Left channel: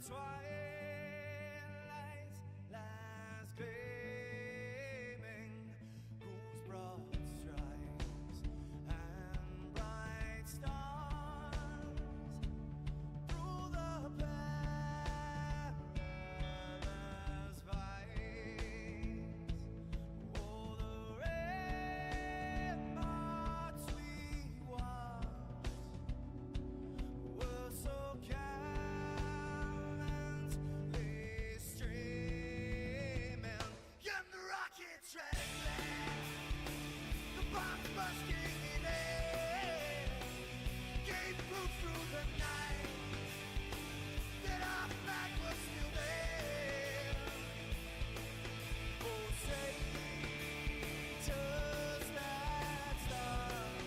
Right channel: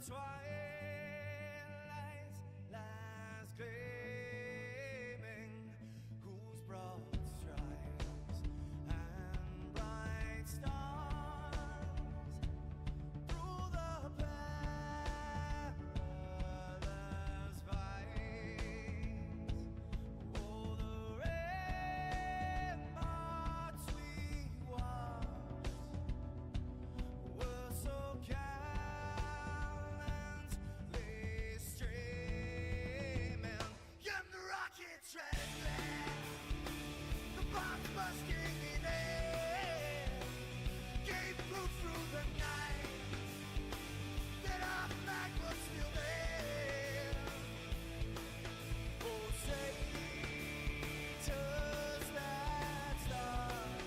twilight's last gleaming, whose broad stripes and bright stars through the perilous fights, oh, the ramparts we watched were so gallantly streaming, and the rockets trembling, the bombs bursting in air, gave proof through the night that our flag was still there. Oh, traitors that star-spangled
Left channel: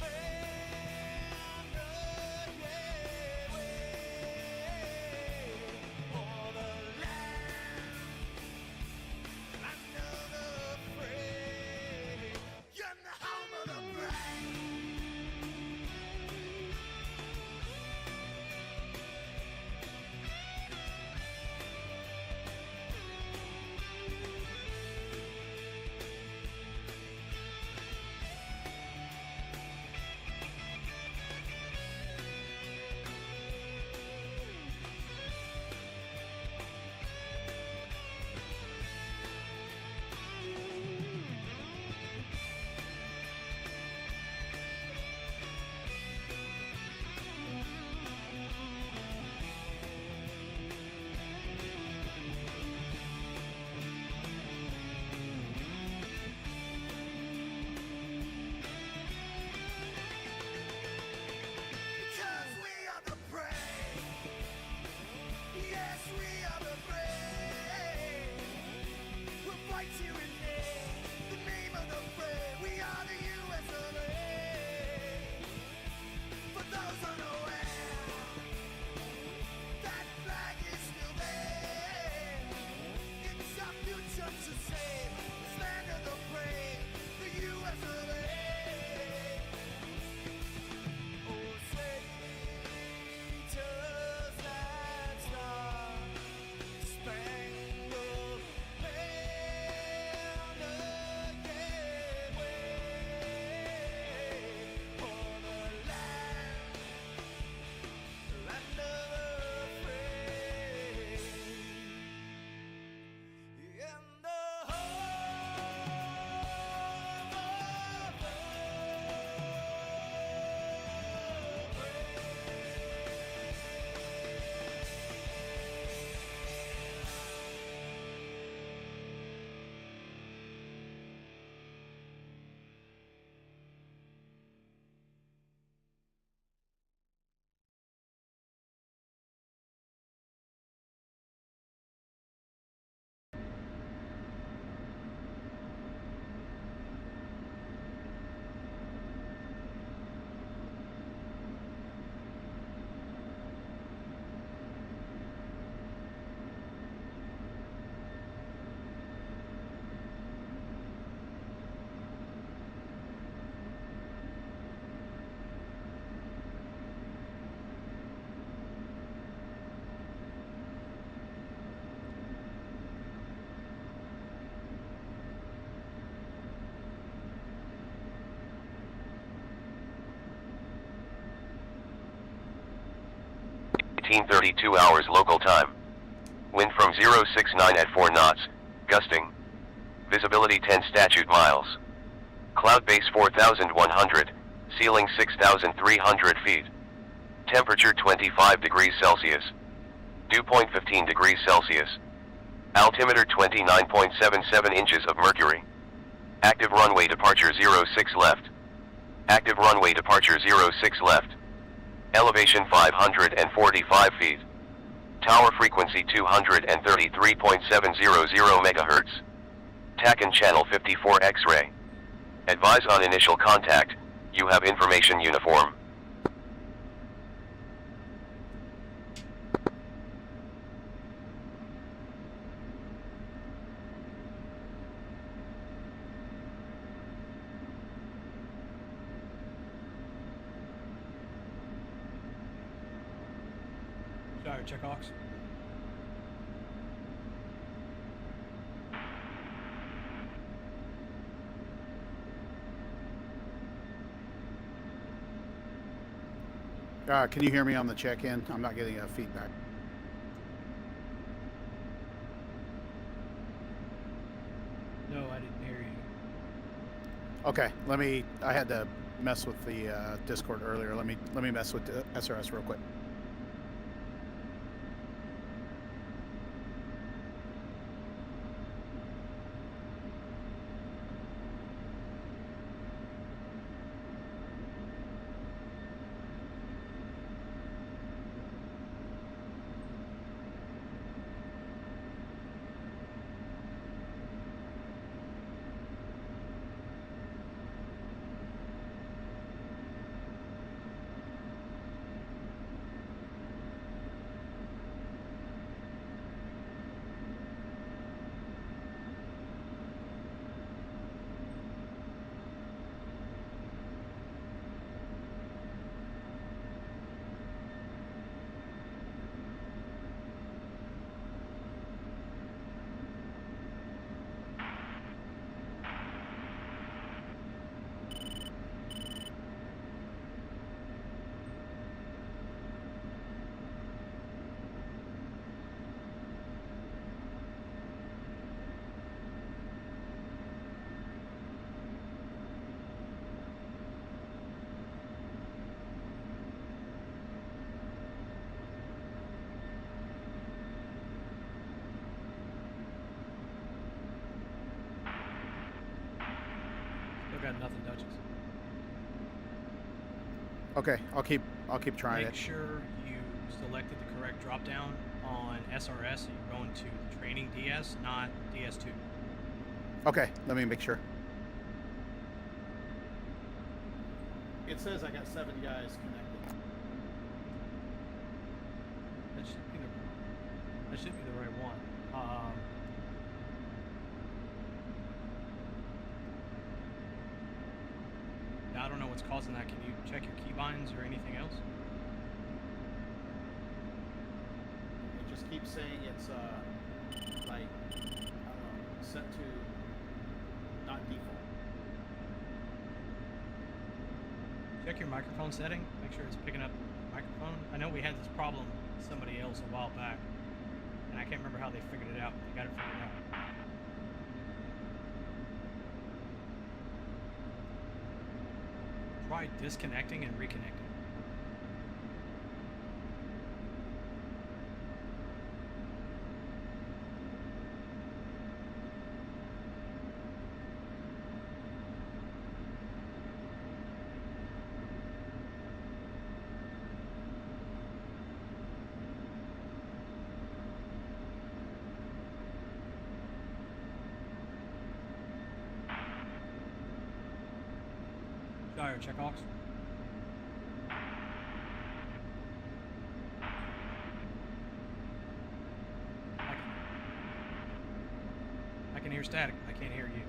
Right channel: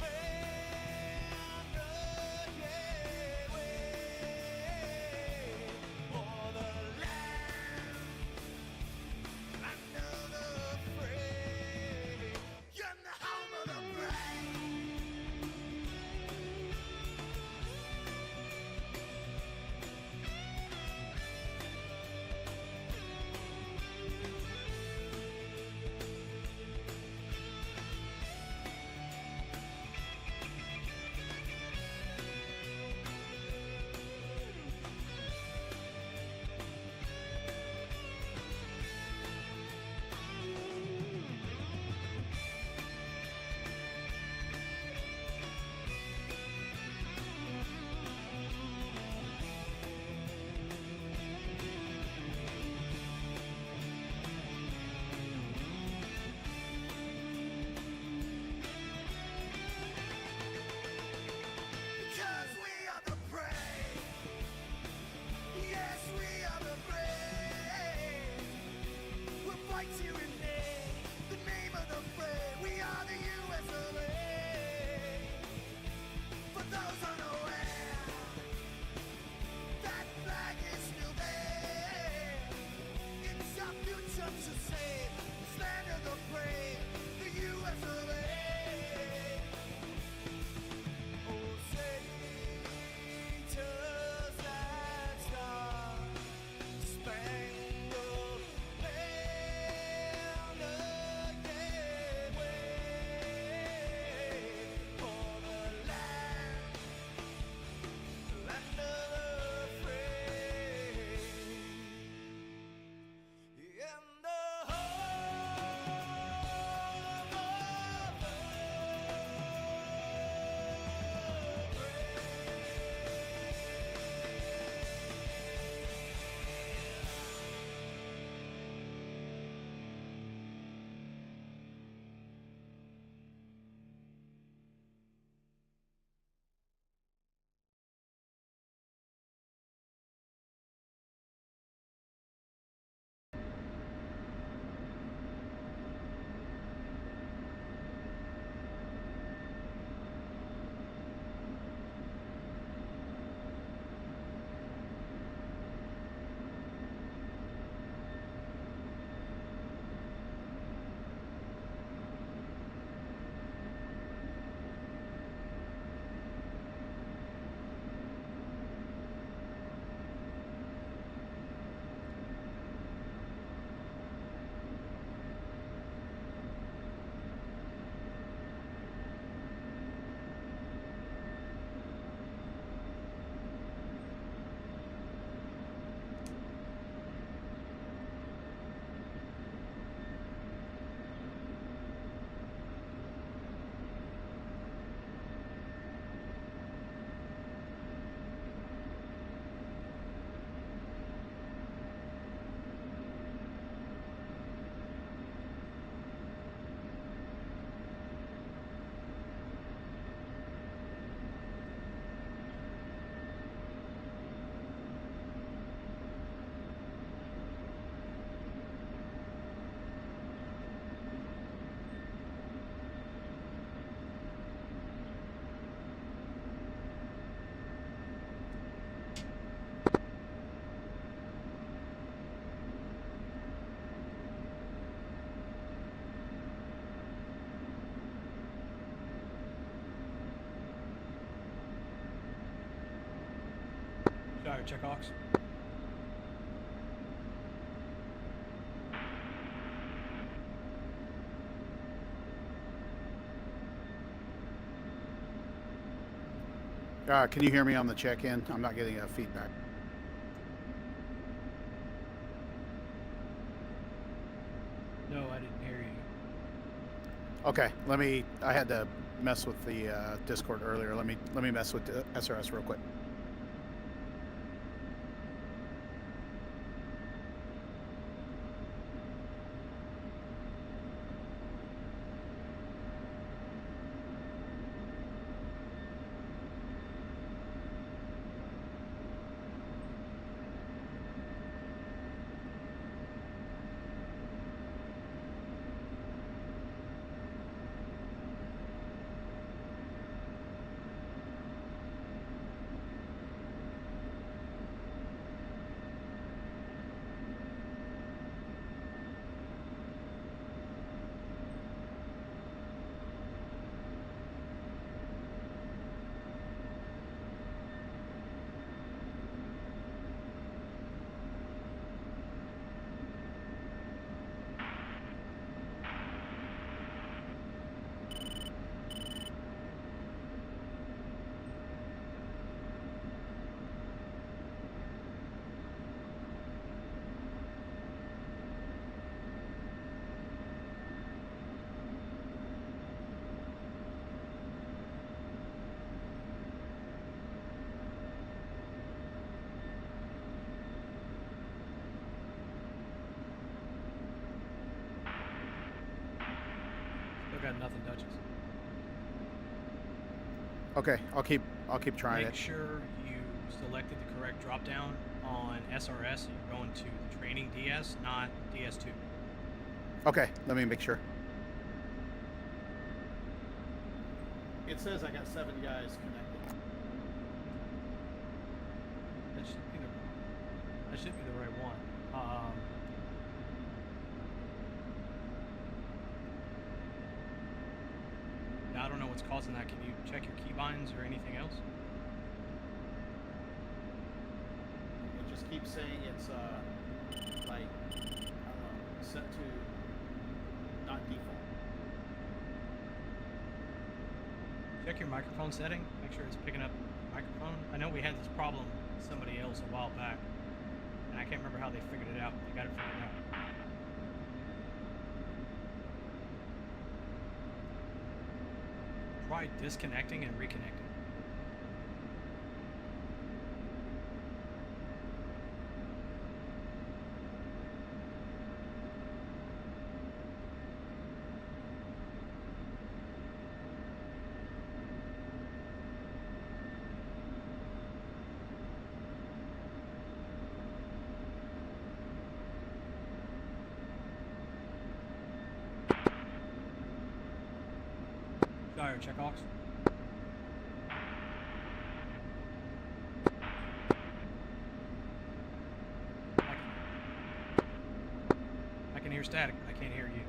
banner, yeah, wave for the land of the free, and the home of the brave. Because we are the brave. Yes, we are the brave. We'll fight to rename the name of the brave. We are the US of A. For those unaware, that flag is still there. It's our future to save this land of the brave, the US of A. Oh, traitors that star-spangled banner, yeah, wave for the land of the free, and the home of the hours local time. Wind from 069 at 4 knots, gusting. Visibility 10 statute miles. Cloud base 4,100, ceiling 6,300 feet. Temperature 25 degrees Celsius. Dew point 15 degrees Celsius. Altimeter 29.77 inches of mercury. Active runway departure 06 left. Active runway departure 06 left. Elevation 545 feet. Tower frequency 233.700 MHz. TACAN channel 54 X-ray. Advise on initial contact, you have information uniform. Shire, check Ox. Can you hear me on the check-in? I'm not getting feedback. No, I didn't hear you. Okay, I had to mess with the Discord earlier. Let me mess with the SRS real quick. Still got nothing, Duchess. Okay, I'll keep trying Make it. sure you selected the correct drop down on SRS, so you're going to the training DS, not DS2. Okay, let me make sure. It says I got 7 guys connected. That should be the right one. Now, I don't know what's causing that. Can you check your keybinds or anything else? It just keeps saying it's like, I don't know, set to not default. Check your microphone setting. Make sure it's picking up the microphone. I know we had this problem with somebody else a while back, and I can't remember how they figured it out. They got it figured out. Try disconnecting and reconnecting. Shire, check Ox. I can hear static. I can't hear you. You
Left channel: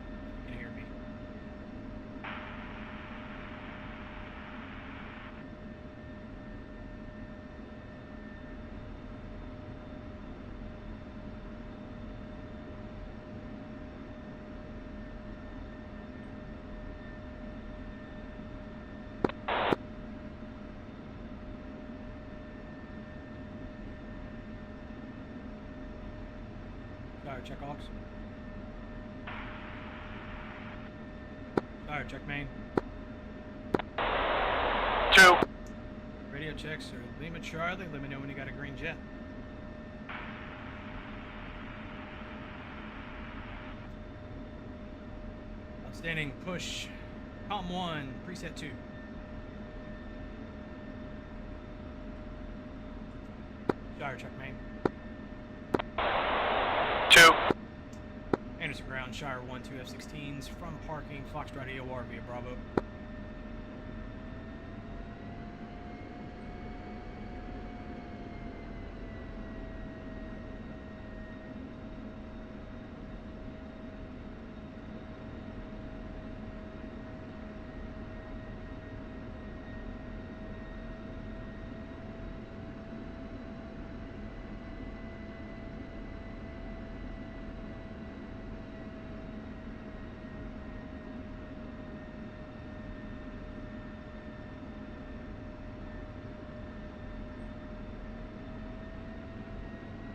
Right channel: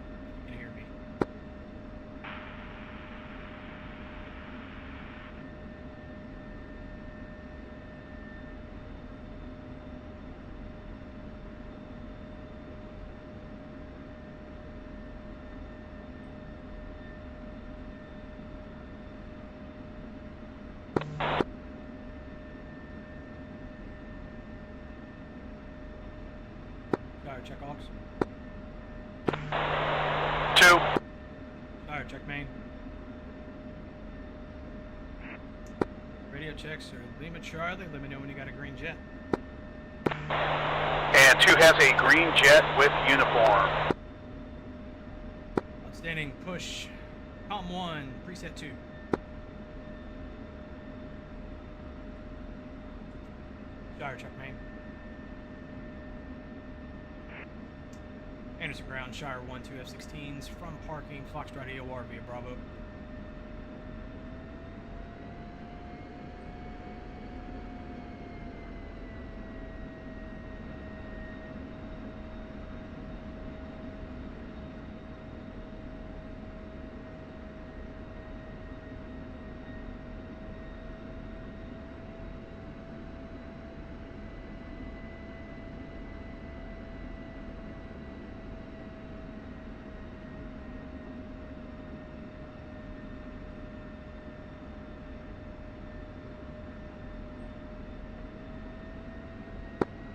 can hear me. Shire, check Ox. 2. Shire, check main. 2. Radio checks are Lima Charlie. Let me know when you got a green jet. And 2 has a green jet with uniform. Outstanding. Push. Com 1, preset 2. Shire, check main. 2. Anderson ground, Shire 1, 2 F-16s from parking, Foxtrot AOR via Bravo.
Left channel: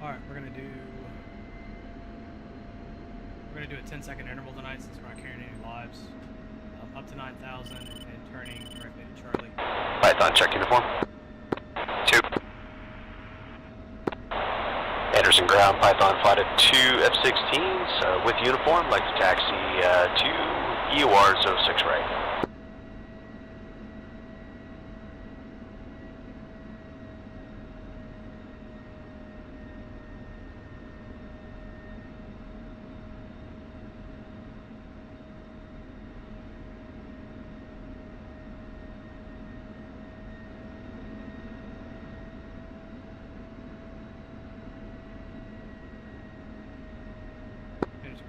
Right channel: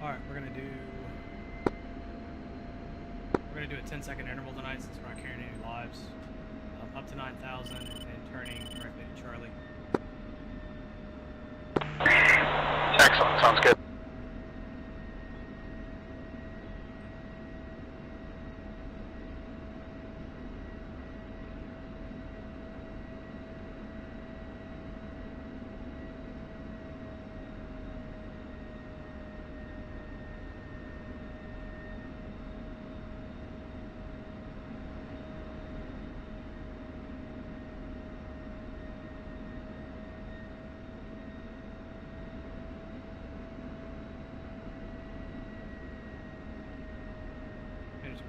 Alright, we're gonna do a 10-second interval tonight since we're not carrying any lives. Up to 9,000 and turning directly to Charlie. Python, check uniform. 2. Excellent, sounds good. Anderson ground, Python flight at 2 F-16s with uniform, like to taxi to EOR 06 right.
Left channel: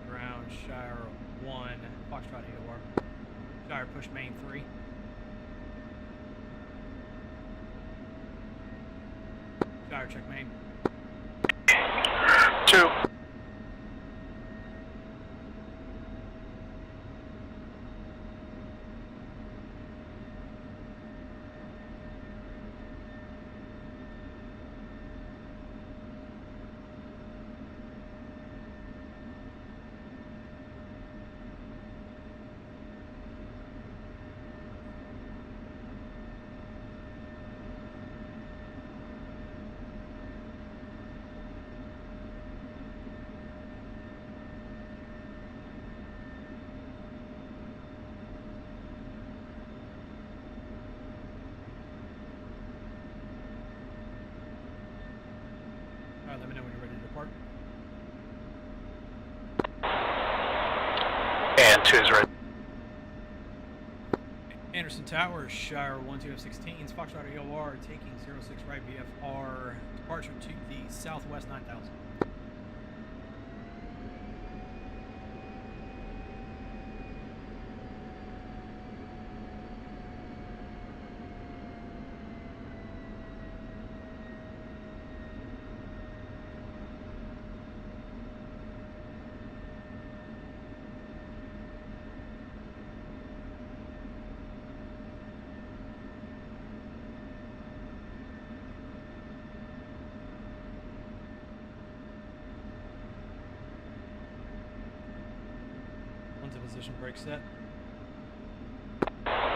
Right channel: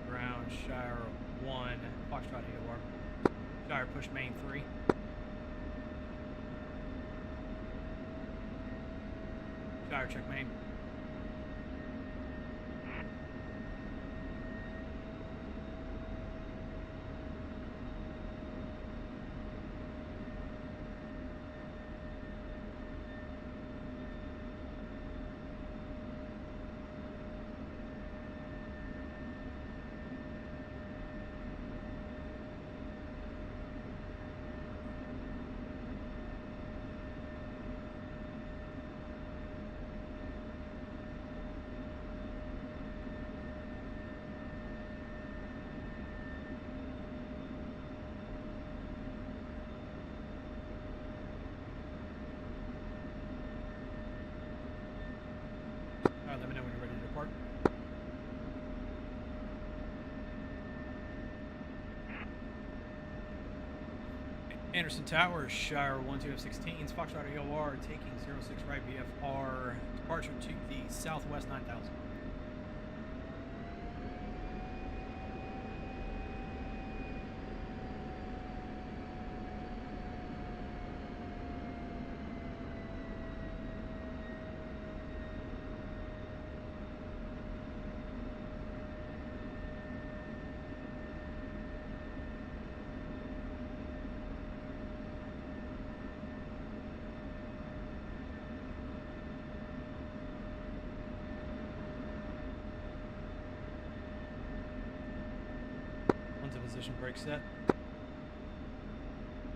Ground, Shire 1, Foxtrot EOR. Shire push main 3. Shire check main. 2. Alright, let me know when you're ready to depart. And 2 is ready. Anderson Tower, Shire 1-2 F-16s, Foxtrot EOR taking 06 right VFR, departure to the southwest 9,000. One's in position, brake set.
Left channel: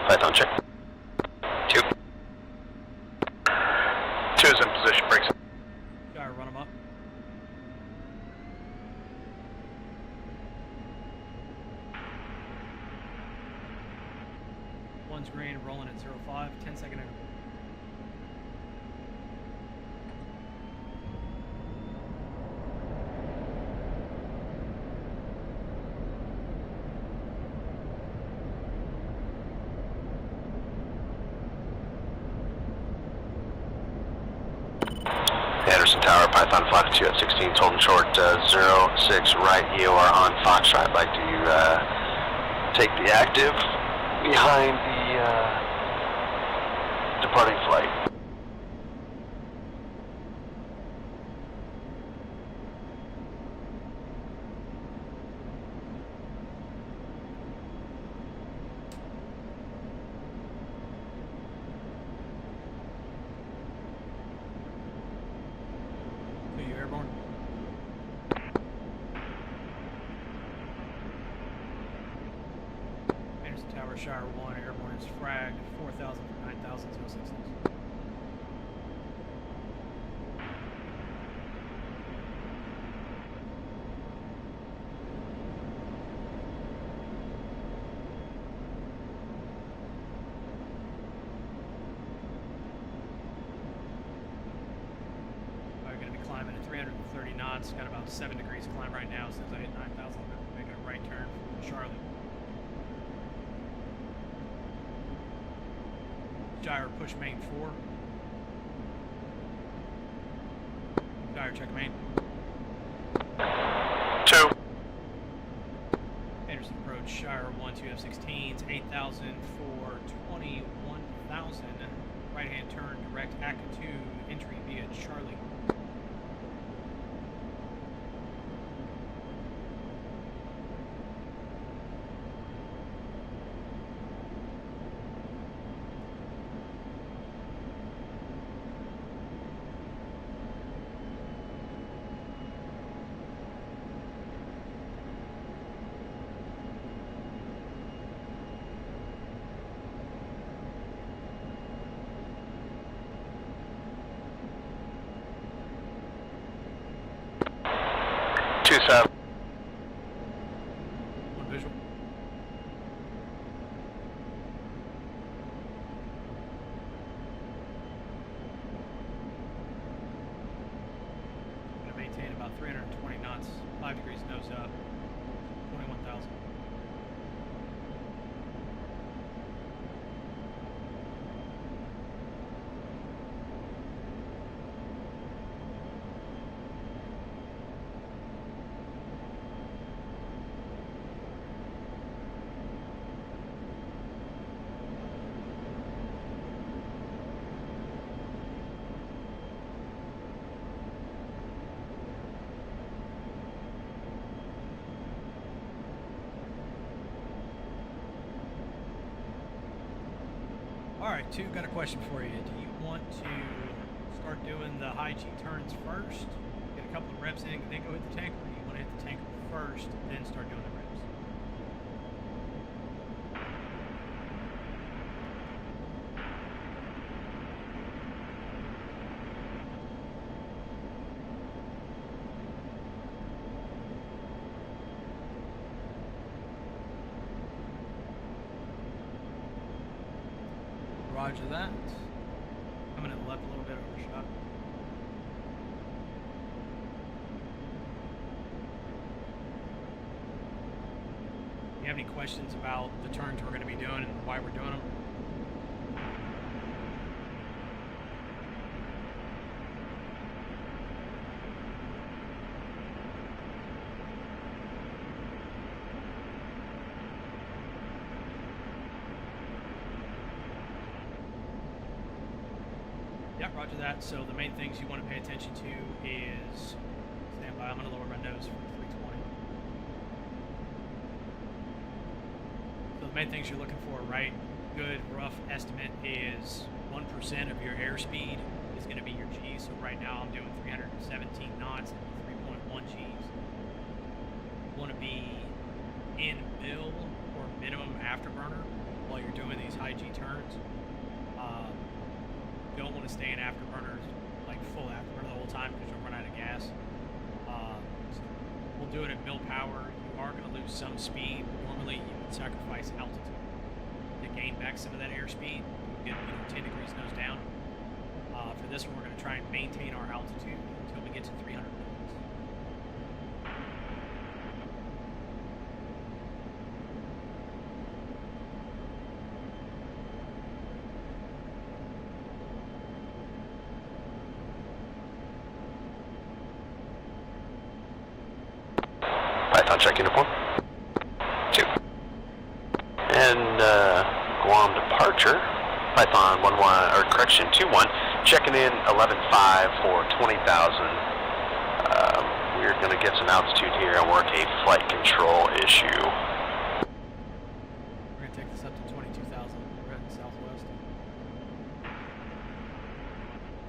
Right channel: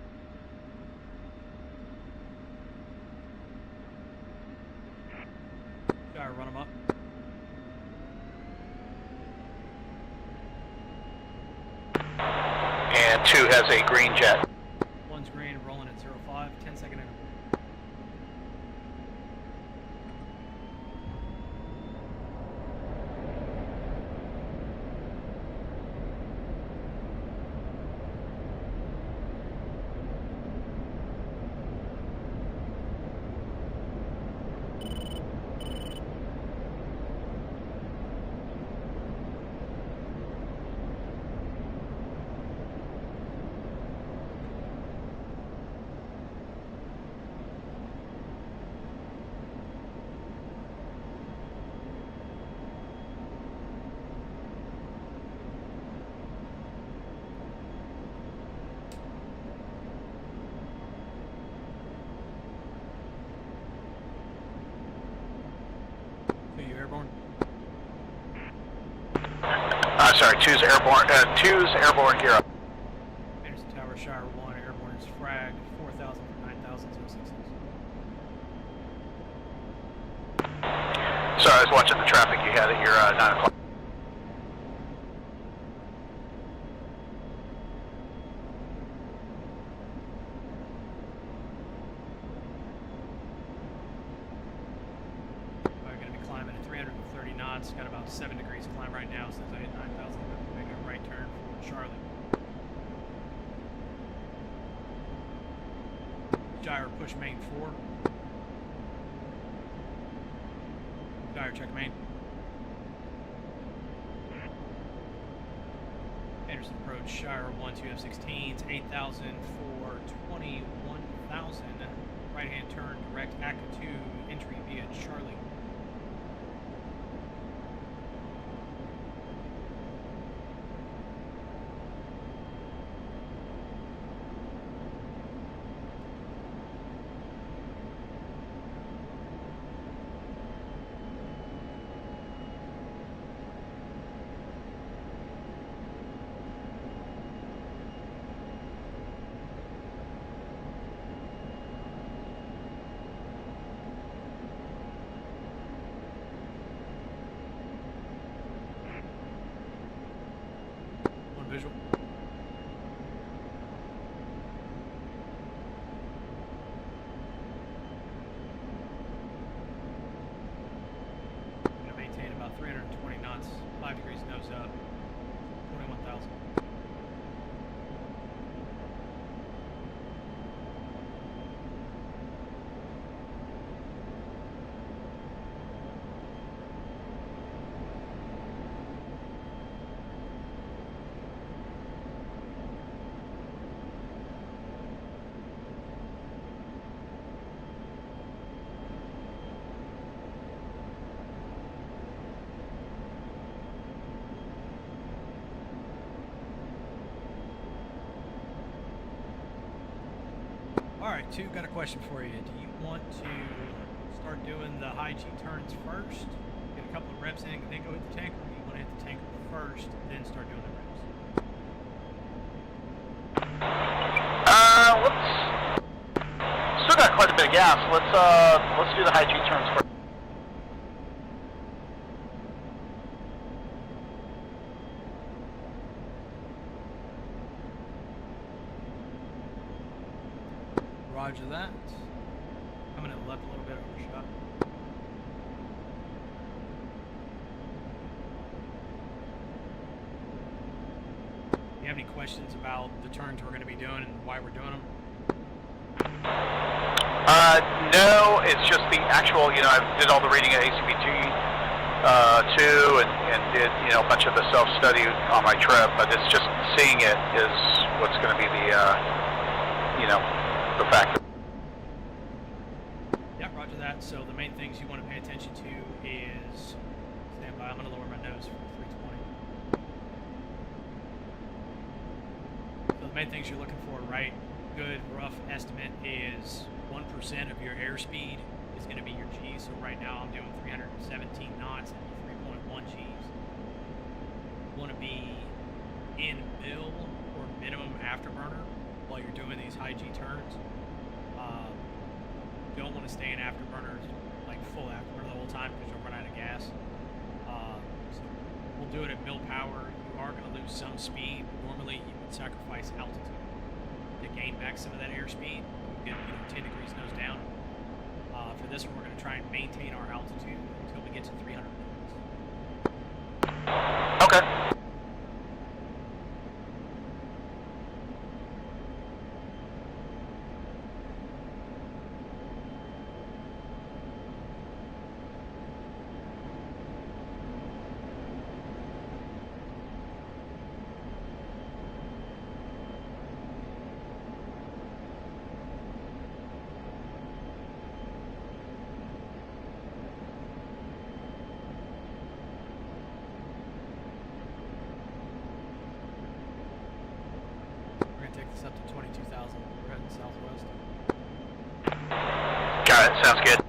Python check. 2. 2 is in position, brakes. Shire, run them up. And 2 has a green jet. One's green, rolling at 05, 10-second interval. Anderson Tower, Python flight at 2 F-16s, holding short 06 right EOR on Foxtrot. I'd like to take the active behind the departing flight. So you airborne? Sorry, 2's airborne. 2's airborne gear up. Anderson Tower, Shire 1, airborne is fragged, 4,000 for 9,000, 066. Sorry, I was watching the traffic you had at your 9 o'clock. We're going to be climbing at 330 knots, got about 7 degrees climb right now, since I hit 9,000, making a right turn for Charlie. Shire push main 4. Shire check main. 2. Anderson approach, Shire 1-2 F-16s, 8,000 for 21,000. Right hand turn, direct ACA 2, entry via Charlie. 27. One visual. I'm going to maintain about 320 knots, 5 degrees nose up, 21,000. Alright, 2, got a question for you. Do you want to start doing the high G turns first, get a couple of reps in, and then go hit the tanker, or do you want to hit the tanker first, then start doing the reps? Let's still got quite a bit of gas. Let's do the high G turns first. Roger that. Coming to the left a little bit, overshot. You have any questions about the turns we're going to be doing and why we're doing them? No, it's just the actual, you know, I did all the reading at ACBT2 and did, you know, a bunch of the self-study on my trip, but it's just seeing it is what's going to be the, you know, the factor. Yeah, roger that. So the main things you want to pay attention to is, stand by, I'm going to lower my nose for 320. So the main things you're looking for, right? Good rough estimate is 1% of your airspeed is going to be your G. So right now I'm doing 317 knots and 3.1 Gs. You want to be in bill or minimum afterburner while you're doing these high G turns. Don't want to stay in afterburners, like full afterburner the whole time because you'll run out of gas. So we'll do it at mill power. You are going to lose some speed. Normally you would sacrifice altitude to gain back some of that airspeed. Get 10 degrees nose down. For this one, we're going to try and maintain our altitude until we get to 300 knots. Okay. Python check uniform. 2. And Guam departure. Python 1-1, or correction 2-1. Checking in 11.5 for 20,000. We're going to get some altitude here and work a flight control issue. We're going to take this up to 22,000. We're heading southwest. Got it. Sounds good.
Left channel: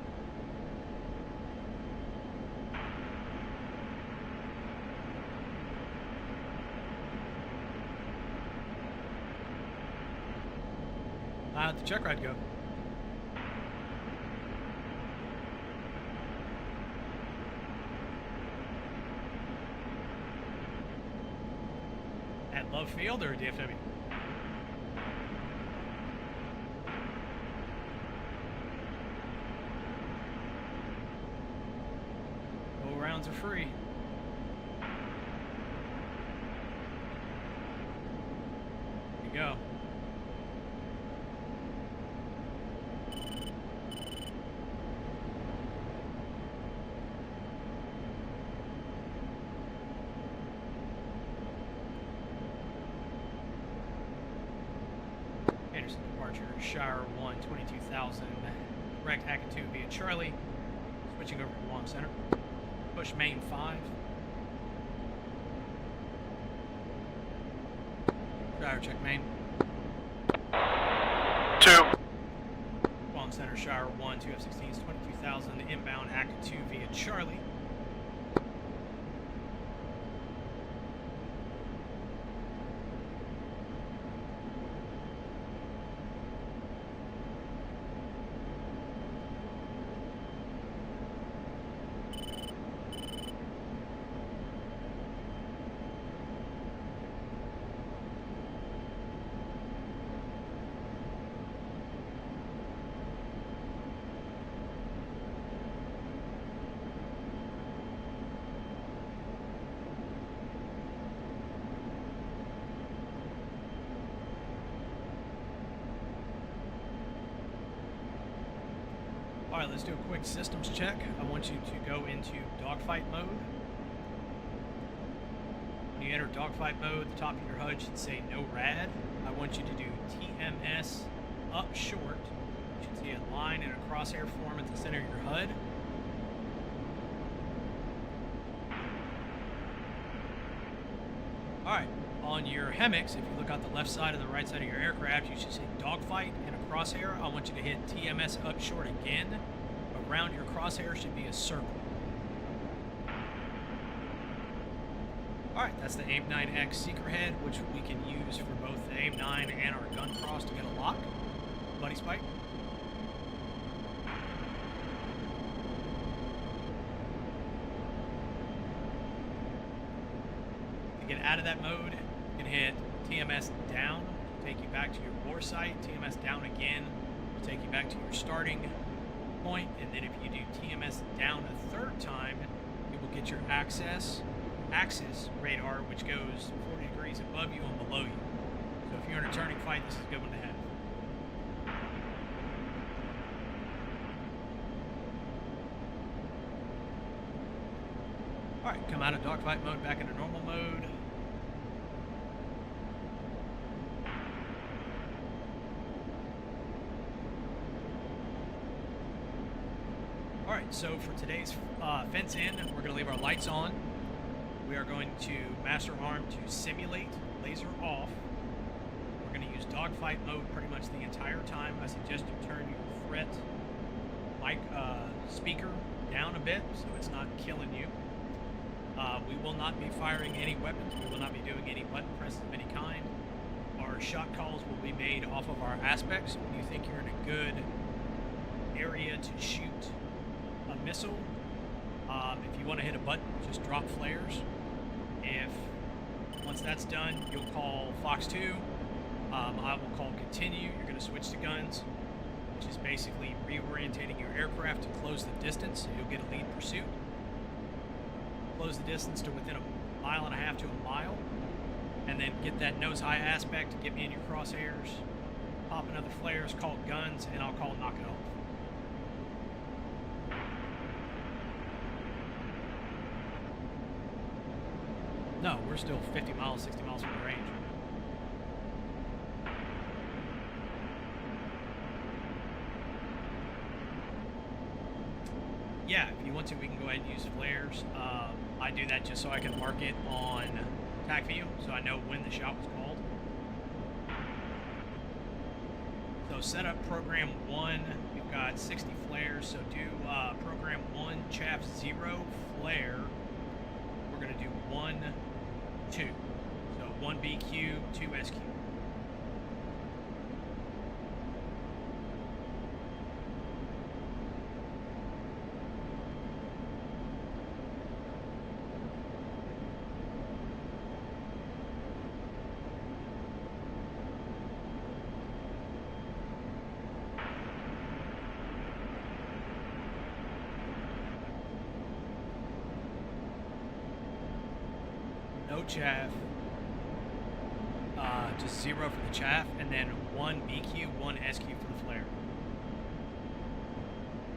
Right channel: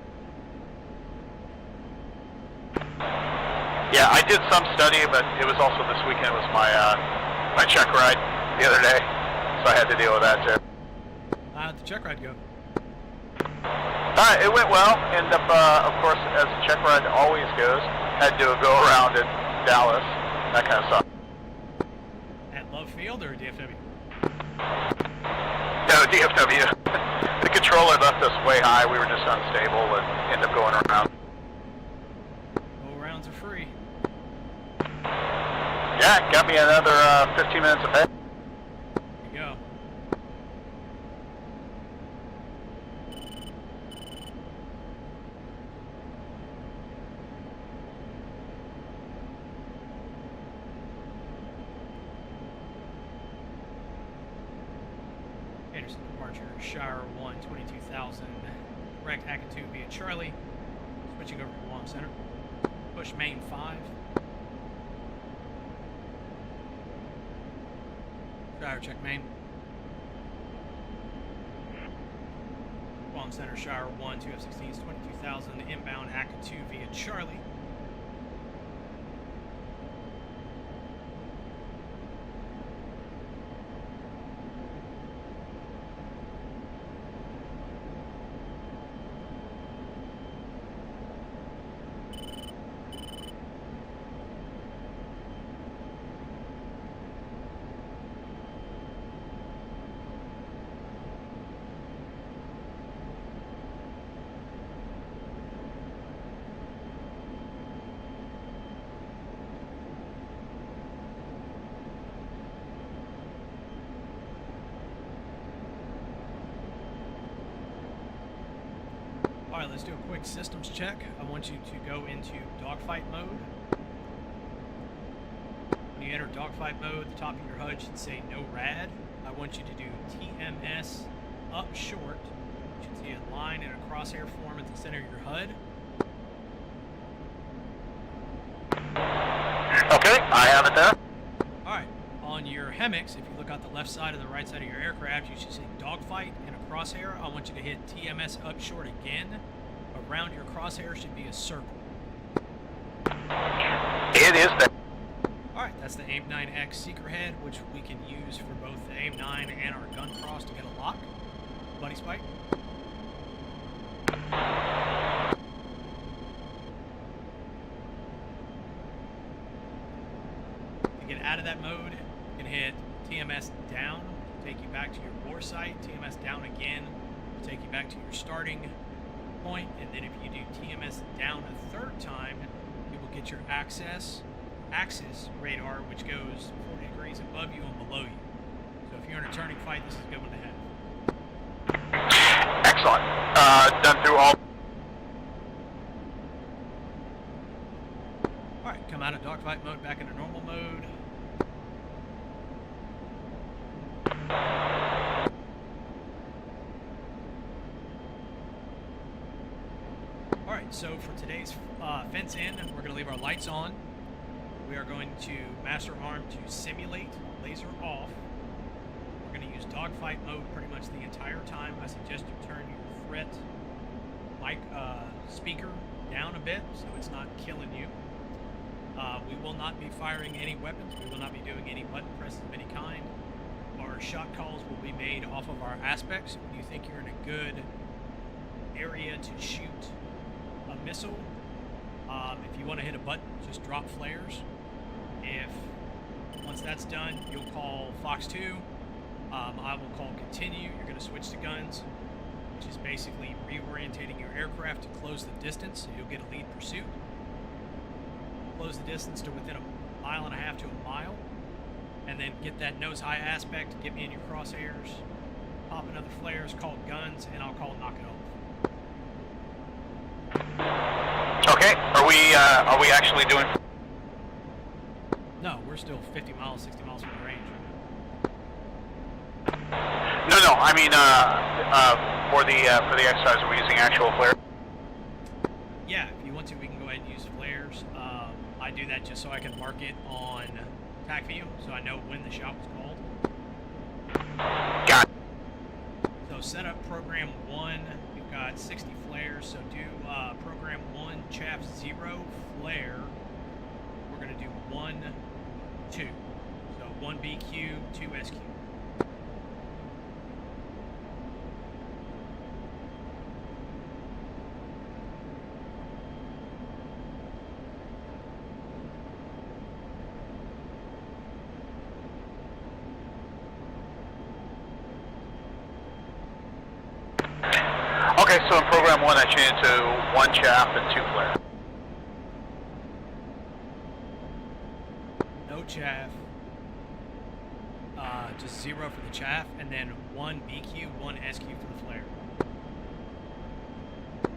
Yeah, I did some study, but it was also this weekend was my my check ride the other day, so I had to deal with that too. How'd the check ride go? It went well. Ended up, of course, as the check ride always goes, had to go around in Dallas, that kind of stuff. At Love Field or DFW? No, DFW. The controller left us way high. We were just unstable and ended up going around. Go rounds are free. Yeah, got me another 15 minutes of bed. There you go. Anderson departure, Shire 1, 22,000. Correct Hackett 2 via Charlie. Switching over to Guam Center. Push main 5. Shire check main. 2. Guam Center, Shire 1, 2 F-16s, 22,000. Inbound Hackett 2 via Charlie. Alright, let's do a quick systems check. I want you to go into dogfight mode. When you enter dogfight mode, the top of your HUD should say no rad. I want you to do TMS up short. You should see a line in a crosshair form at the center of your HUD. Okay, I have it there. Alright, on your HEMIX, if you look out the left side and the right side of your aircraft, you should see dogfight and a crosshair. I want you to hit TMS up short again. Around your crosshair should be a circle. It is there. Alright, that's the AIM-9X seeker head, which we can use for both the AIM-9 and our gun cross to get a lock. Buddy Spike. To get out of that mode, you can hit TMS down, take you back to your bore site. TMS down again will take you back to your starting point, and then if you do TMS down a third time, you will get your axis radar, which goes 40 degrees above you and below you. So if you're in a turning fight, this is a good one to have. Excellent. Done through all. Alright, come out of dogfight mode back into normal mode. Alright, so for today's fence in, we're going to leave our lights on. We are going to master arm to simulate laser off. We're going to use dogfight mode pretty much the entire time. I suggest you turn your threat mic speaker down a bit so it's not killing you. We will not be firing any weapons. We will not be doing any button presses of any kind. Our shot calls will be made off of our aspects. When you think you're in a good area to shoot a missile, if you want to hit a button, just drop flares. Once that's done, you'll call Fox 2. I will call continue. You're going to switch to guns, which is basically reorientating your aircraft to close the distance, so you'll get a lead pursuit. Close the distance to within 1.5 miles to a mile, and then get that nose high aspect, get me in your crosshairs, pop another flares, call guns, and I'll call knock it off. Okay. Are we actually doing? No, we're still 50 miles, 60 miles from the range. No. I mean, for the exercise, are we using actual flare? Yeah, if you want to, we can go ahead and use flares. I do that just so I can mark it on TAC view, so I know when the shot was called. Got it. So set up program 1. You've got 60 flares, so do program 1, chaff 0, flare. We're going to do 1, 2. So 1 BQ, 2 SQ. Okay, so in program 1, I changed to 1 chaff and 2 flare. No chaff. Just 0 for the chaff, and then 1 BQ, 1 SQ for the flare.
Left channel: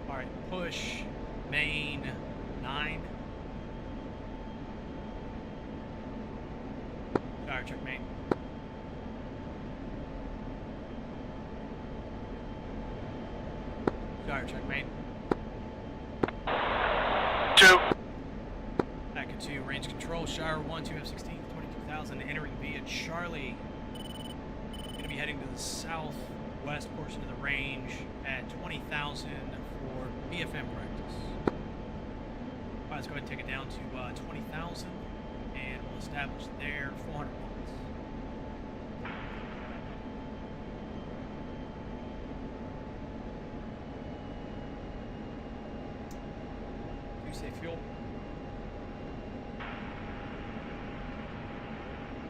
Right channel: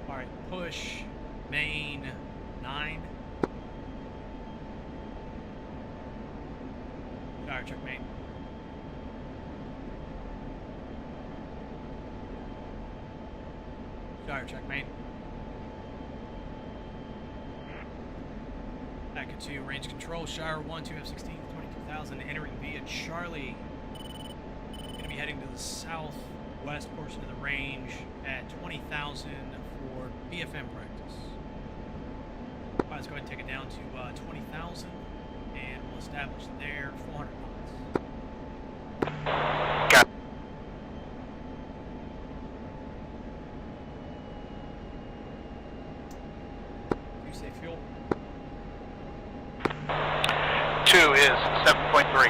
Alright, push main 9. Fire check main. Fire check main. 2. Back into range control. Shire 1, 2 F-16, 22,000, entering via Charlie. Going to be heading to the southwest portion of the range at 20,000 for BFM practice. All right, let's go ahead and take it down to 20,000, and we'll establish there 400 knots. Got it. You say fuel? 2 is 7.3.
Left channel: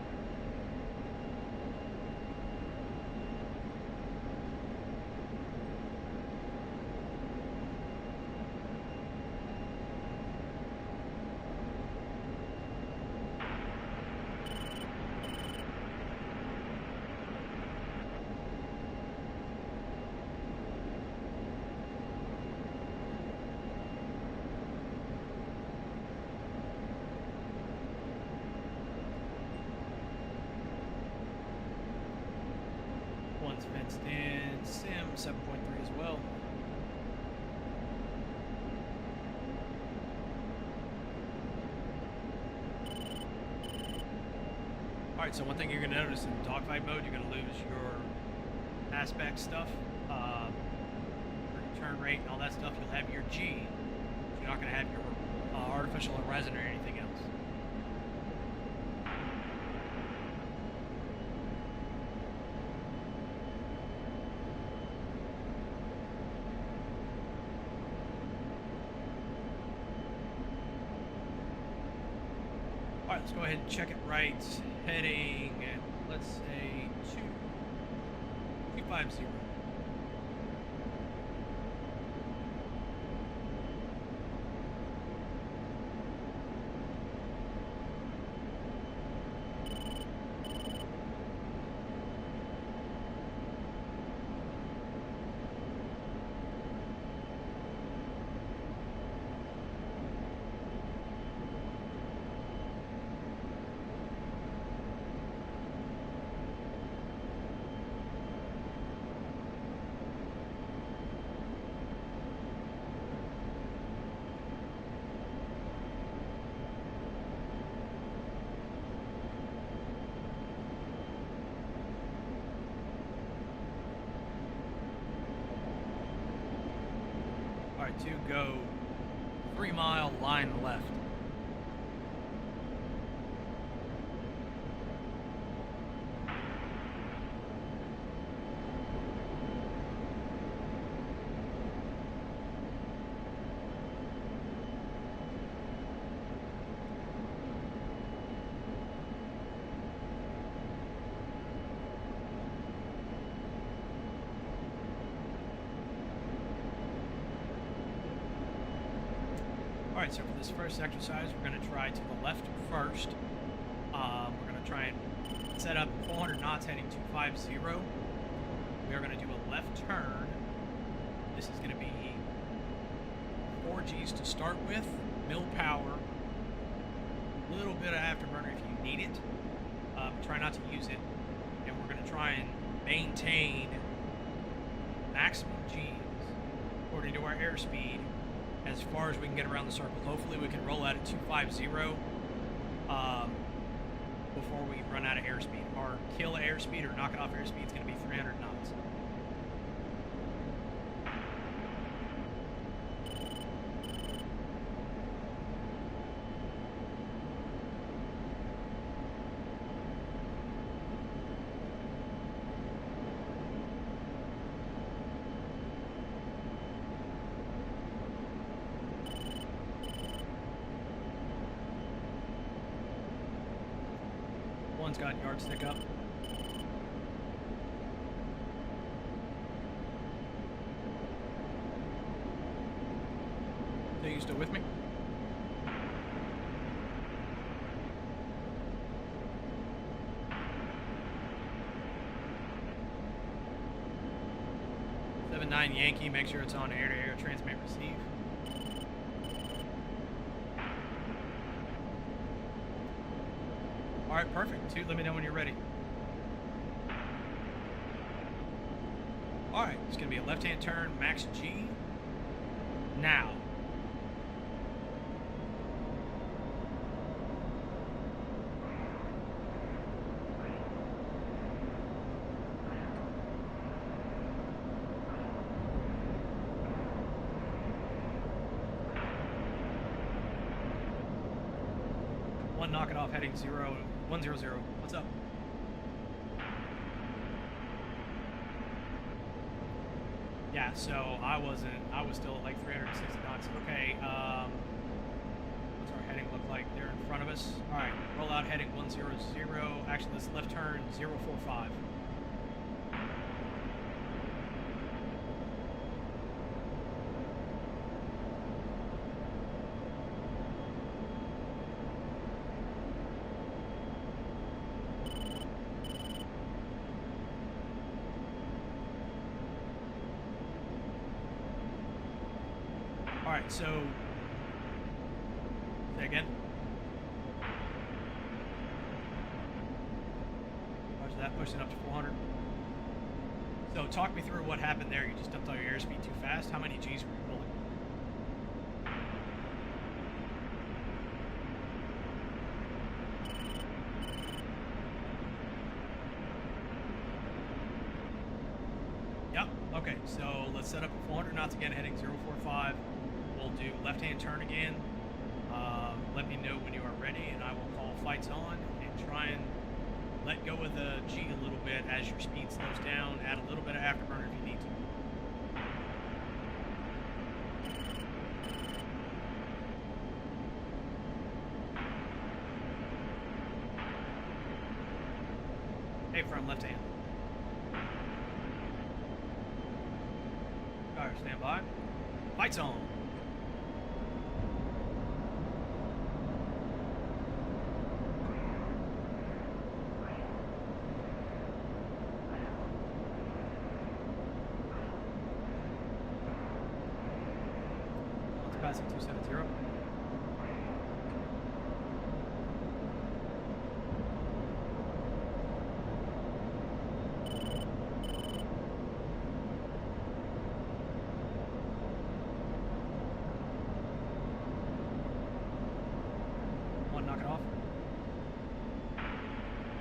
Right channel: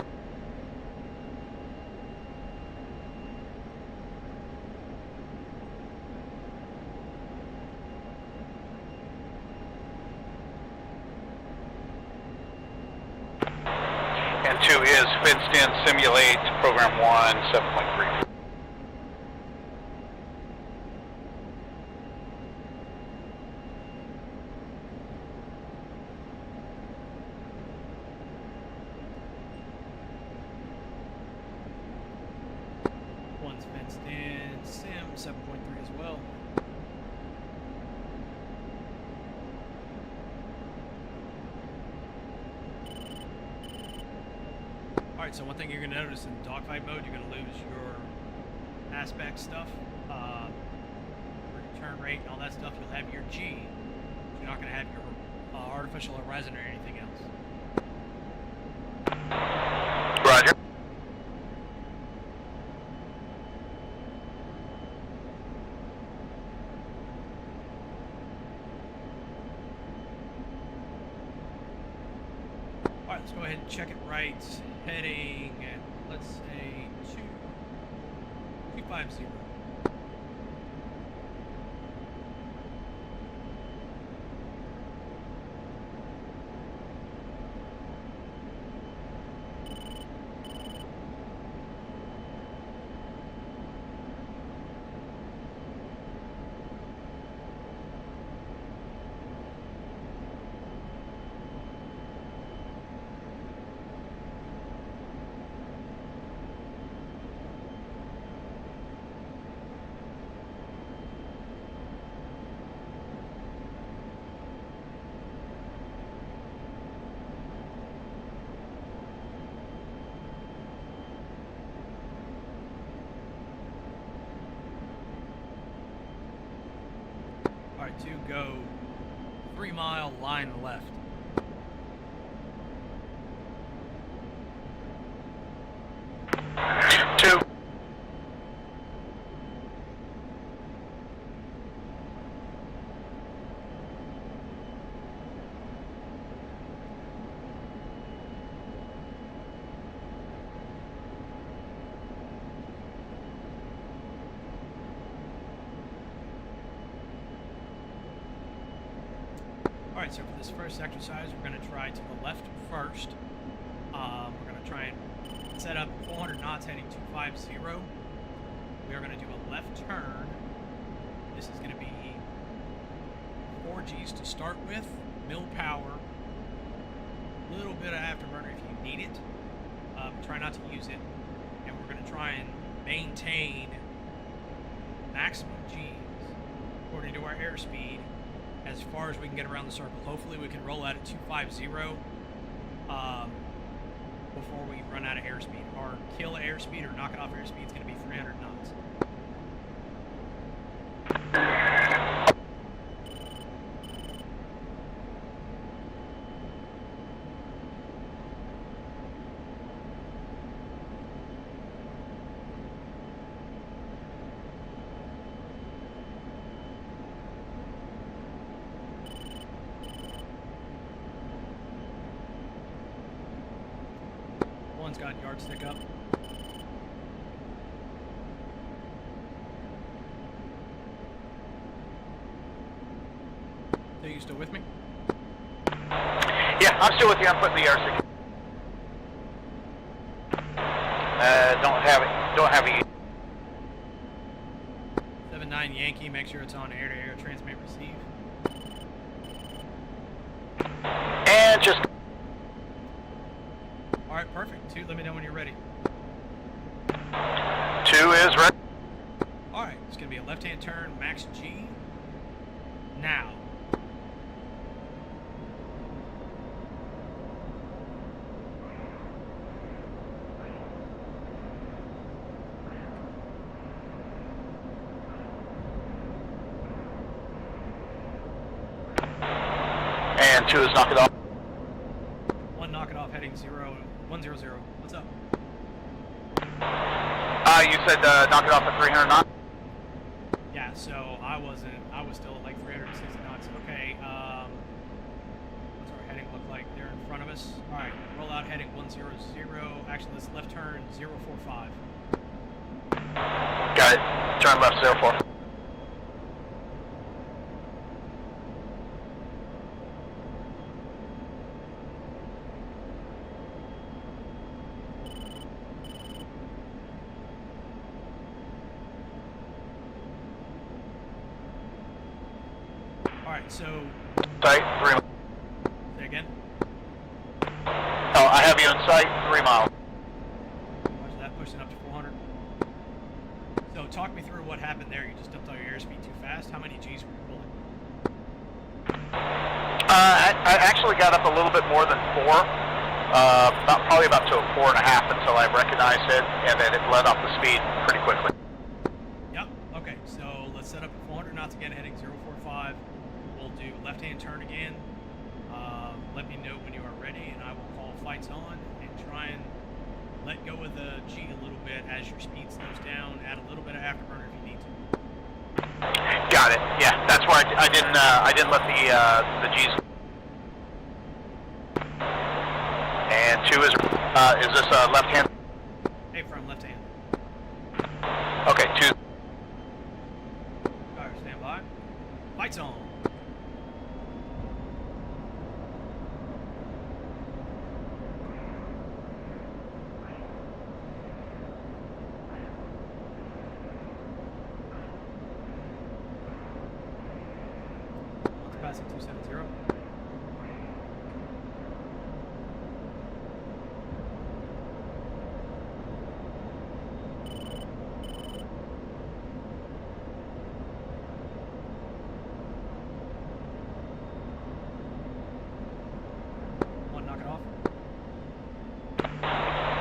And 2 is fenced in, simulate, program 1, 7.3. Stand Sim 7.3 as well. Alright, so one thing you're going to notice in dogfight mode, you're going to lose your aspect stuff, your turn rate and all that stuff. You'll have your G. You're not going to have your artificial horizon or anything else. Roger. Alright, let's go ahead and check it right. Heading, let's say, 250. Alright, to go 3-mile line left. Two. Alright, so for this first exercise, we're going to try to the left first. We're going to try and set up 400 knots heading 250. We are going to do a left turn. This is going to be 4 Gs to start with, mill power, a little bit of afterburner if you need it. Try not to use it. And we're going to try and maintain maximum Gs according to our airspeed as far as we can get around the circle. Hopefully we can roll out at 250 before we run out of airspeed. Our kill airspeed or knock it off airspeed is going to be 300 knots. One's got yardstick up. So you still with me? Yeah, I'm still with you. I'm putting the yardstick. Don't have it. 7-9 Yankee, make sure it's on air-to-air, transmit, receive. And just Alright, perfect. 2, let me know when you're ready. 2 is ready. Alright, it's going to be a left-hand turn, max G. Now. And 2 is knock it off. 1, knock it off, heading 100. What's up? You said knock it off at 300 knots? Yeah, so I was still at like 360 knots. Okay, what's our heading look like? They're in front of us. Alright, roll out heading 100. Actually, let's left turn 045. Got it. Turn left 04. Alright, so... Sight, 3 miles. Say again? Oh, I have you in sight, 3 miles. Watch that, pushing up to 400. So talk me through what happened there. You just dumped all your airspeed too fast. How many G's were you pulling? I actually got up a little bit more than 4, probably about to a 4.5 until I recognized it, and then it let off the speed pretty quickly. Yep. Okay. So let's set up at 400 knots again, heading 045. We'll do left-hand turn again. Let me know when you are ready, and I will call flights on and try and let go of the G a little bit as your speed slows down. Add a little bit of afterburner if you need to. Got it. Yeah, that's why I didn't let the G's. And 2 is this left hand? Hey, from left hand. Okay, 2. Alright, stand by. Lights on. Passing 270. One, knock it off.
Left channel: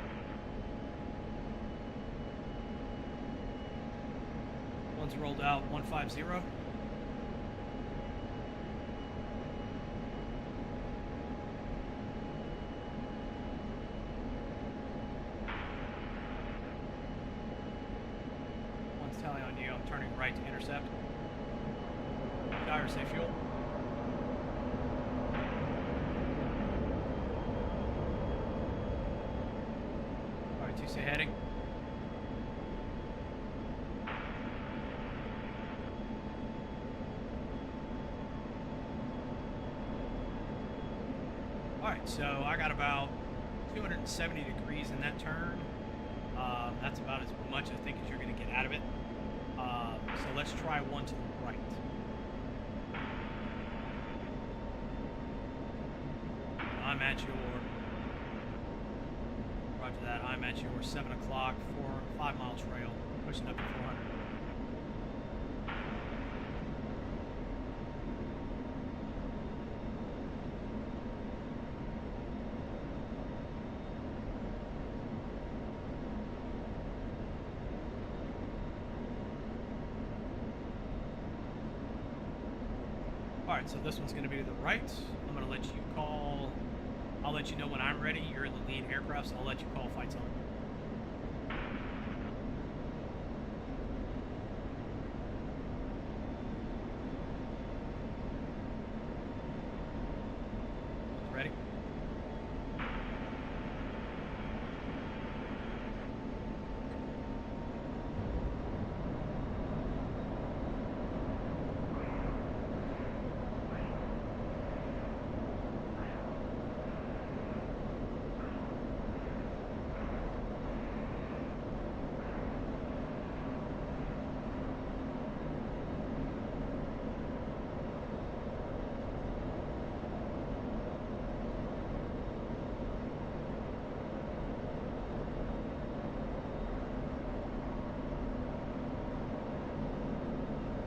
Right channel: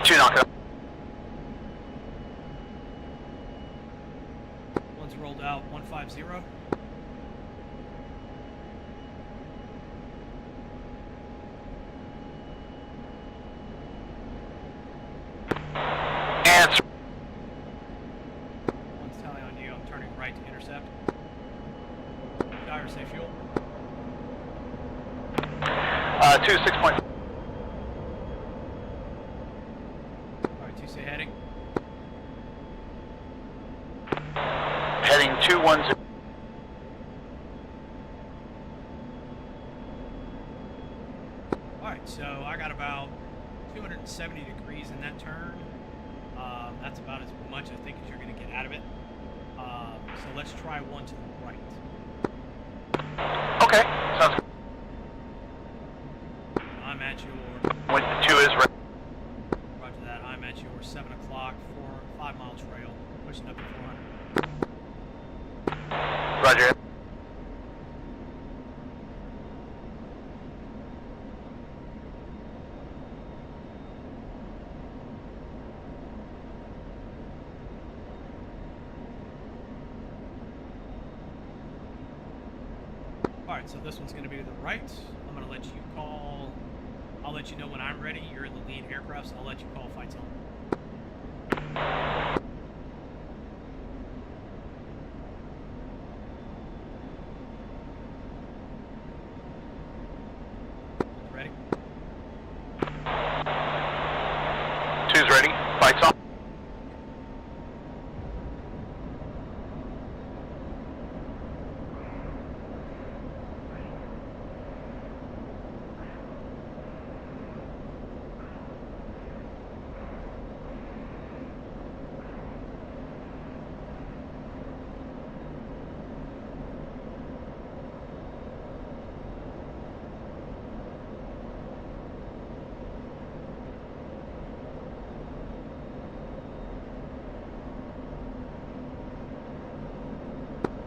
2, knock it off. One's rolled out, 150. One's tally on you. I'm turning right to intercept. Gyro, say fuel. 2, 6 point. Alright, 2 say heading. Heading 210. Alright, so I got about 270 degrees in that turn. That's about as much I think as you're going to get out of it. So let's try one to the right. Okay, sounds good. I'm at your... When 2 is ready. Roger that. I'm at your 7 o'clock, 5 mile trail, pushing up to 400. Roger. Alright, so this one's going to be to the right. I'm going to let you call... I'll let you know when I'm ready. You're in the lead aircraft, so I'll let you call flights on. Ready? 2's ready. Lights on.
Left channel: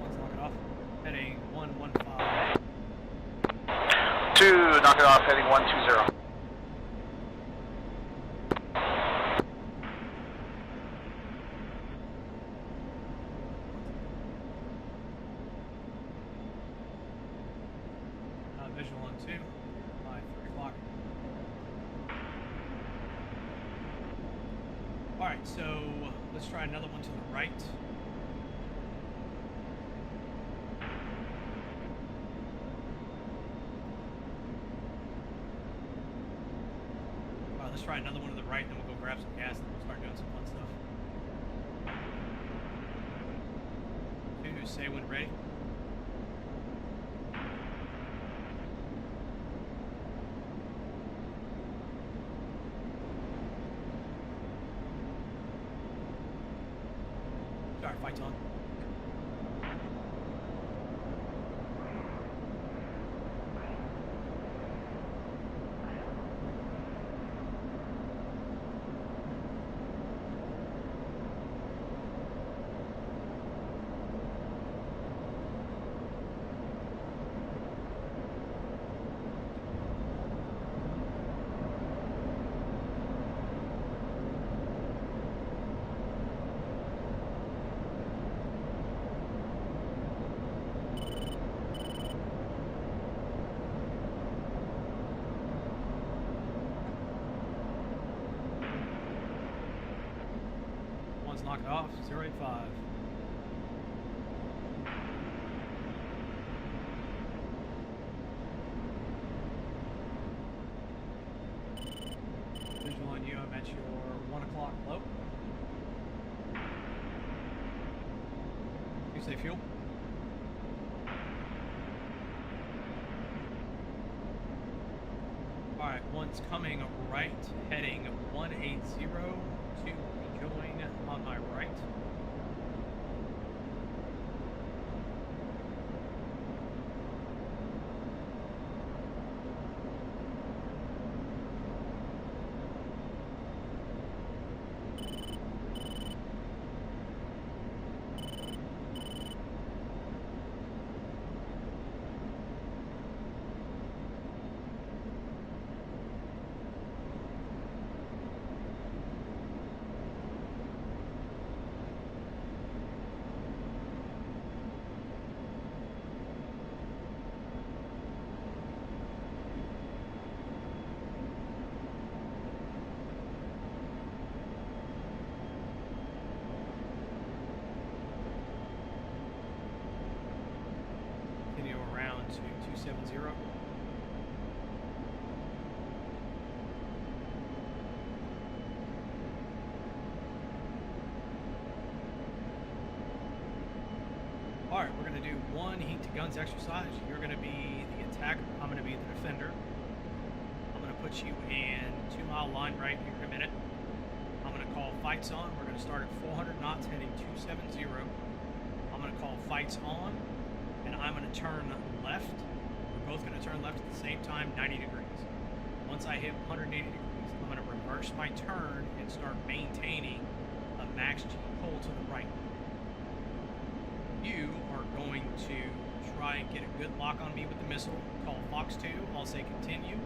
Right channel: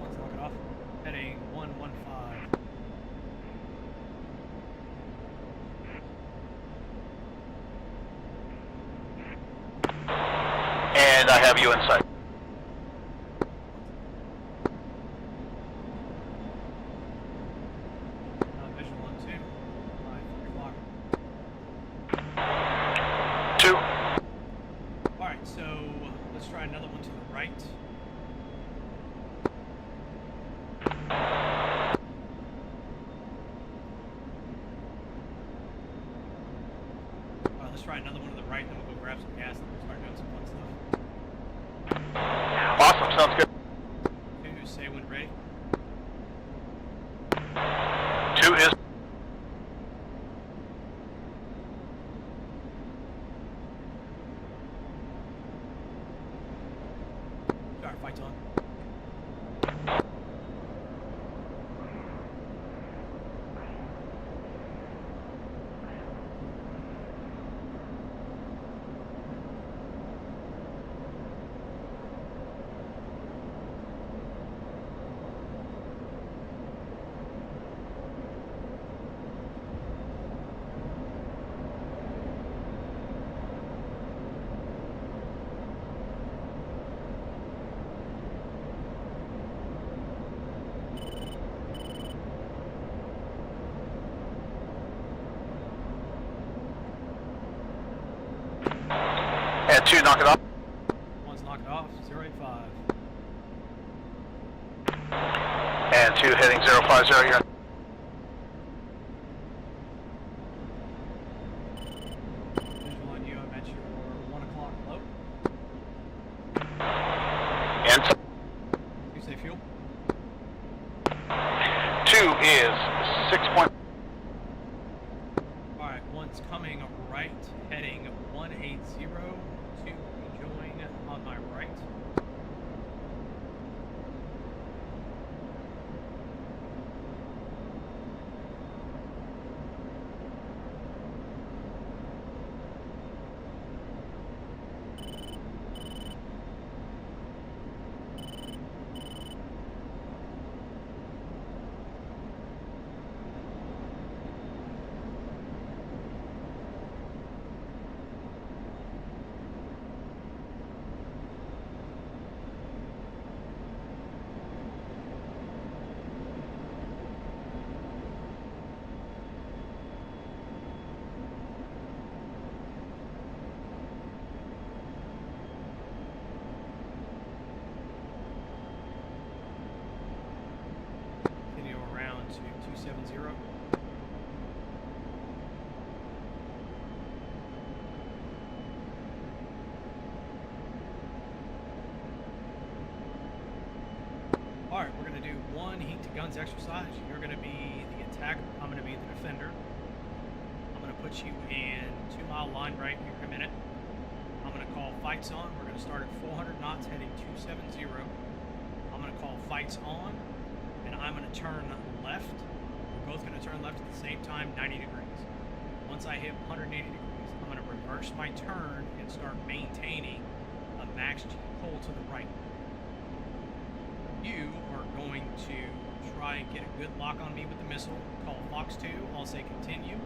Let's knock it off. Heading 115. 2, knock it off, heading 120. And I have you in sight. Visual on 2. 3 o'clock. 2. Alright, so let's try another one to the right. Let's try another one to the right, then we'll go grab some gas and we'll start doing some fun stuff. Awesome, sounds good. 2, say when ready. 2 is... Alright, fight's on. And 2, knock it off. 1's knock it off, 085. And 2, heading 050, you're Visual on you, I'm at your 1 o'clock low. and You say fuel? 2 is 6 point. Alright, 1's coming right, heading 180 to rejoin on my right. Continue around to 270. Alright, we're going to do 1 heat to guns exercise. You're going to be the attacker. I'm going to be the defender. I'm going to put you in 2 mile line right here in a minute. I'm going to call fights on. We're going to start at 400 knots heading 270. I'm going to call fights on, and I'm going to turn left. We're both going to turn left at the same time, 90 degrees. Once I hit 180 degrees, I'm going to reverse my turn and start maintaining a max G pull to the right. You are going to try and get a good lock on me with the missile. Call Fox 2. I'll say continue.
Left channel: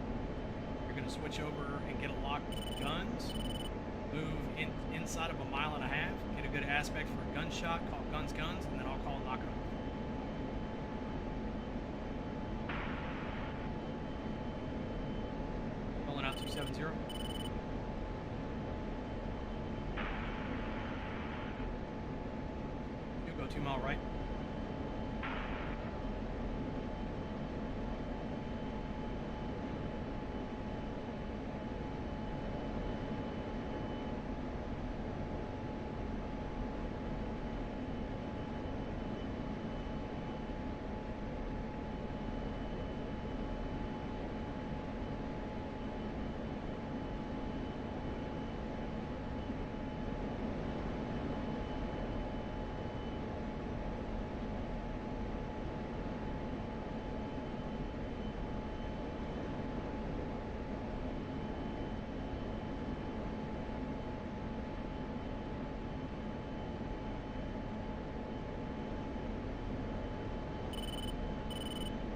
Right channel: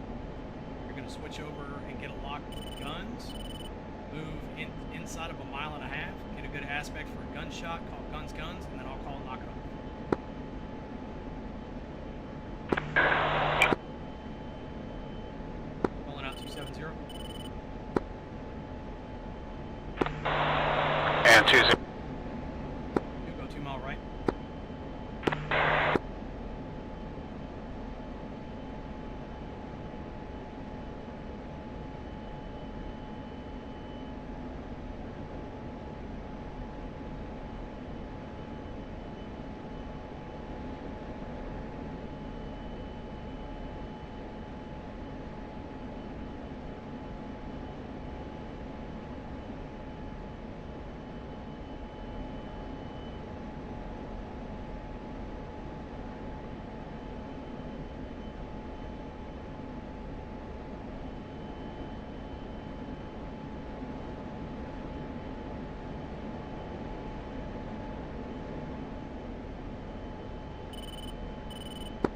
You're going to switch over and get a lock with the guns. Move inside of 1.5 miles. Get a good aspect for a gunshot. Call guns, guns, and then I'll call knock it off. Rolling out 270. And 2 0. You go 2 mile right.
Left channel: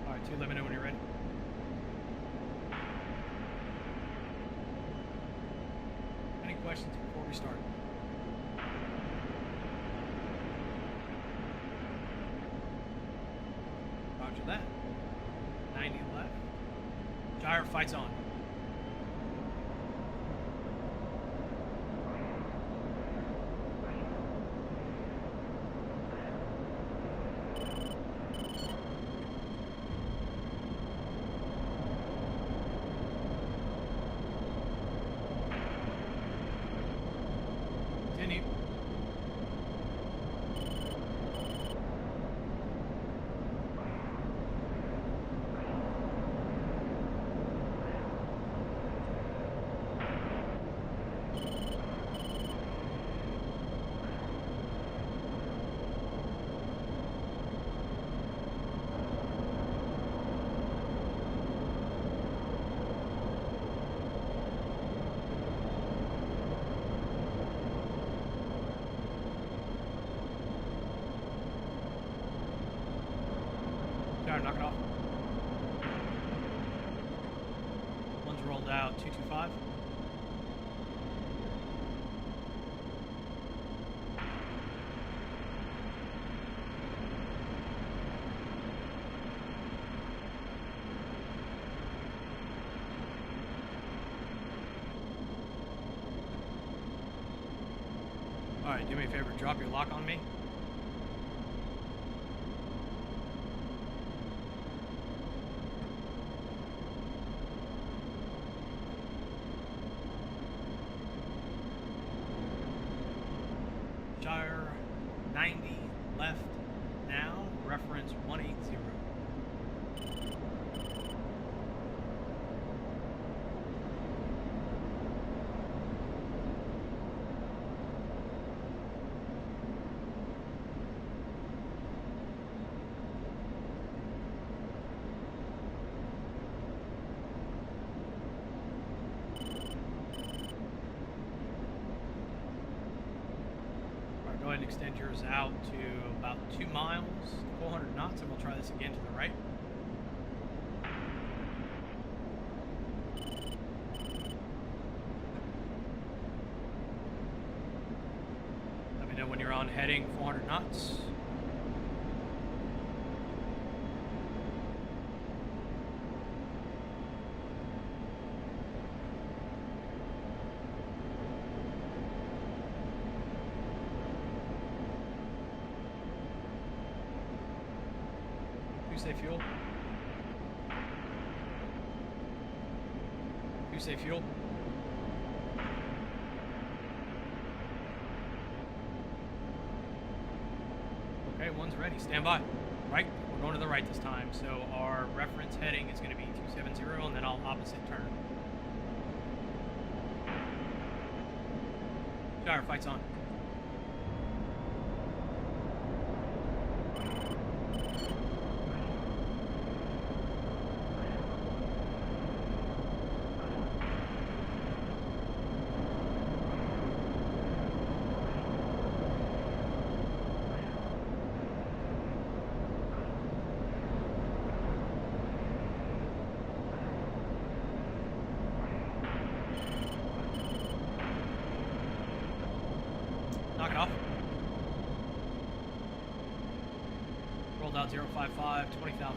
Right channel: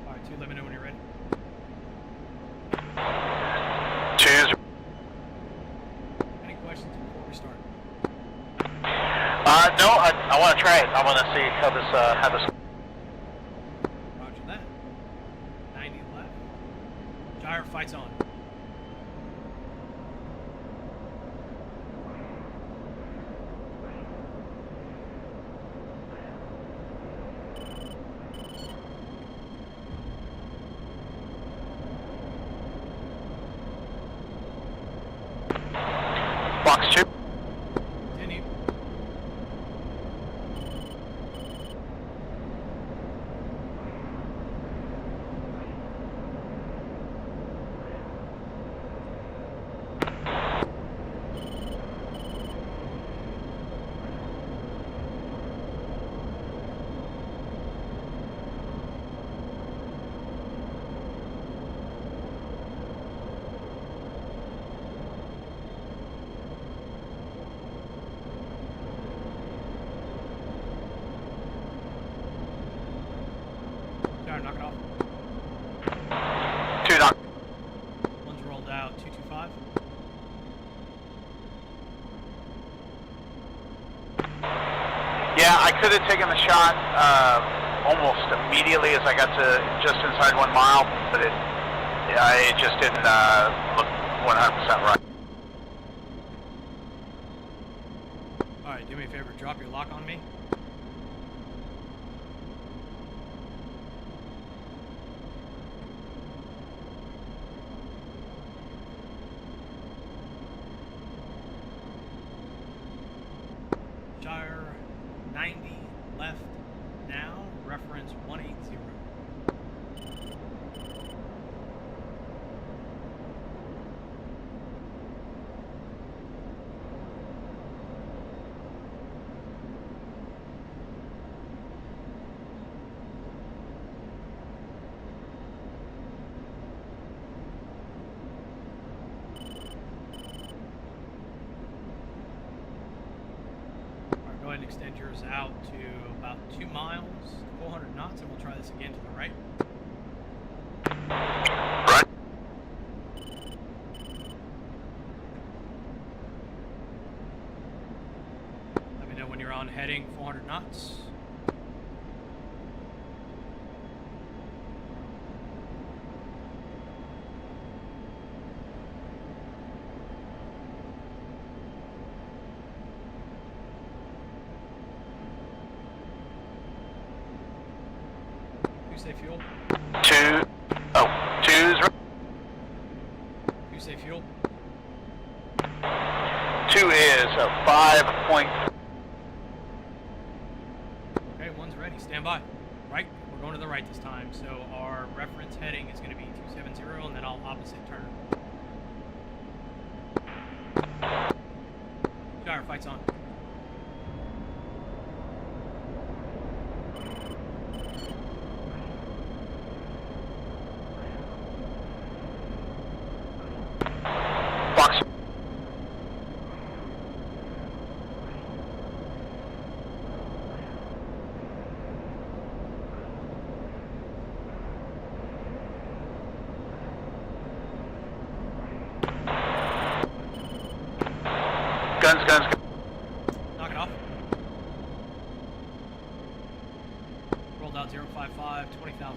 Alright, 2, let me know when you're ready. 2 0. Any questions before we start? No, I want to try it. I want to see how this. Roger that. 90 left. Gyre fights on. Box 2. Continue. Gyre, knock it off. 2 knock. 1's rolled out, 225. Yeah, I could have taken the shot almost immediately as I got to just inside 1 mile, but it just didn't look 100% right. Alright, do me a favor, drop your lock on me. Shire 90 left now, reference 180. Go ahead and extend yours out to about 2 miles, 400 knots, and we'll try this again to the right. Right. Let me know when you're on heading 400 knots. Say fuel. Two's right. You say fuel. 2 is a 5 point. Okay, one's ready. Stand by. Right. We're going to the right this time. So our reference heading is going to be 270, and then I'll opposite turn. Shire, fight's on. Box. Guns. Knock it off. Rolled out 055, 20,000.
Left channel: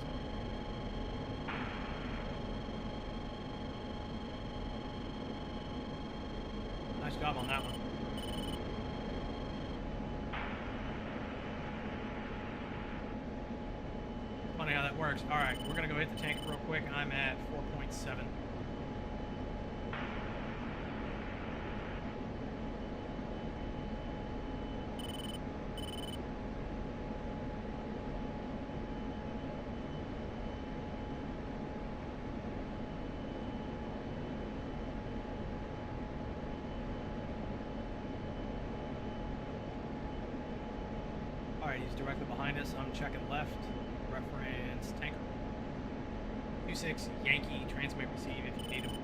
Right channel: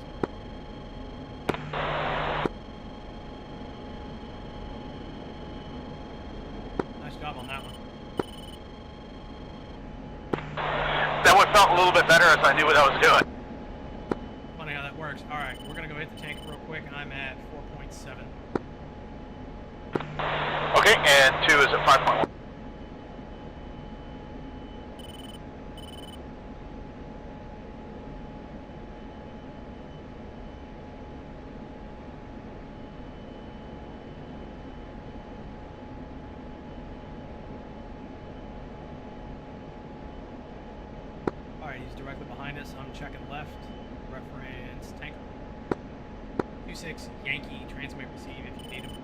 Nice job on that one. That one felt a little bit better as I knew what I was doing. Funny how that works. Alright, we're going to go hit the tank real quick. I'm at 4.7. Okay, and 2 is at 5.1. Alright, he's directly behind us. I'm checking left. Reference tanker. 26 Yankee, transmit receive if you need him.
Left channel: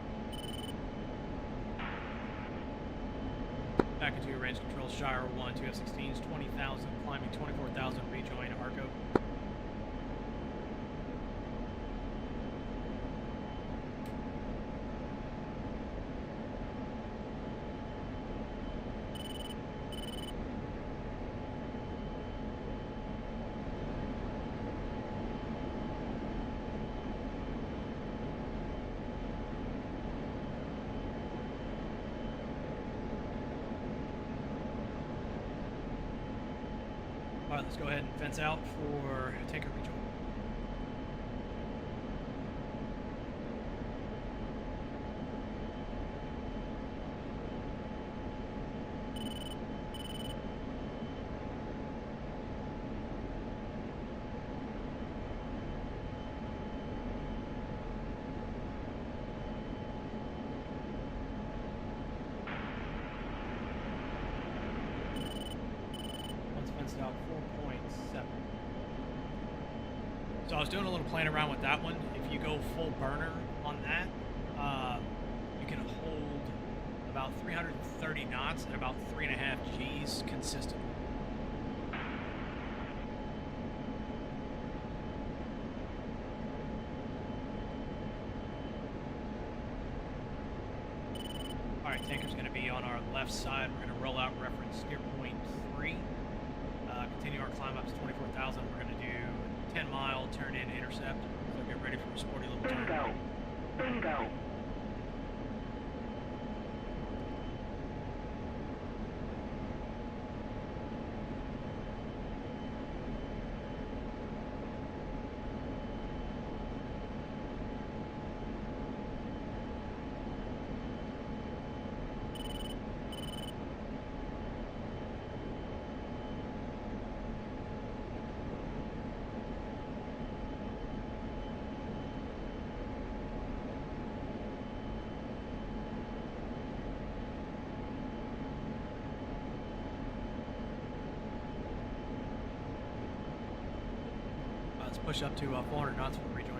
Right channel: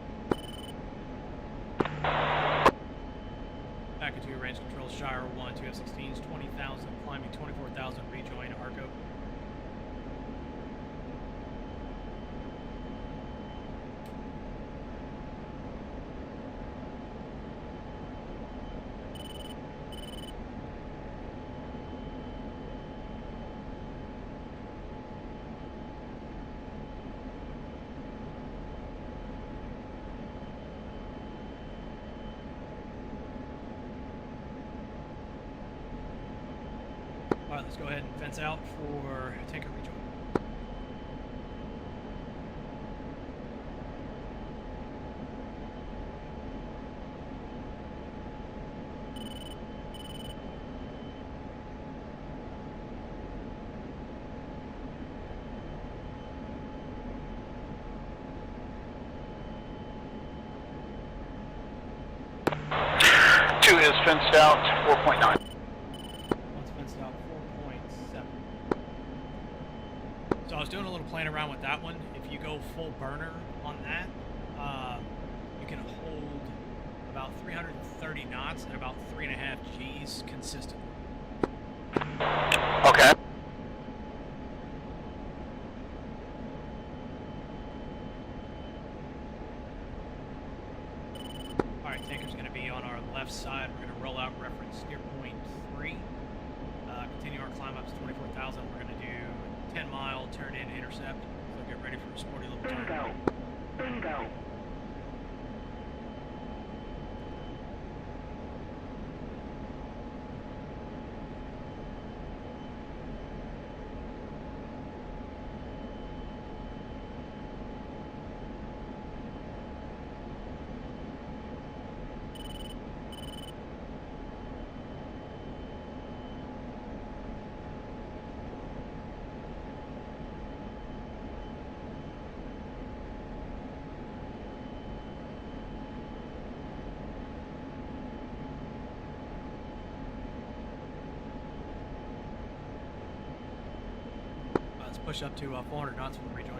Back into your range control, Shire 1, 2 F-16s, 20,000, climbing 24,000, rejoin Arco. Alright, let's go ahead and fence out for tanker rejoin. Two is fenced out, 4.9. One's fenced out, 4.7. So I was doing a little playing around with that one. If you go full burner on that, you can hold about 330 knots at about 3.5 Gs consistently. Okay. Alright, tanker's going to be on our left side. We're going to roll out reference steer point 3. Continue our climb up to 24,000. We're going to do 10 mile turn in intercept. So get ready for a sporty little turn. Bingo. push up to 400 knots for the rejoin.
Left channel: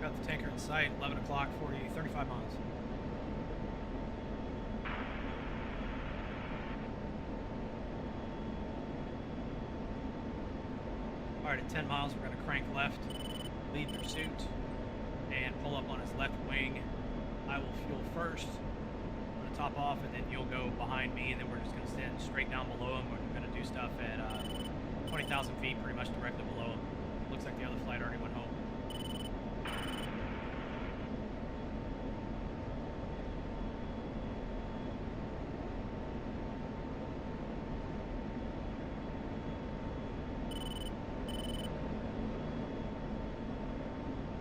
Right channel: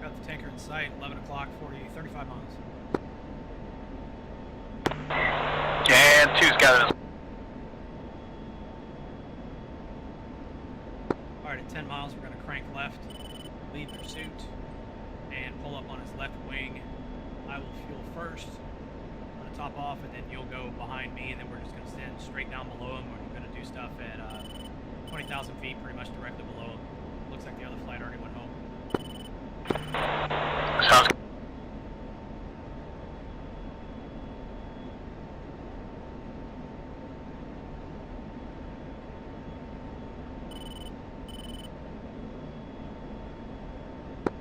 Got the tanker in sight, 11 o'clock, 35 miles. And 2's got it. Alright, at 10 miles, we're going to crank left, lead pursuit, and pull up on his left wing. I will fuel first. I'm going to top off, and then you'll go behind me, and then we're just going to stand straight down below him. We're going to do stuff at 20,000 feet, pretty much directly below him. Looks like the other flight already went home. Sounds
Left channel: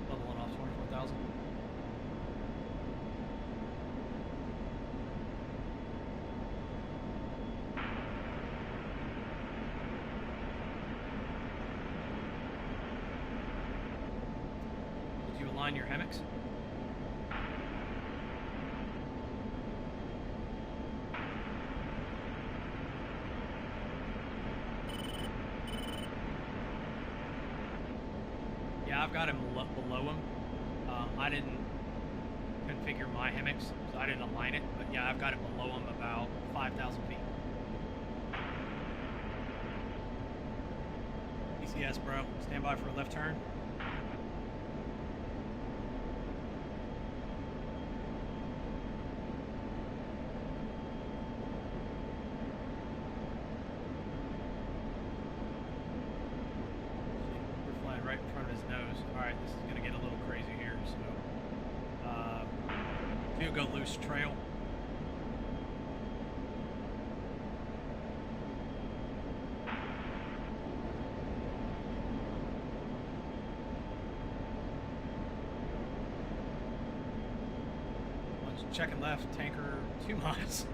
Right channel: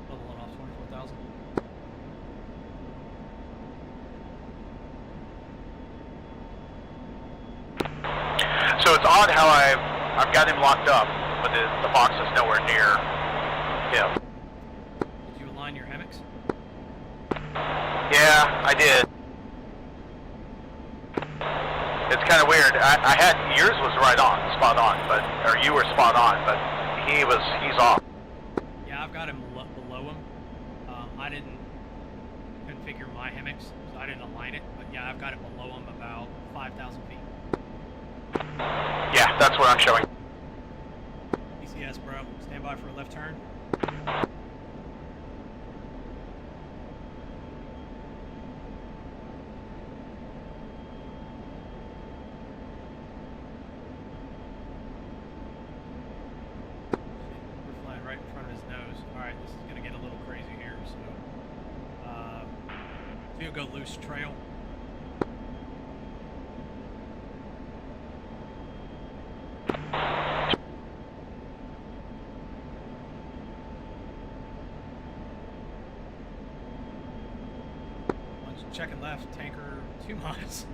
Leveling off 24,000. So it's odd how I've got him locked up, but the box is nowhere near him. Did you align your hammocks? Yeah, I did. It's kind of weird. I had yours was right on, spot on, or you were spot on, but he's off. Yeah, I've got him below him. I didn't configure my hammocks, so I didn't align it. But yeah, I've got it below him about 5,000 feet. Yeah, that's what I'm showing. ECS, bro. Stand by for a left turn. We're flying right in front of his nose. Alright, this is going to get a little crazy here. So, we'll go loose trail. Checking left, tanker 2 miles.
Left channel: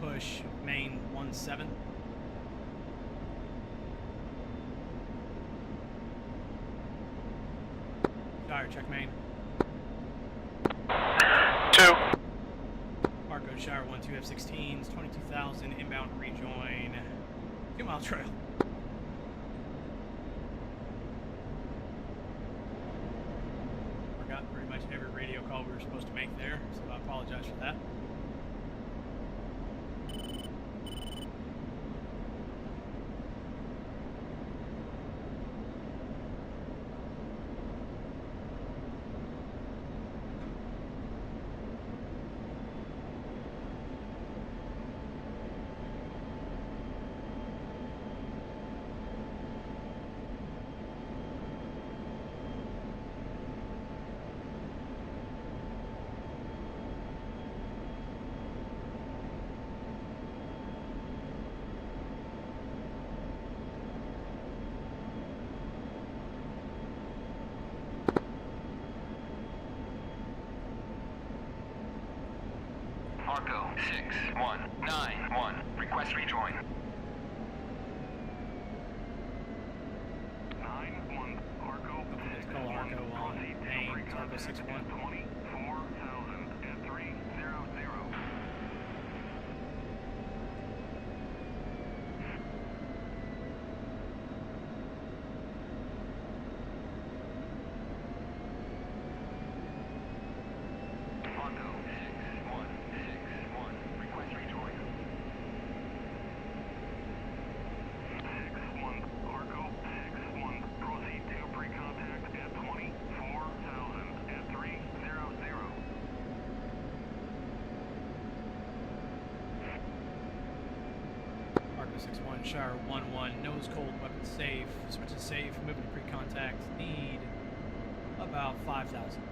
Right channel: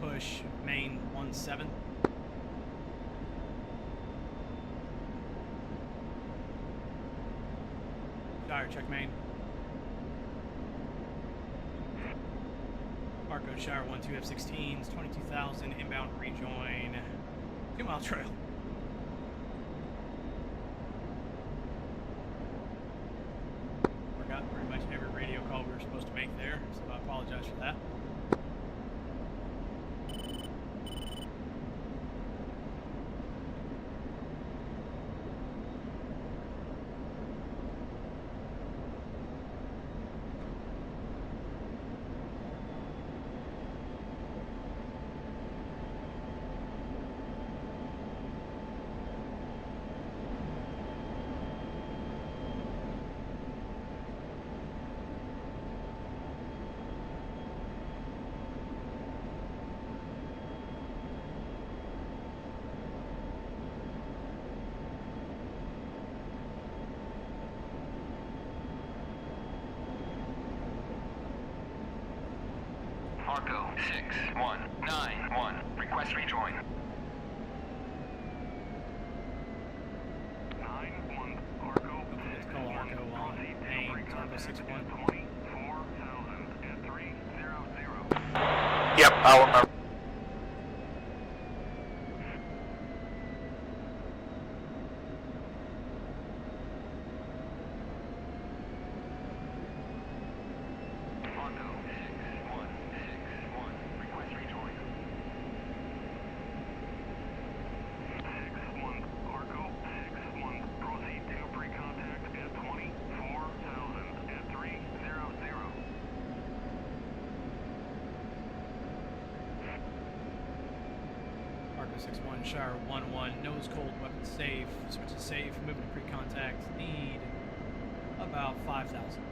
Push main 17. Shire, check main. 2. Arco Shire 1-2 F-16s, 22,000 inbound rejoin, 2 mile trail. Forgot pretty much every radio call we were supposed to make there, so I apologize for that. Arco 6191. Request rejoin. 9-1 Arco. Let's call Arco on main, Arco 61. 24,000 at 300. Yep, I'll Arco 6-1, Shire 1-1, nose cold, weapon safe, switch to safe, moving to pre-contact, need about 5,000.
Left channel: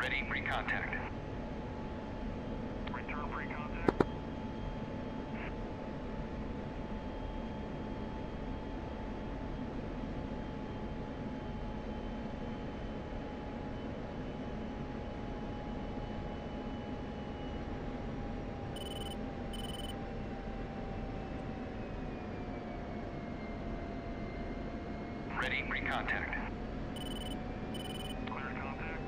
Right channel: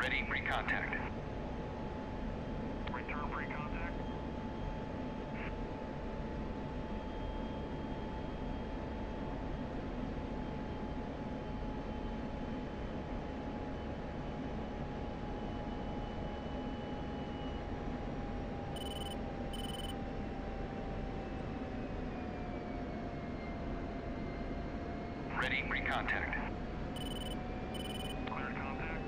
Ready, pre-contact. Return pre-contact. Ready, pre-contact. Clear contact.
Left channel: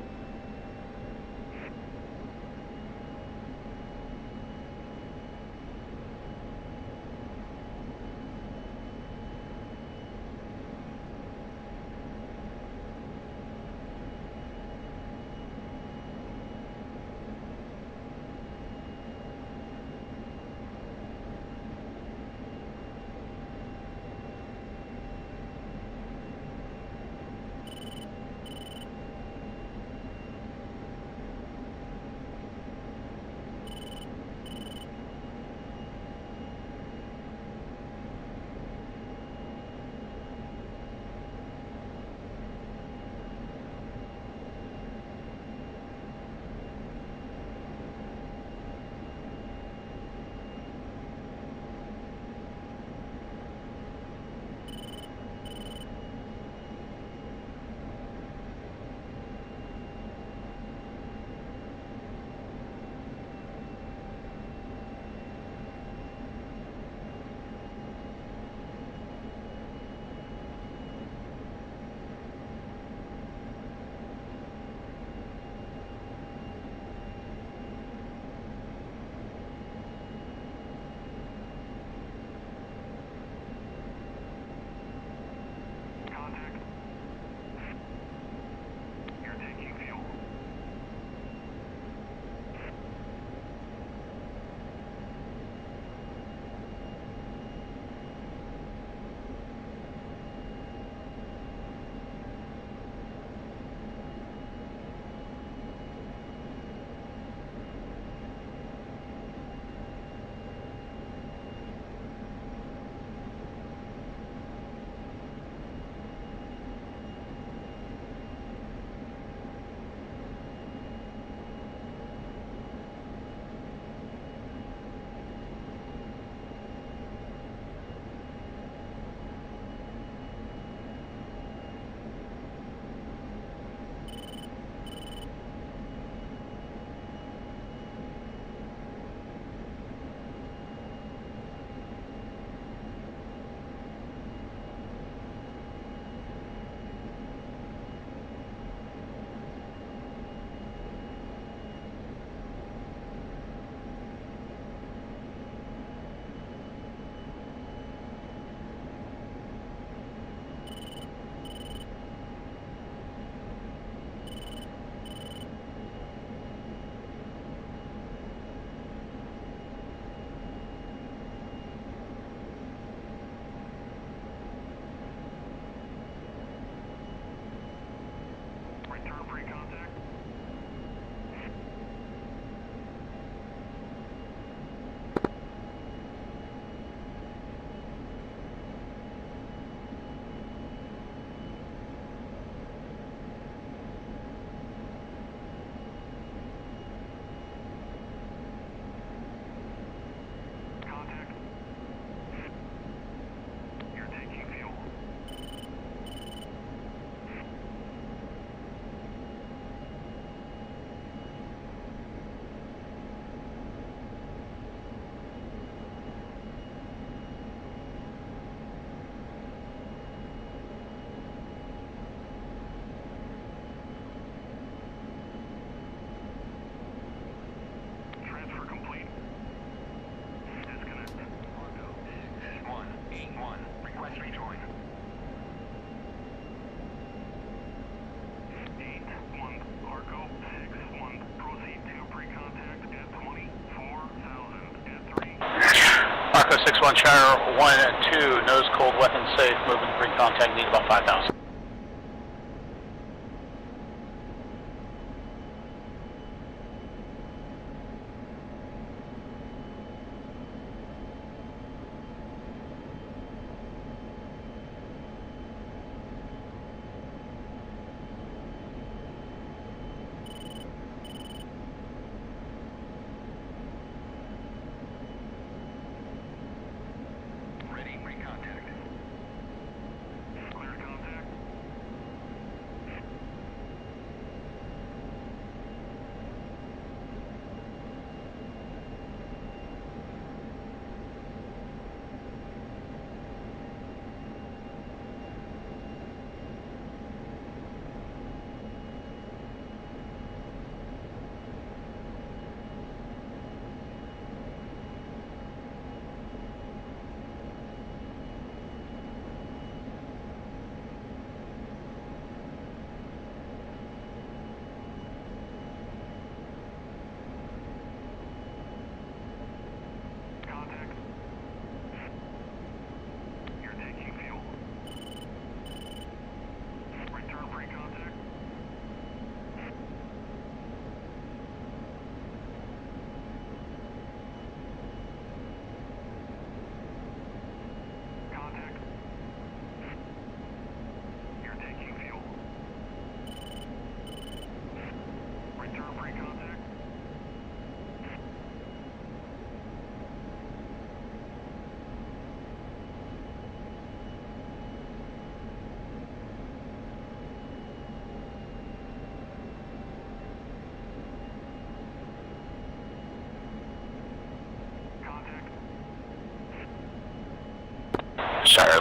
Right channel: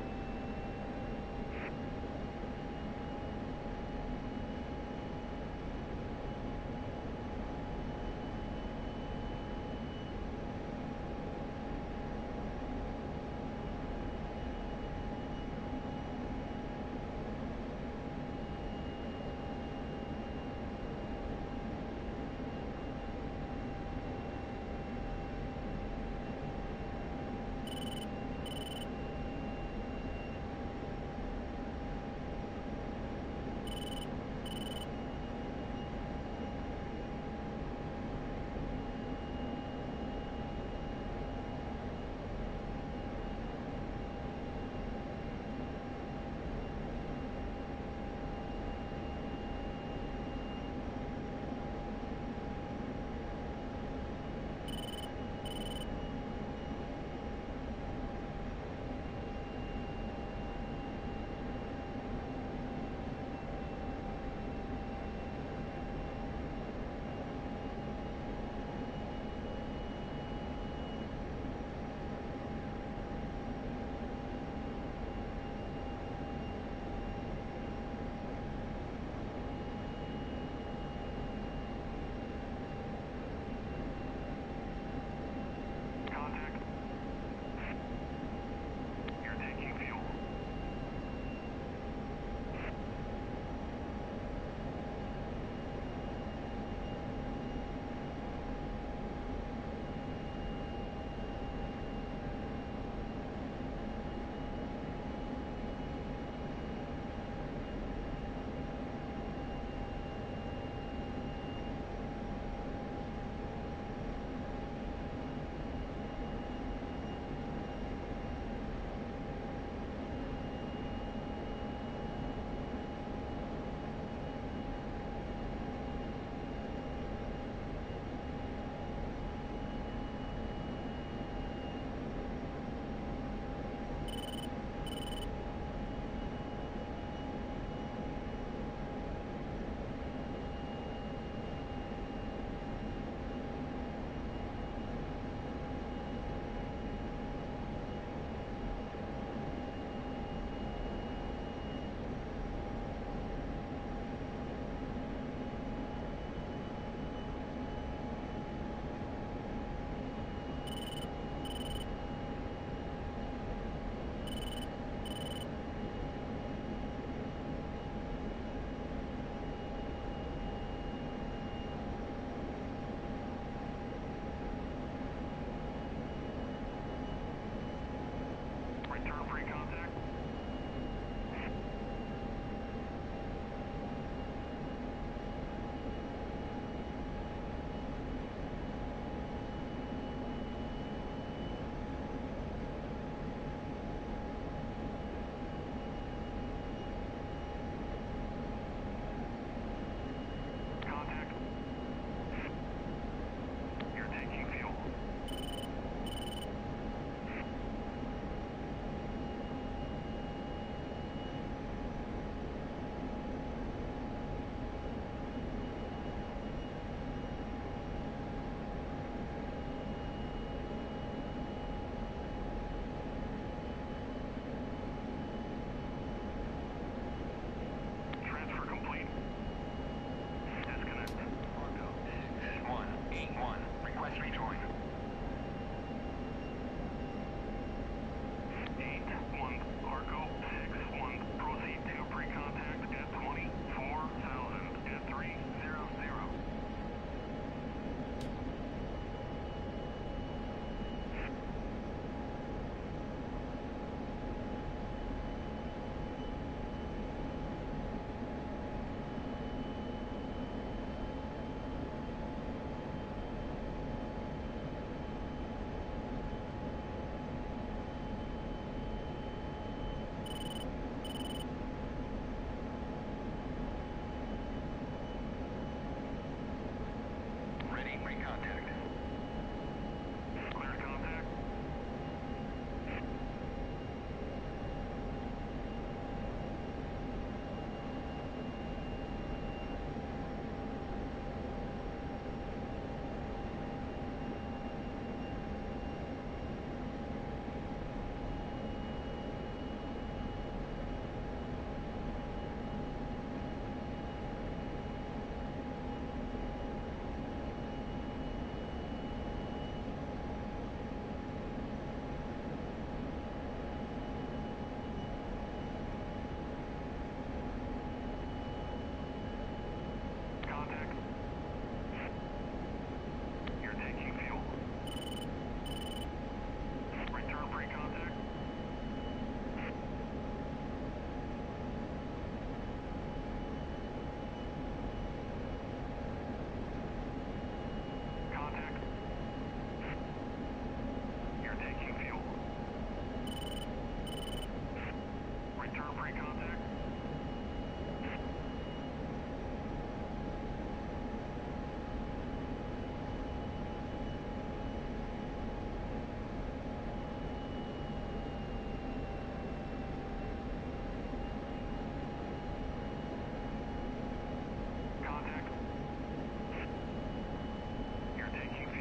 Contact. You're taking fuel. Return pre-contact. Contact. You're taking fuel. Transfer complete. Disconnect. Arco 6181. Request rejoin. 81 Arco 61. Proceed to pre-contact at 24,000 at 3. Arco 6-1, Shire 1 and 2, nose cold, weapon safe, moving pre-contact, need about 5,000.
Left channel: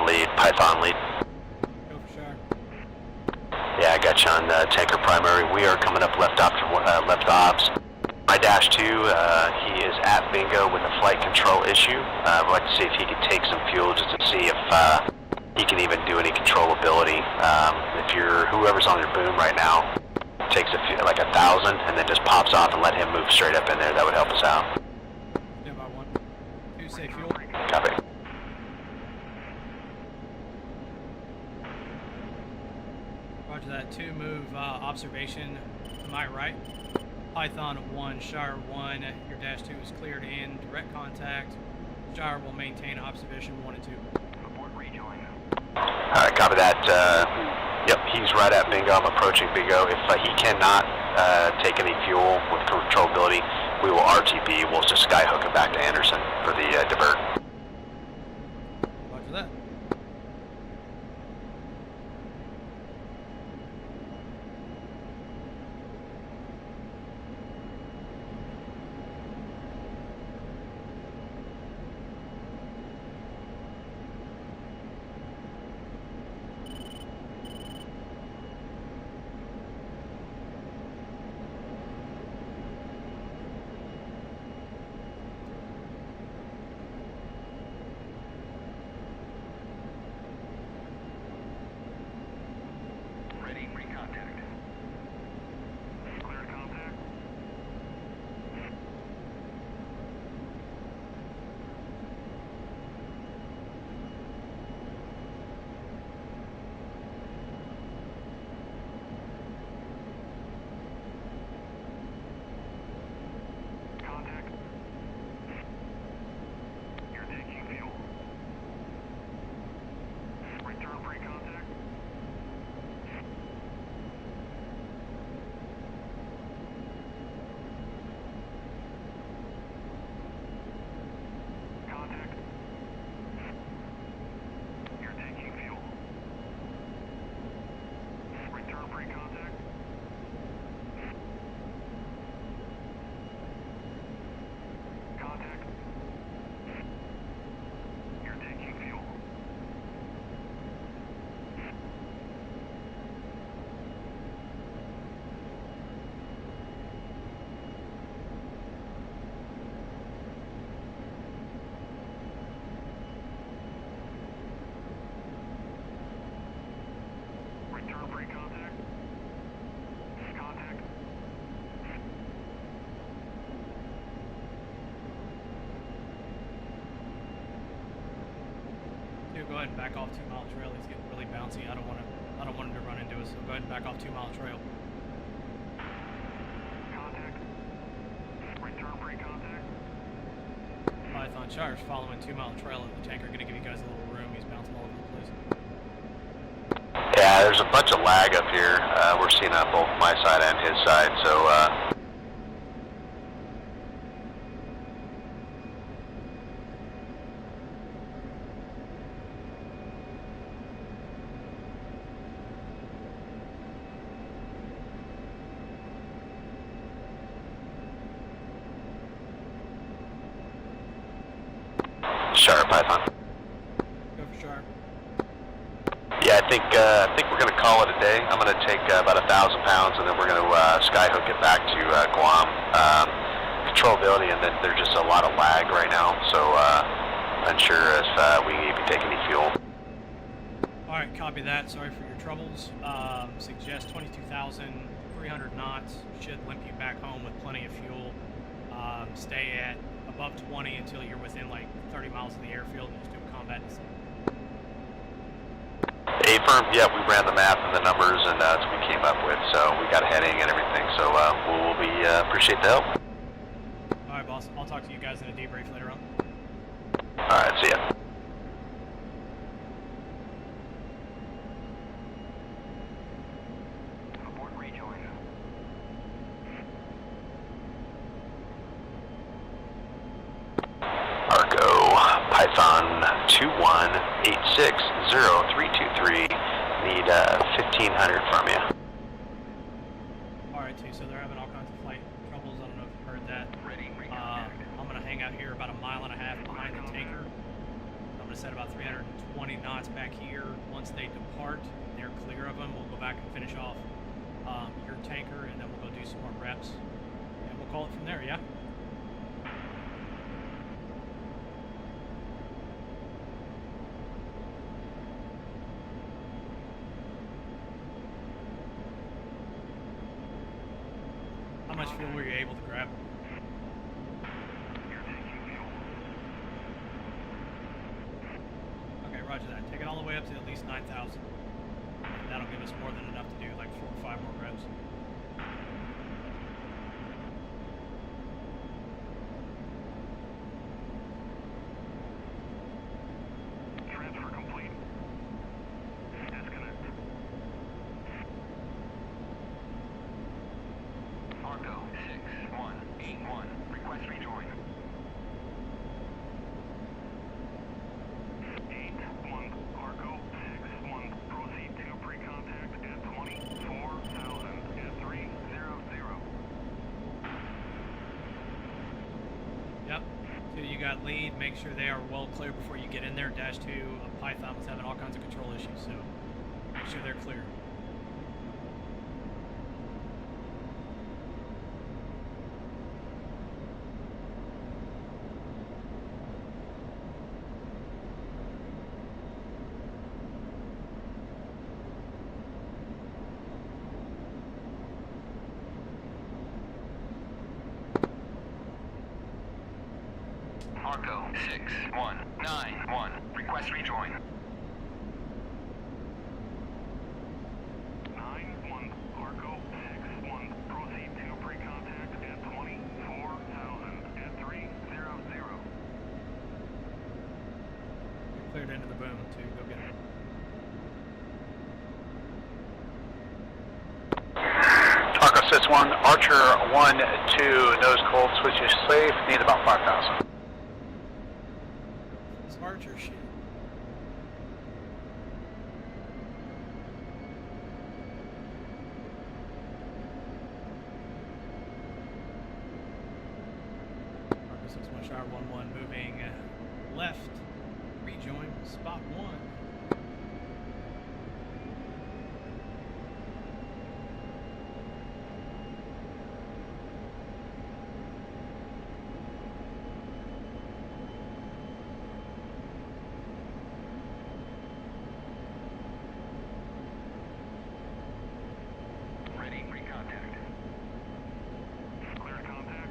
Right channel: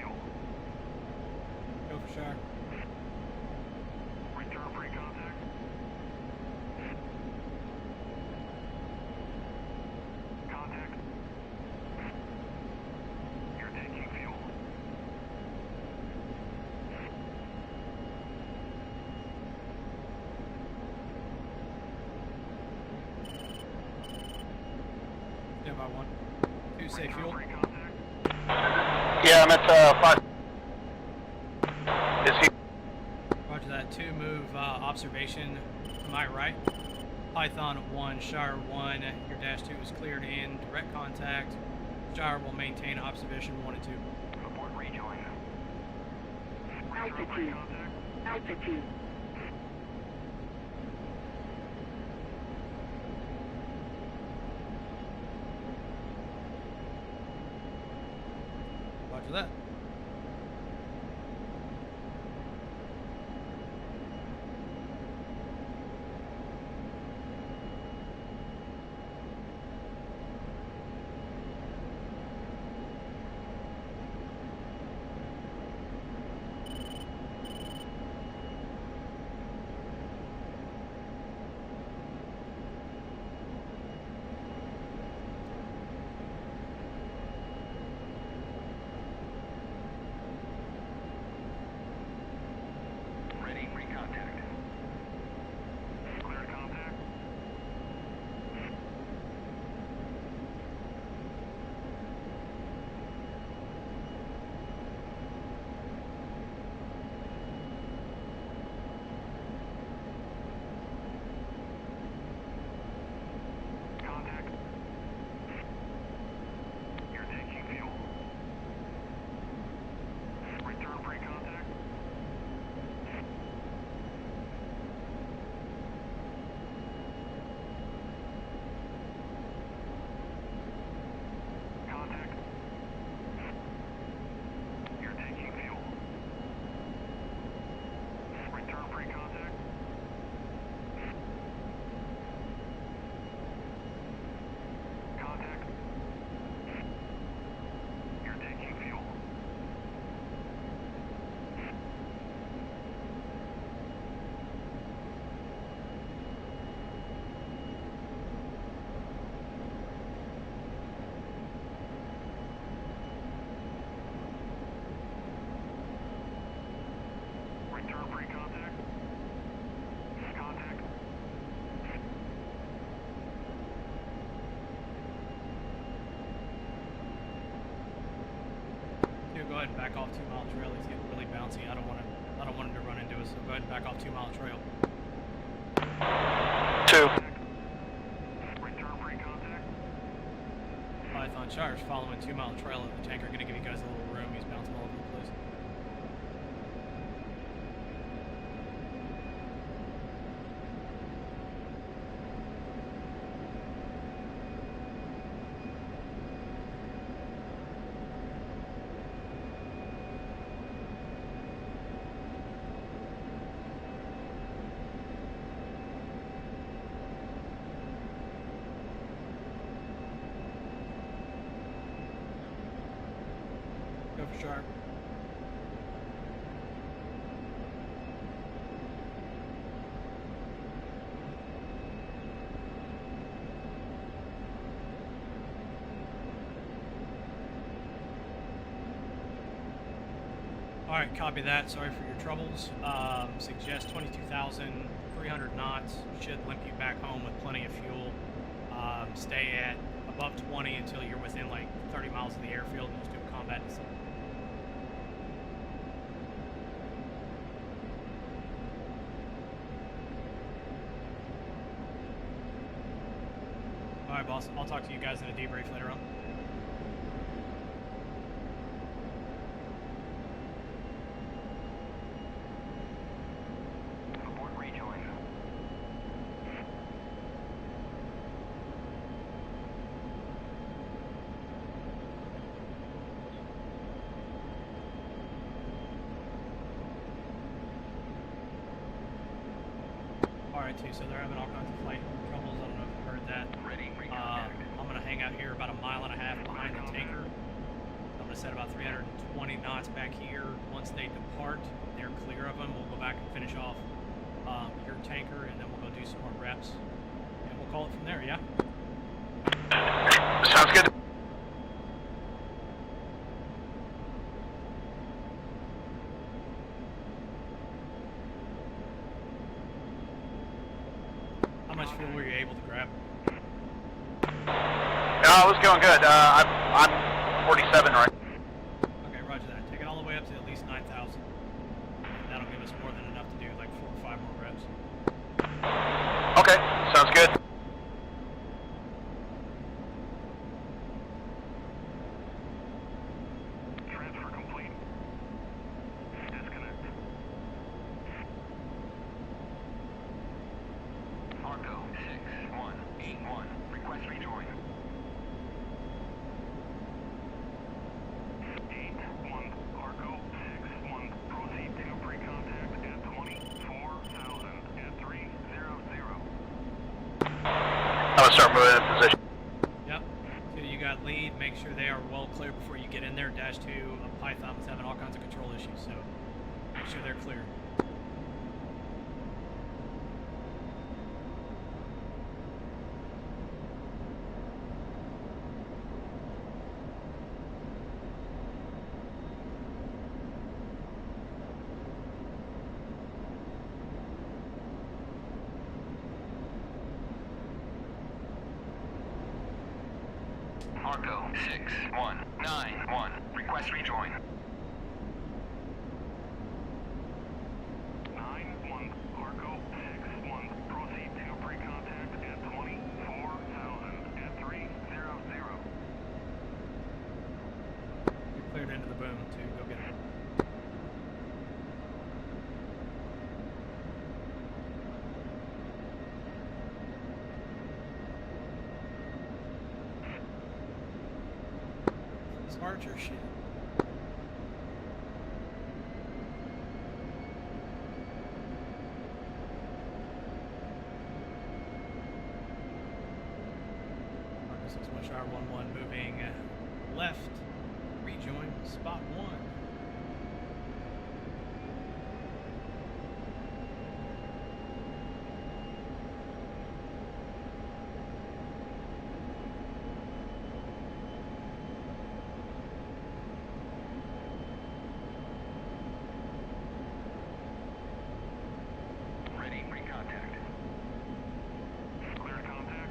lead, Python lead. Go for Shre. Yeah, I got you on tanker primary. We are coming up left obs. My dash 2, he is at bingo with a flight control issue. I'd like to see if he can take some fuel just to see if he can even do any controllability. If you're whoever's on your boom right now, takes like 1,000 and then just pops off and let him move straight up in there. That would help us out. Stand by 1. 2, say fuel. Copy. Yeah, I'm at 5. Is he? Roger that. 2, move observation to my right. Python 1, Shre 1. Your dash 2 is cleared in. Direct contact. Shre will maintain observation 1 and 2. Report rejoin. Alright, copy that. Yep, he's right at bingo. I'm approaching bingo. If he cannot take any fuel with controllability, we will RTB. We'll just skyhook him back to Anderson for the divert. Roger that. Ready, recontact. Cleared contact. Contact. You're taking fuel. Return pre-contact. Contact. You're taking fuel. Return pre-contact. Contact. You're taking fuel. Return pre-contact. Contact. 2, go ahead and back off 2 mile trail. He's getting really bouncy. I don't want him to run into us, so go ahead and back off 2 mile trail. 2. Return pre-contact. Python Shre's following 2 mile trail of the tanker. Gonna give you guys a little room. He's bouncing all over the place. Yeah, there's a bunch of lag up here. We're seeing on both my side and his side, so Sharp, Python. Go for Shre. Yeah, I think we're gonna call it a day. I'm gonna take about 1,000 pounds, and then we're gonna skyhook it back to Guam. Controllability, and then there's just a lot of lag right now, so unsure if we need to take any fuel. All right, copy that. Sorry for your troubles. Suggest 22,300 knots. Should limp you back home with plenty of fuel. Stay at above 20 until you're within like 30 miles of the airfield and just do a combat descent. A-firm, yeah, we ran the math and the numbers, and that's what we came up with, so we got a heading and everything, so we'll appreciate the help. All right, boss. I'll talk to you guys in a debrief later on. All right, see ya. Abort rejoin. Argo, Python 21860323, need 1,500 from you. All right, too. So they're having all kinds of flight troubles. I don't know if you've heard that. Ready, recontact. I'm gonna hang out here about 1.5 miles behind the tanker. I'm gonna us at about 320 knots back here. Once they depart, they're clear of them. We'll go back and finish off your tanker, and then we'll go do some more reps, and we'll call it from there. Yeah. Sounds good. How much fuel were you able to grab? No, it was going good. I'm 47 right. Okay, roger that. Take it all the way up to at least 9,000. That'll give us more than enough to do like 4 or 5 more reps. Okay, sounds good. Transfer complete. Disconnect. Argo 6181. Request rejoin. 81 Argo 61. Proceed to pre-contact at 24,000 at 300. I'm gonna start moving in position. Yep. So you got lead. Make sure they are well clear before you get in there. Dash 2, Python was having all kinds of control issues, so make sure they're clear. Argo 6191. Request rejoin. 91 Argo 61. Proceed to pre-contact at 24,000 at 300. You're cleared into the boom to go get it. Argo 61, Archer 1-2, nose cold, switches safe, need about 5,000. This Archer shit. Archer 61 Shire 1-1 moving left. Rejoin spot 1. Ready, pre-contact. Cleared contact.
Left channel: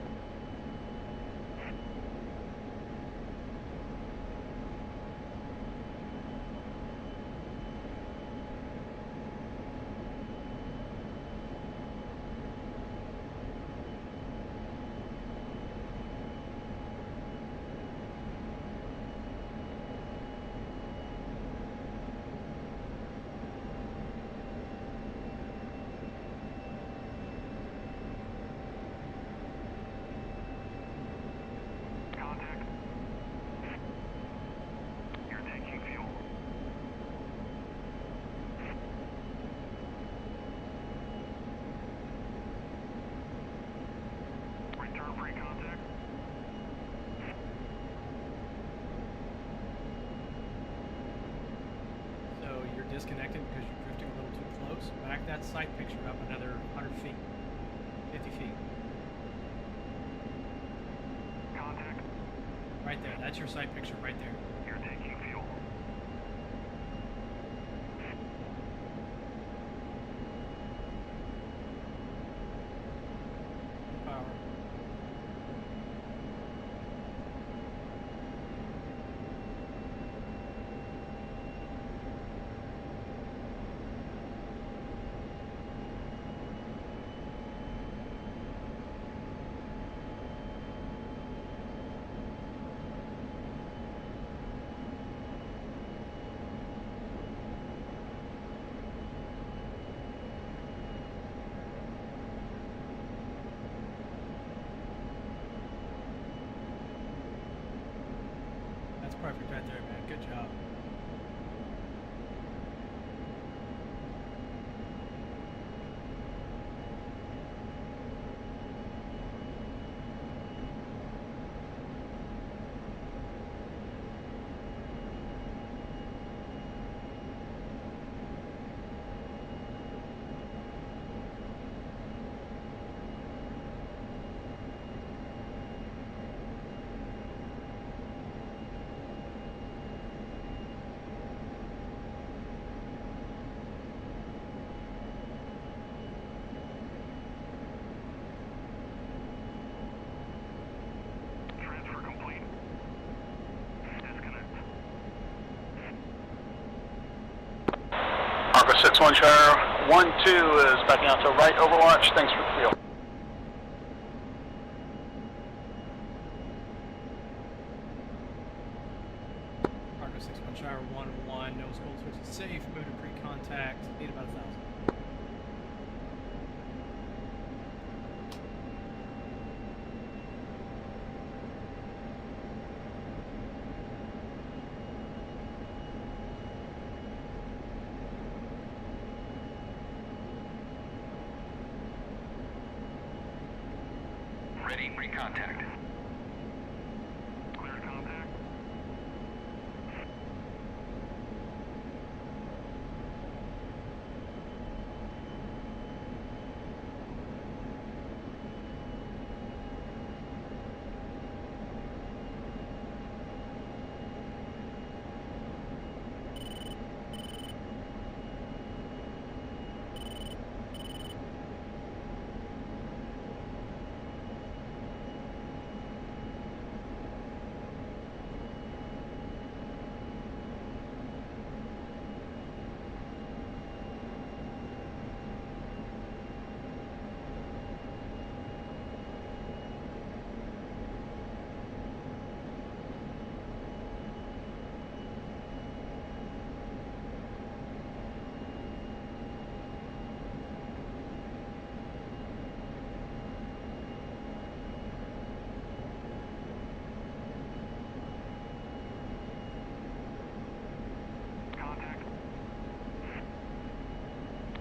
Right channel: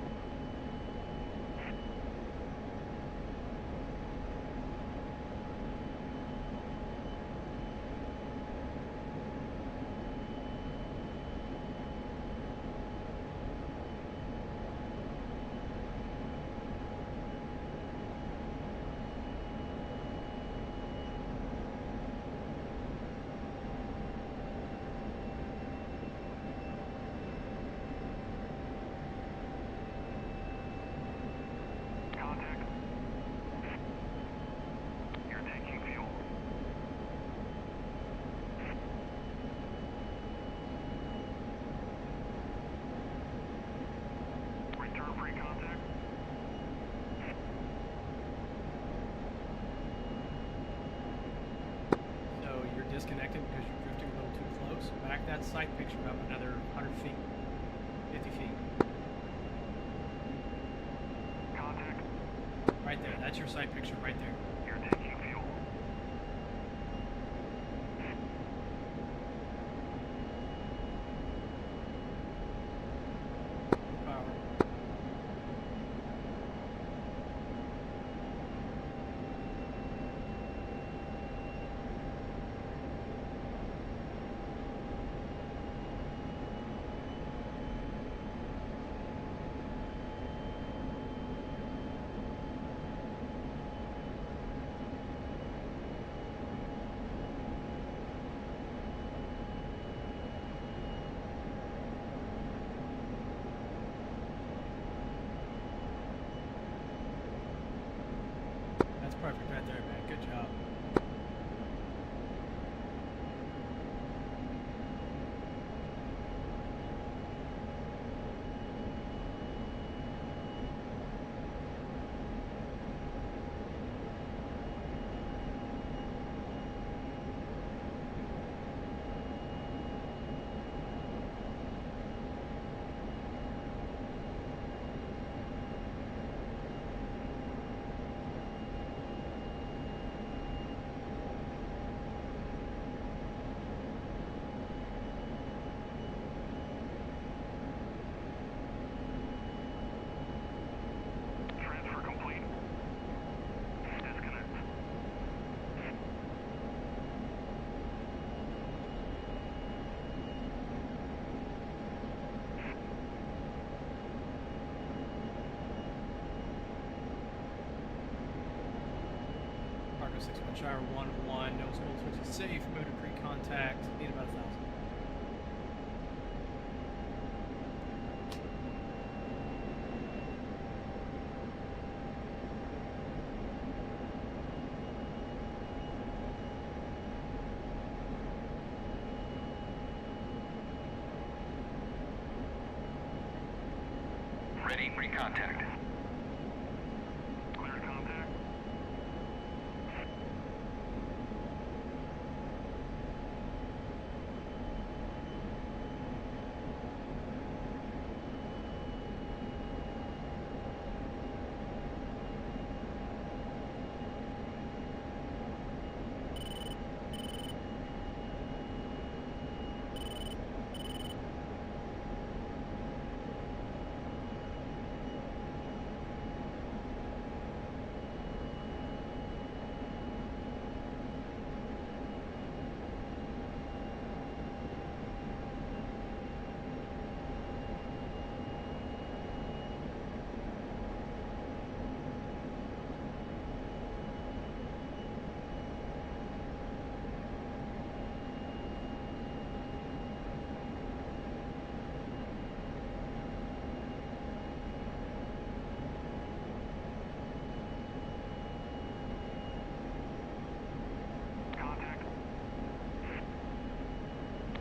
Contact. You're taking fuel. Return pre-contact. So you're disconnected because you're drifting a little too close. Back that sight picture up another 100 feet, 50 feet. Contact. Right there. That's your sight picture right there. You're taking fuel. Full power. That's perfect right there, man. Good job. Arco 6-1 Shire, 1-2 is backing out to right Overwatch. Thanks for the field. Arco 6-1 Shire 1-1, no school switch is safe, move to pre-contact, need about 1,000. Ready, pre-contact. Cleared contact. Contact.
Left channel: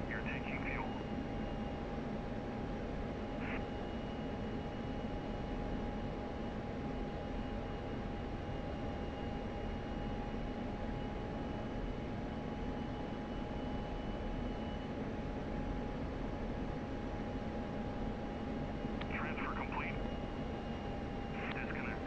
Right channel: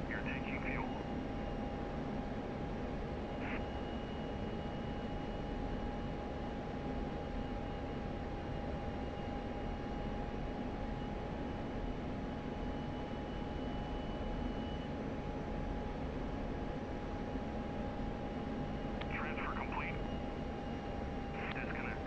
You're taking fuel. Transfer complete. Disconnect.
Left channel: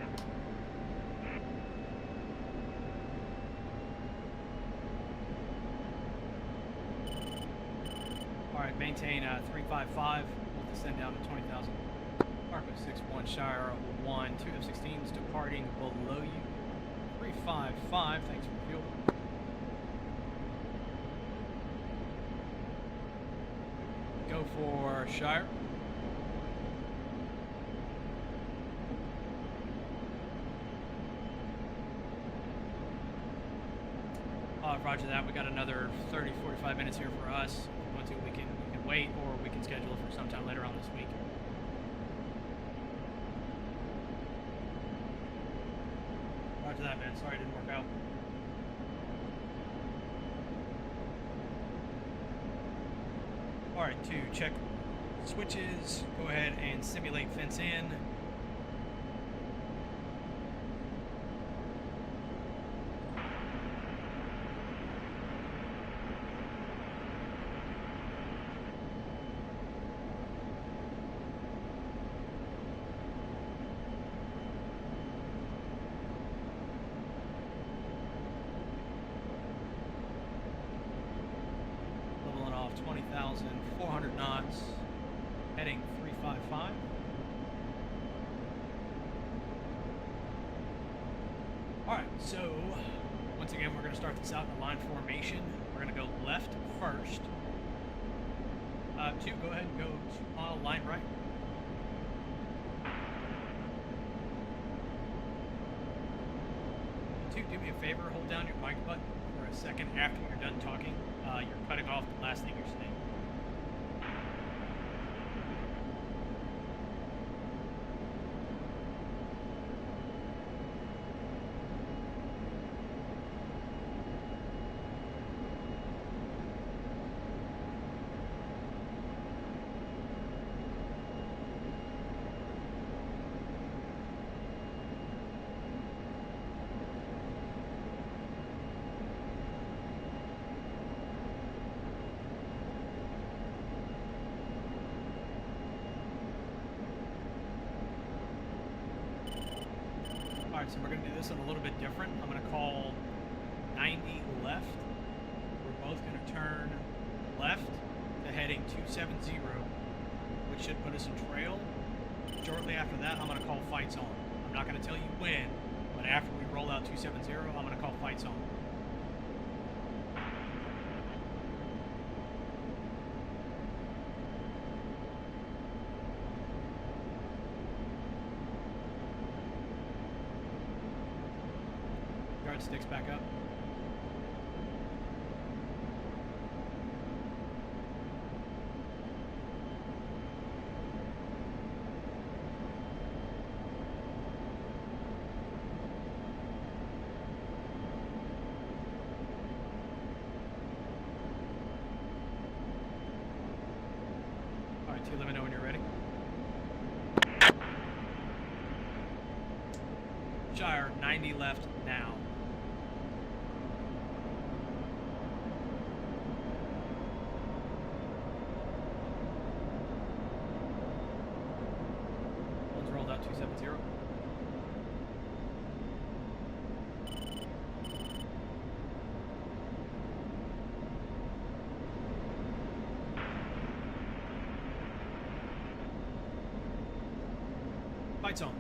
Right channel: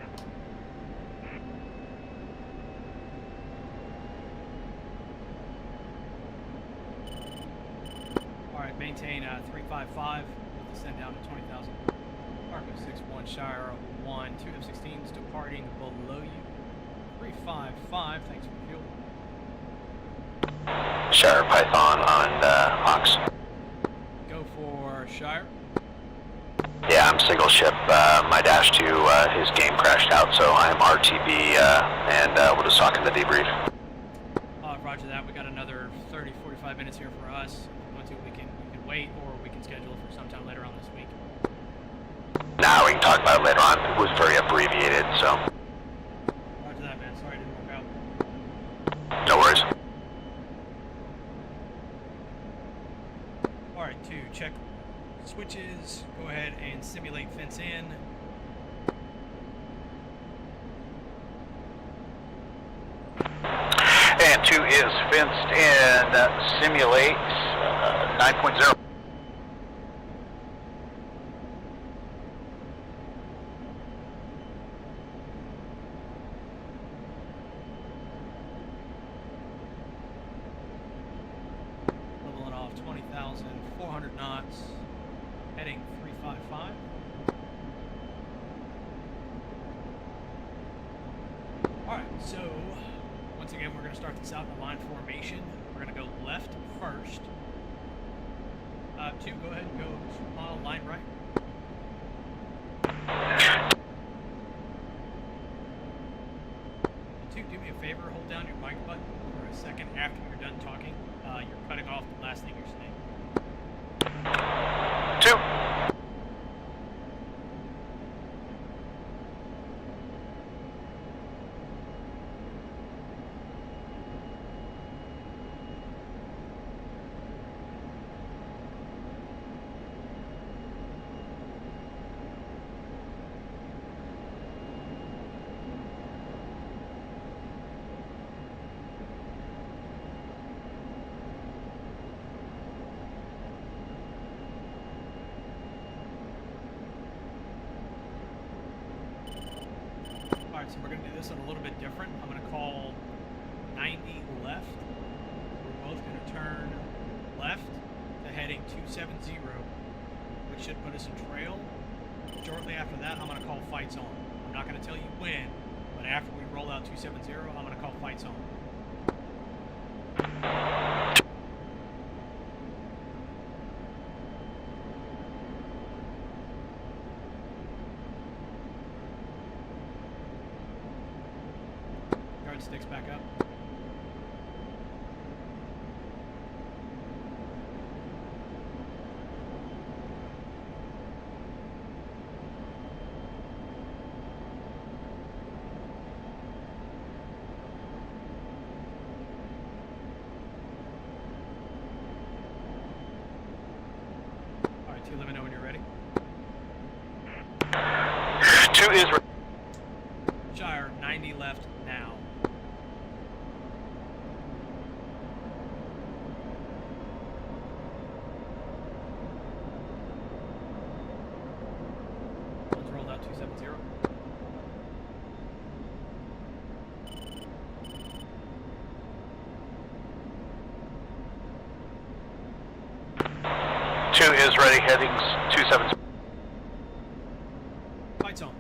Alright, maintain 355, we'll descend down to 20,000. Arco 6-1 Shire 1, 2 F-16s departing below you. 355, thanks for fuel. Shire Python on Ox. Go for Shire. Yeah, I'm single ship. My Dash 2, his game crashed out, so I'm RTB, and we'll just talk in the debrief. Roger that, we got another 30-45 minutes here for us. If you want to, you can wait, or we can schedule it for sometime later on this week. Now we can talk about it later on. It was very abbreviated, so Roger that, man. Sorry it didn't work out. no worries. Alright, to check switches, go ahead and simulate fence in. And 2 is fenced in, simulate 9.0. Leveling off 20,400 knots, heading 355. Alright, so once again we're going to start this out in a line formation. We're going to go left first. 2, go ahead and go 2-mile line right. 2, do me a favor, hold down your mic button for a second after you're done talking. You're cutting off the last thing you're saying. 2. Alright, so we're going to do this one a little bit different. I'm going to call 90 left. We're both going to turn left to heading 270, which should put us in trail. Shortly after that, I'm going to call fights on. I'm not going to tell you when, but after we roll out 270, I'm going to call fights on. Alright, sticks back up. Alright, 2, let me know when you're ready. 2 is ready. Shire, 90 left now. One's rolled out 270. Two is ready, headings 270. Lights on.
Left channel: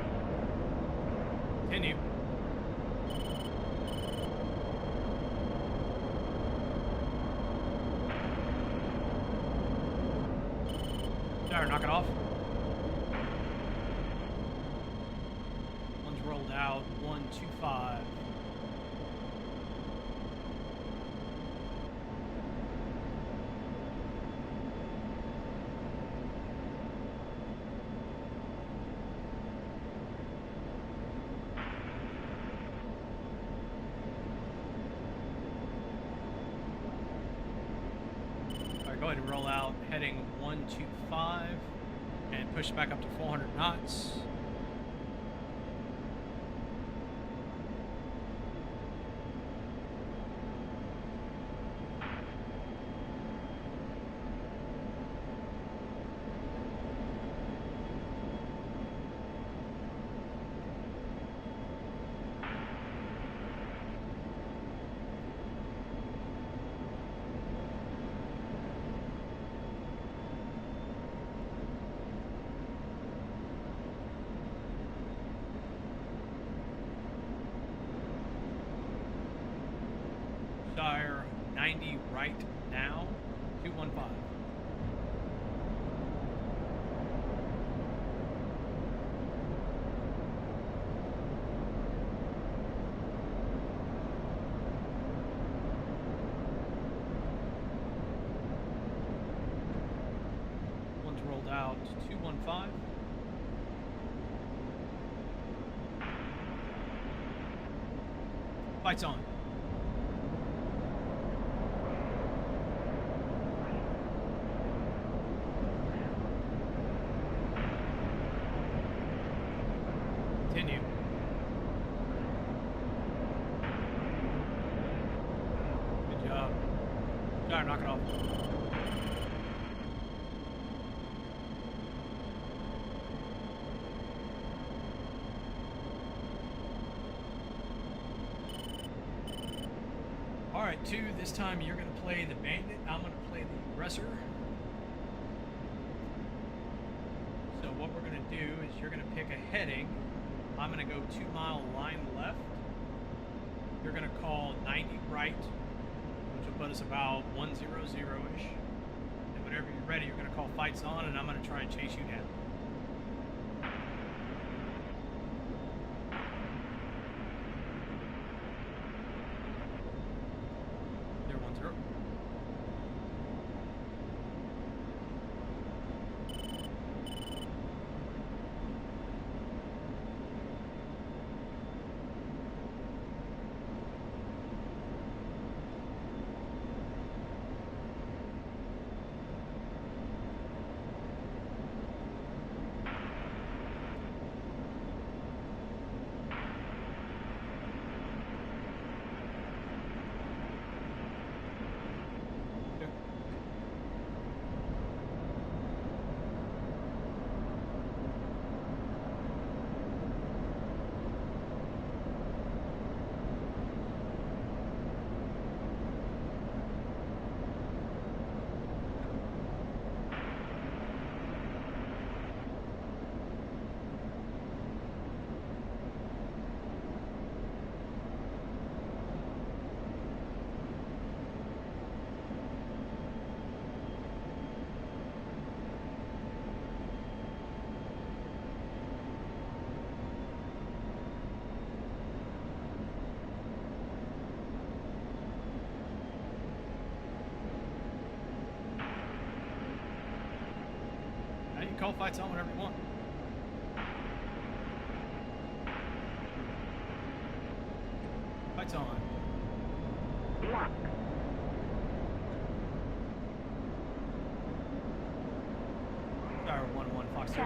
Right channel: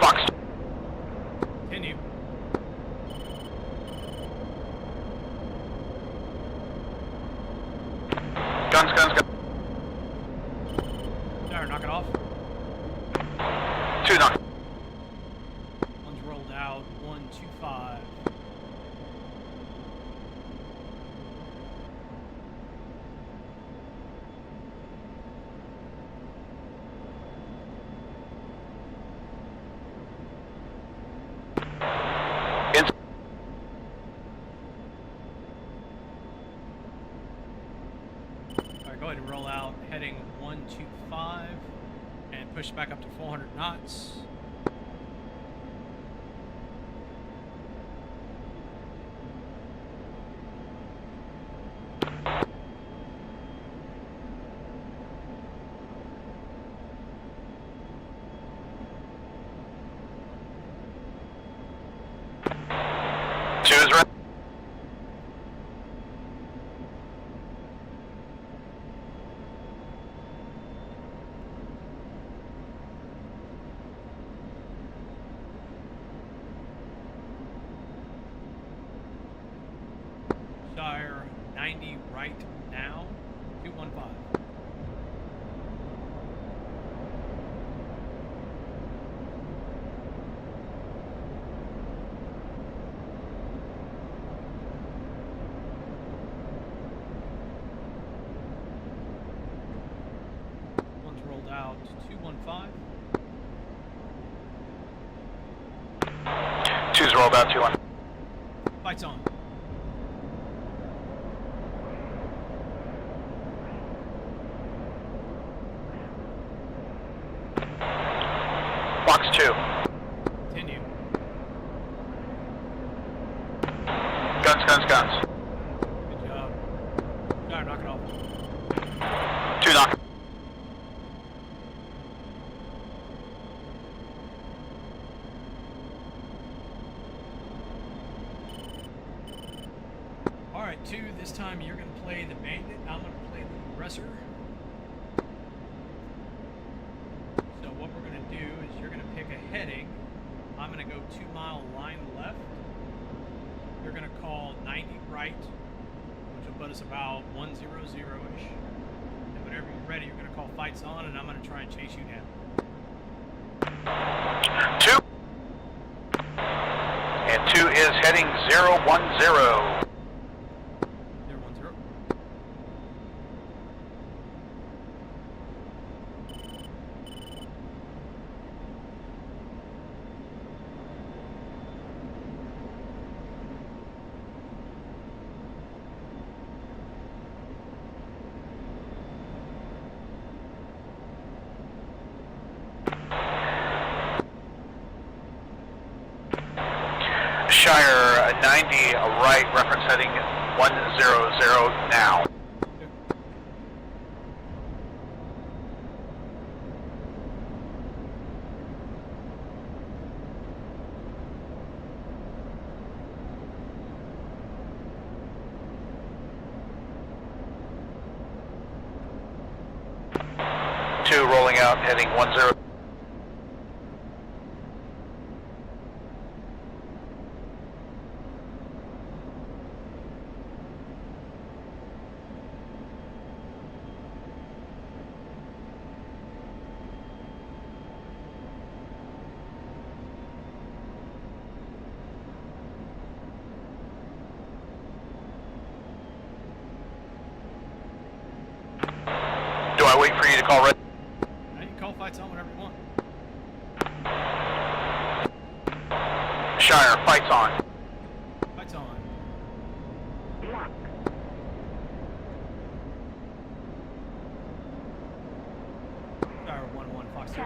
Fox. Continue. Guns, guns, guns. Shire, knock it off. 2 knock. One's rolled out. 125. In. Alright, go ahead and roll out. Heading 125 and push back up to 400 knots. Two is ready. Shire, 90 right now. 215. One's rolled out. 215. Two's rolled out, 2 1. Lights on. Fox 2. Continue. Guns, guns, guns. Good job. Shire, knock it off. 2 knock. Alright, 2, this time you're going to play the bandit. I'm going to play the aggressor. So what we're going to do is you're going to pick a heading. I'm going to go 2 mile line left. You're going to call 90 right, which will put us about 100-ish. And whenever you're ready, you're going to call fights on, and I'm going to try and chase you down. 2. And 2 is heading 010. 010. Shire 90 right, reference heading 100 now. Two rolling out, heading 10. I wait for you to call red? Now you can call fights on whenever you want. Shire, fights on. Fights on. Shire 1-1 Fox 2.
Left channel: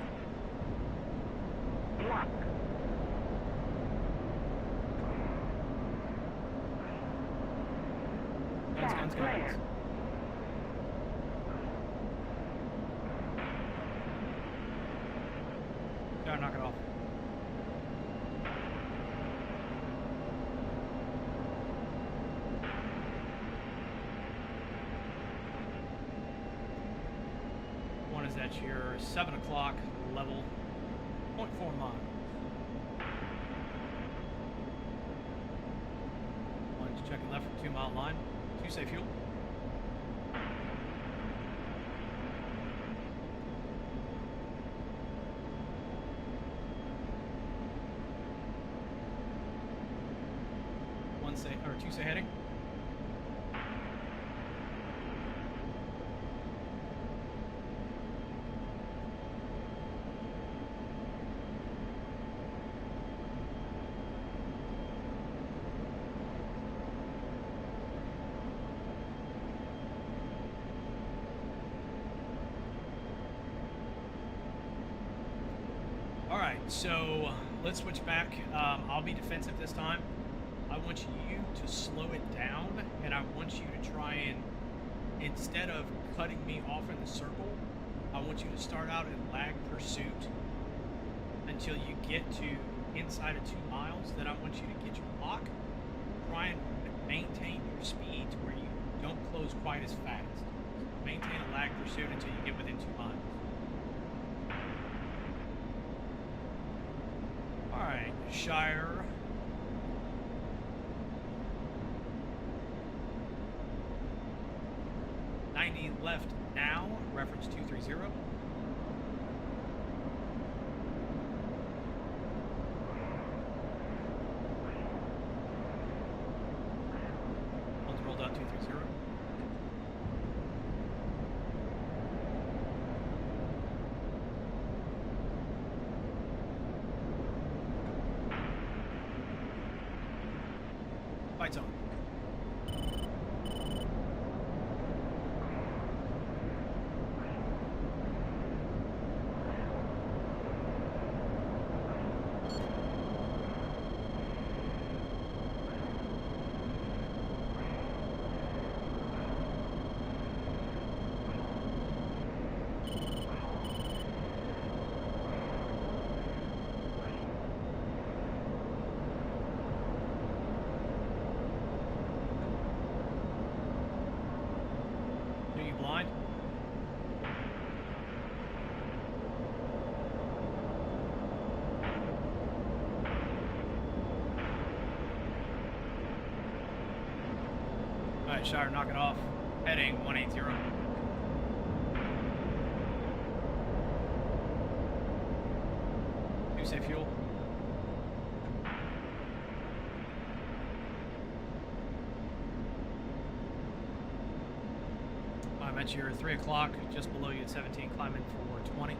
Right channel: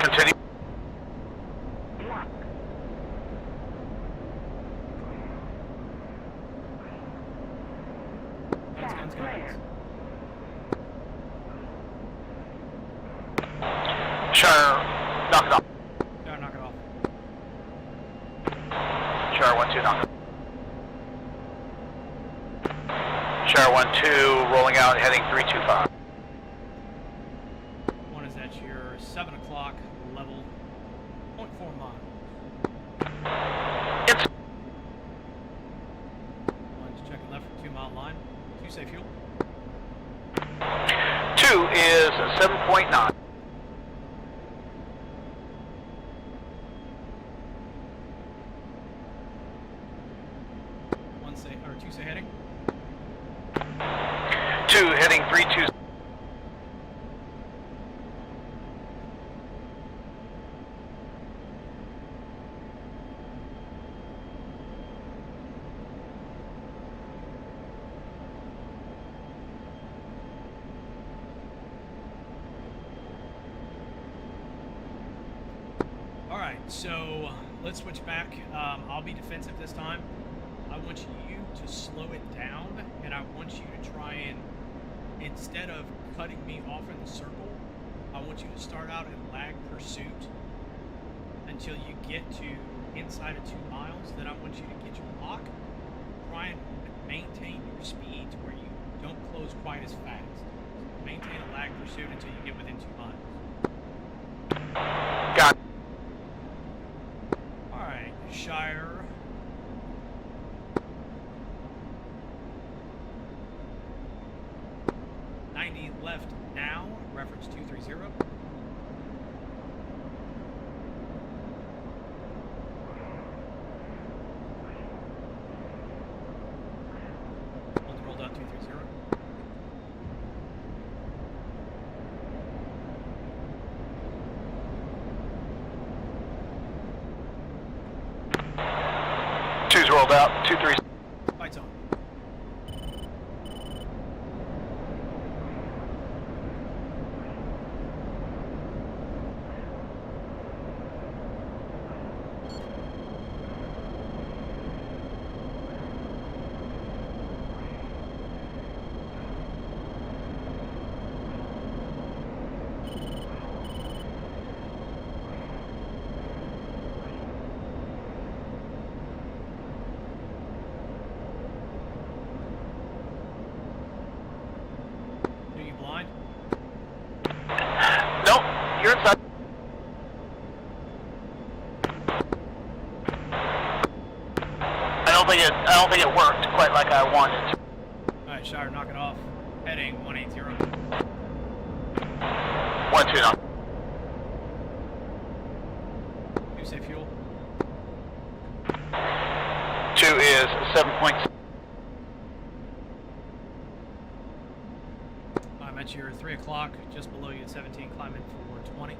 Continue. Guns. Shire, knock it off. Shire, knock it off. Shire 1-2, knock it. Shire 1-2, rolling out, heading 325. One is at your 7 o'clock level, 0.4 miles. It's One's checking left for 2 mile line. 2 say fuel. 2 is 7.9. One say, or 2 say heading. 2 heading 320. Alright, so let's switch back. I'll be defensive this time. I want you to slow it down, and I want you to try and, instead of cutting me off in the circle, I want you to start out in lag pursuit until you get to inside of 2 miles. Then I want you to get your lock. Try and maintain your speed to where you don't close quite as fast. Maintain a lag pursuit until you get within 2 miles. Got it. Alright, Shire. Left now, reference 230. One's rolled out 230. Two's rolled out, 2-3. Fights on. Nope, you're inside. I don't think it worked quite like I wanted to. Alright, Shire, knock it off. Heading 180. 1-2, knock. 2 say fuel. 2 is 7.6. I'm at your 3 o'clock, just below you at 17, climbing for 20.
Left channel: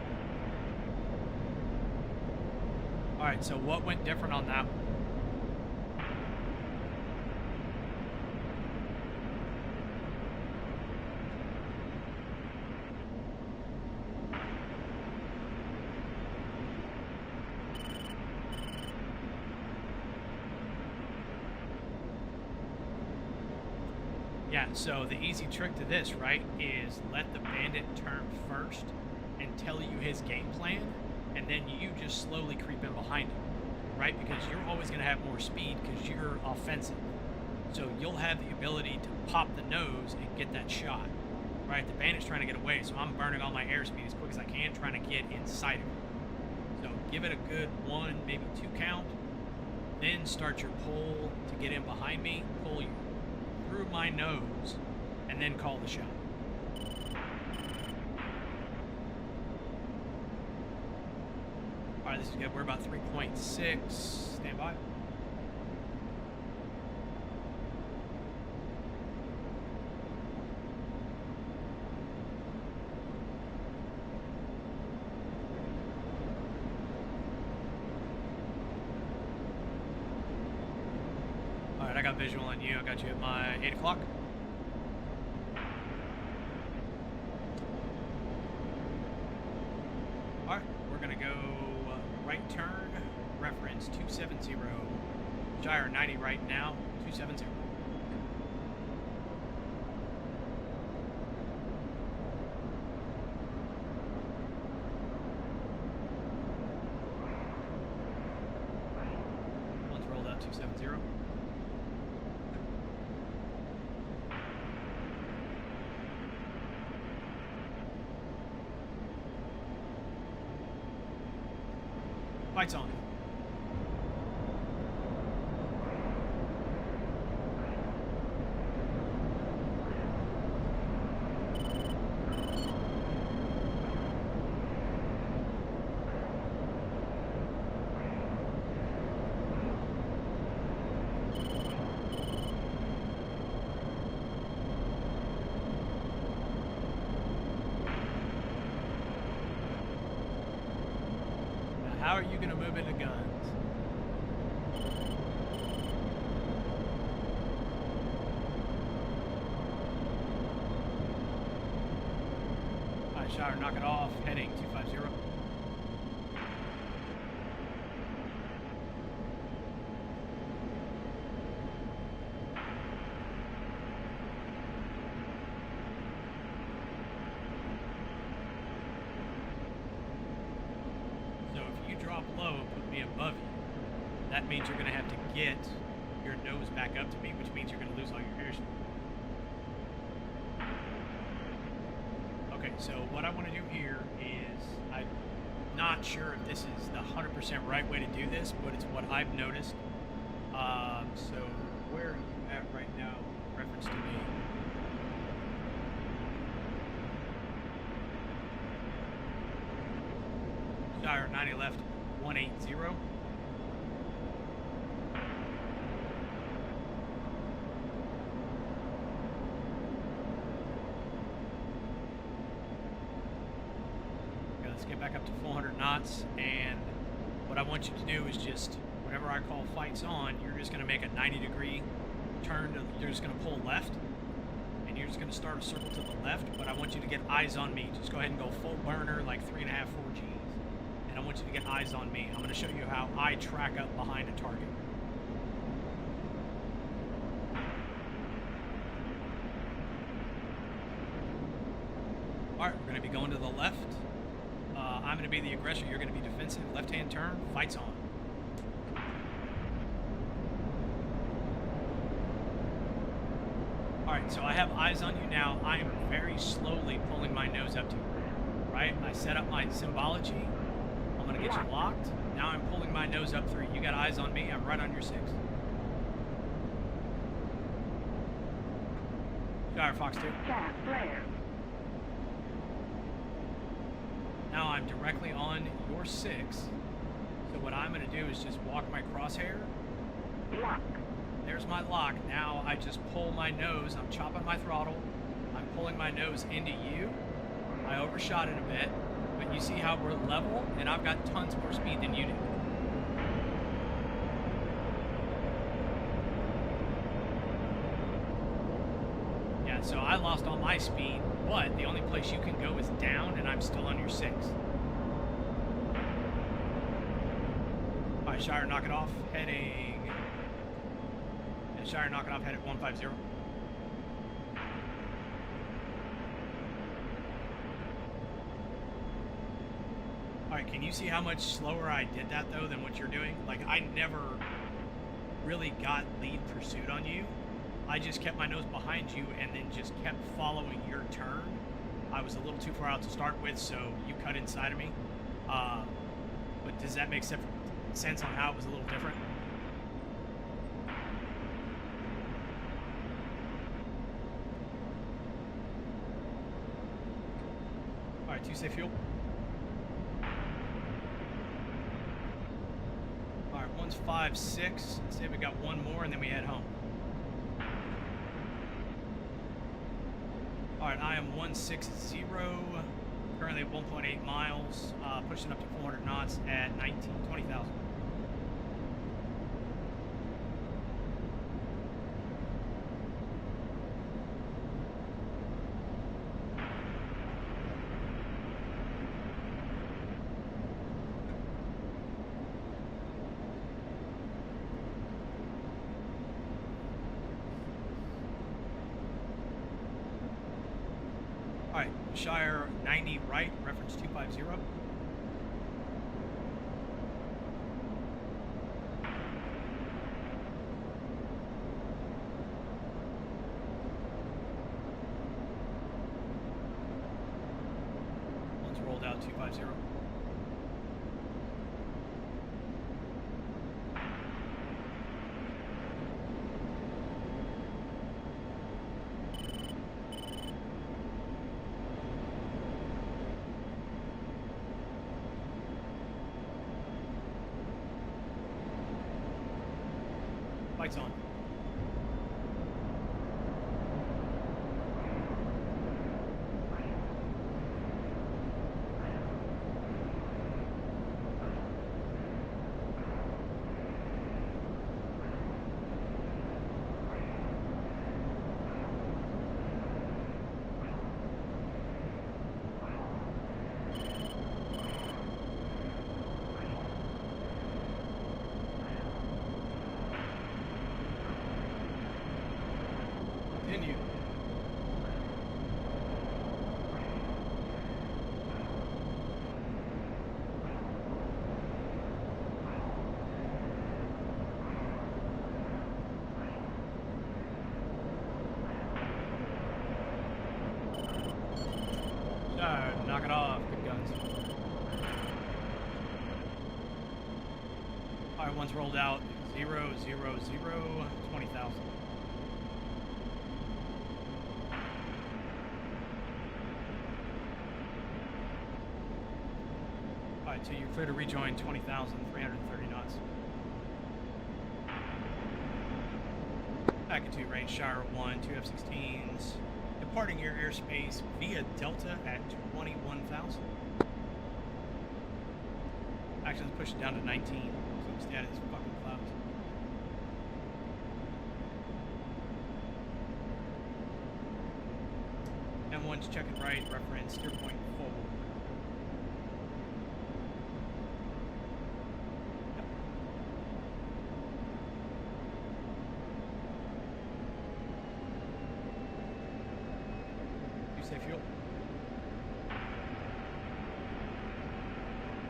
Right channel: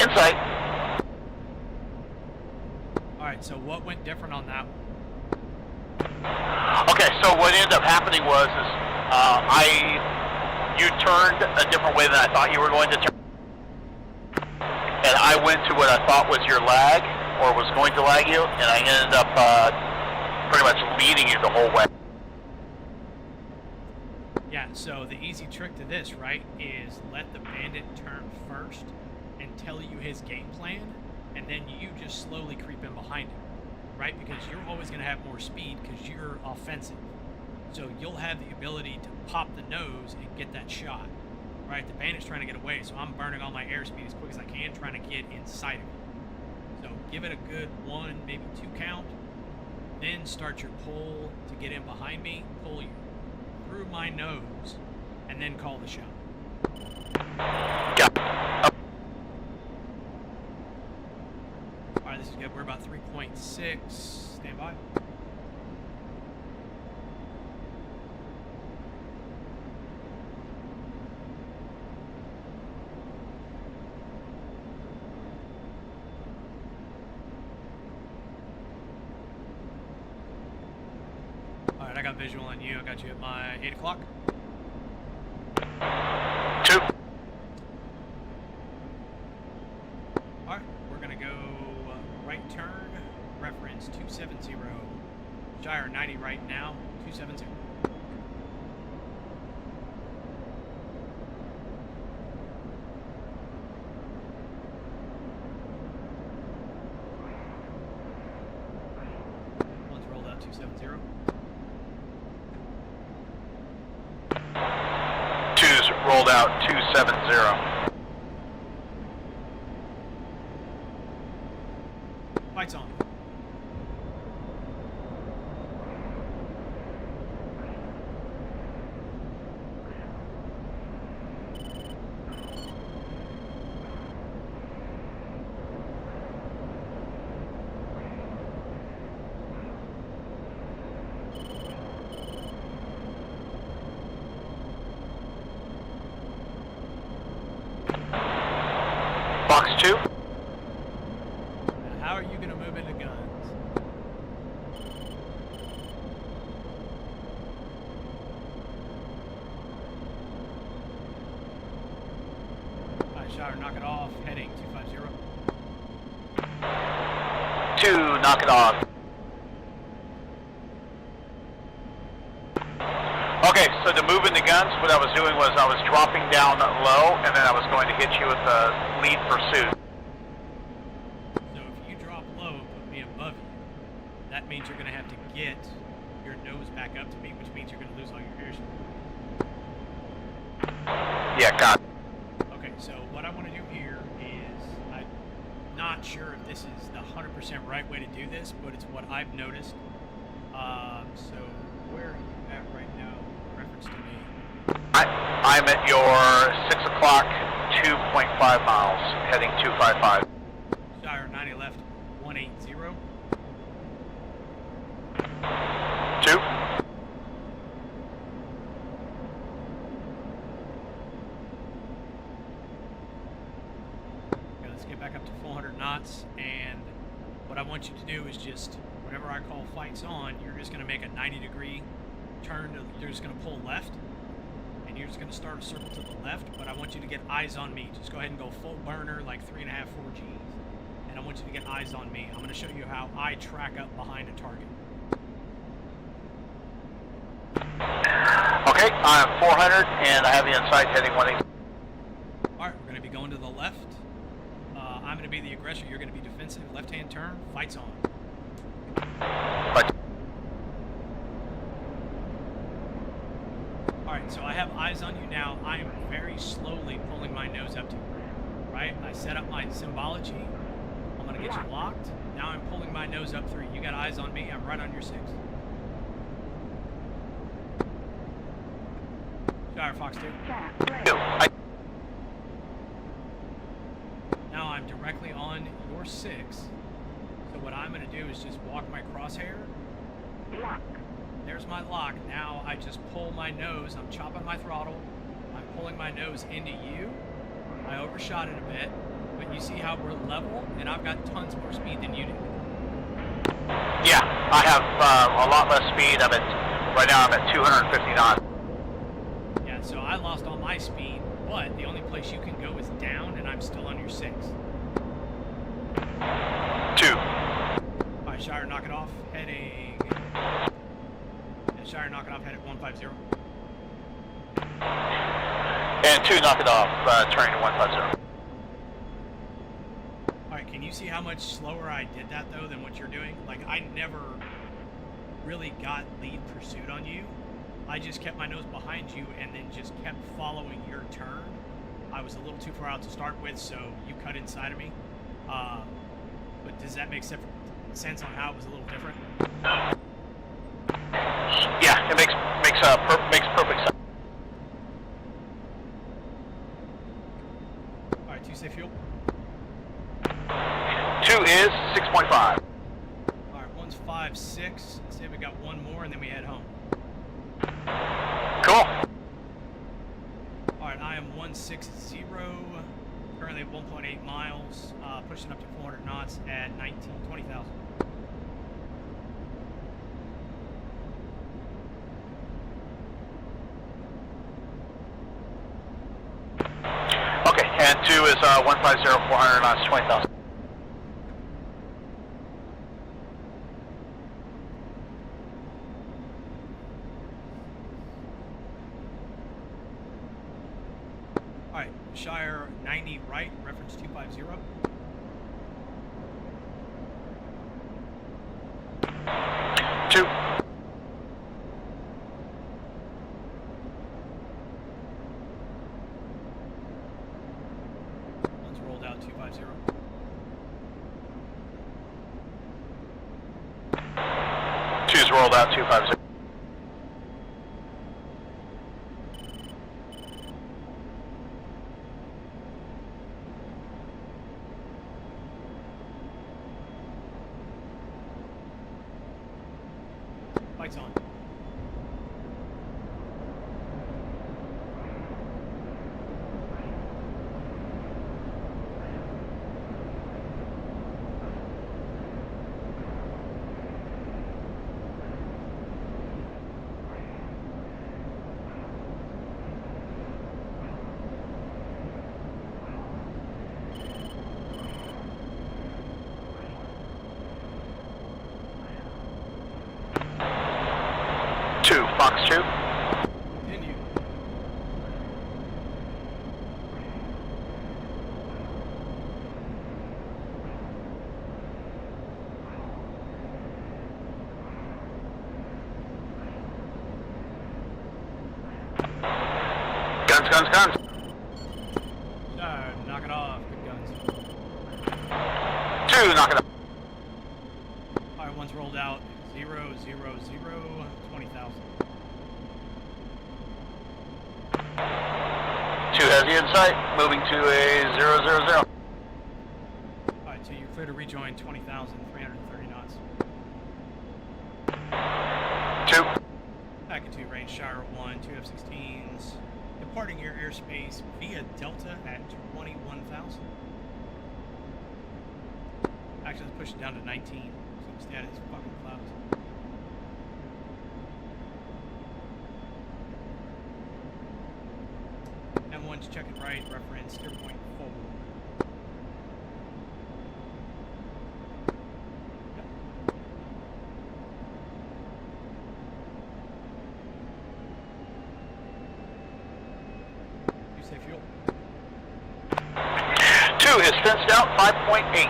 Insight. Alright, so what went different on that one? Okay, so what ended up happening was you turned a different way than I thought you were going to turn. And I went to what I thought was your lag, or was going to lag you, and I ended up pretty much leading you the whole way. Yeah, so the easy trick to this, right, is let the bandit turn first and tell you his game plan, and then you just slowly creep in behind him, right? Because you're always going to have more speed because you're offensive. So you'll have the ability to pop the nose and get that shot, right? The bandit's trying to get away, so I'm burning all my airspeed as quick as I can, trying to get inside of it. So give it a good 1, maybe 2 count, then start your pull to get in behind me, pull you through my nose, and then call the shot. Got it. Alright, this is good. We're about 3.6. Stand by. got visual on you. I got you at my 8 o'clock. 2. Alright, we're gonna go right turn, reference 270. Gyro 90 right now, 270. One's rolled out 270. 2's rolled out 270. Lights on. Box 2. Now, how are you gonna move into guns? Alright, Shire, knock it off, heading 250. 2, knock it off. Okay, so to move into guns, what I was doing was I was dropping down low, and then I was going to hit you with a lead pursuit. So if you drop low and put me above you, that means you're gonna have to get your nose back up to me, which means you're gonna lose all your airspeed. Yeah, got it. Okay, so what I want to do here is, I'm not sure if this is the 100% right way to do this, but it's what I've noticed. So where are you at right now, in reference to me? I'm at your 6 o'clock, 2.5 miles, heading 255. Shire 90 left, 180. 2. Okay, let's get back up to 400 knots, and what I want you to do is just, whenever I call flights on, you're just going to make a 90-degree turn, you're just going to pull left, and you're just going to start a circle to the left, but I want you to get eyes on me. Just go ahead and go full burner, like 3.5, 4 Gs, and I want you to get eyes on me. I'm going to show you how I track up behind a target. Okay, I'm 400, and I have the inside heading 180. Alright, we're going to be going to the left. I'm going to be the aggressor, you're going to be defensive. Left-hand turn, fights on. But Alright, so I have eyes on you now. I am very slowly pulling my nose up to you. Right? I set up my symbology. I'm going to get you locked. Now I'm pulling my nose up through. You got eyes on me. I'm right on your 6. Shire Fox 2. 2. Now I'm directly on your 6. So what I'm going to do is just walk my crosshair. Lock. There's my lock. Now I just pull my nose. I'm chopping my throttle. I'm pulling my nose into you. I overshot it a bit, but you see how we're level, and I've got tons more speed than you do. Yeah, I have a lot less speed. Right now I'm at 250 knots. Yeah, so I lost all my speed, but the only place you can go is down, and I'm still on your 6. 2. Alright, Shire, knock it off. Heading... And Shire, knock it off. Head at 150. And 2, knock it off, turning to 150. Alright, can you see how much slower I did that, though, than what you're doing? Like, I never really got lead pursuit on you. I just kept my nose behind you and then just kept following your turn. I was a little too far out to start with, so you cut inside of me. But does that make sense on how it was a little different? Yeah, it makes perfect sense. Alright, 2 say fuel. 2 is 6.5. Alright, one's 5.6. Let's say we got one more and then we head home. Cool. Alright, I am 160, currently at 1.8 miles, pushing up to 400 knots at 20,000. 2 is 150, 400 knots, 20,000. Alright, Shire 90 right, reference 250. 2. One's rolled out 250. 2's rolled out, 250. Lights on. Fox 2. Continue. Guns, guns, guns. Knock it off. Good guns. 2, knock it up. Alright, one's rolled out. 0, 0, 0, 20,000. 2 has the insight, moving to a 0, 0, 0. Alright, so you're clear to rejoin 20,330 knots. 2. Back into range Shire 1, 2 F-16s. Departing your airspace via Delta at 21,000. Actually, let's push it down to 19. So we stay out of these fucking clouds. M1's checking right, reference steer point forward. Yep. You say fuel. 2 is fenced out, 5.8.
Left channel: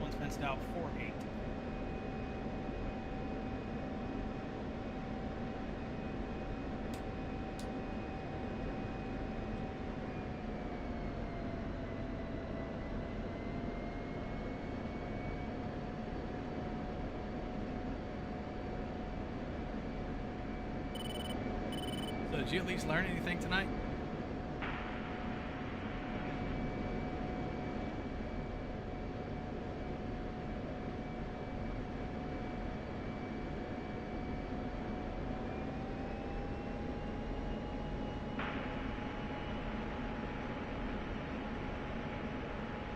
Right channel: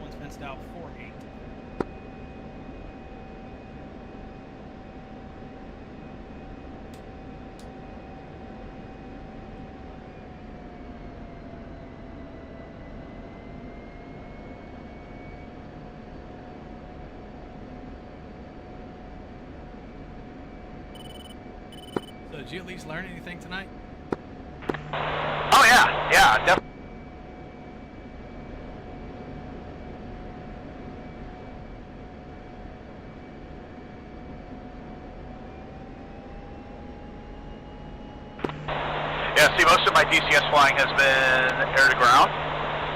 One's fenced out 4-8. So did you at least learn anything tonight? Oh yeah, definitely. Yeah, see, most of my DCS flying has been air to ground,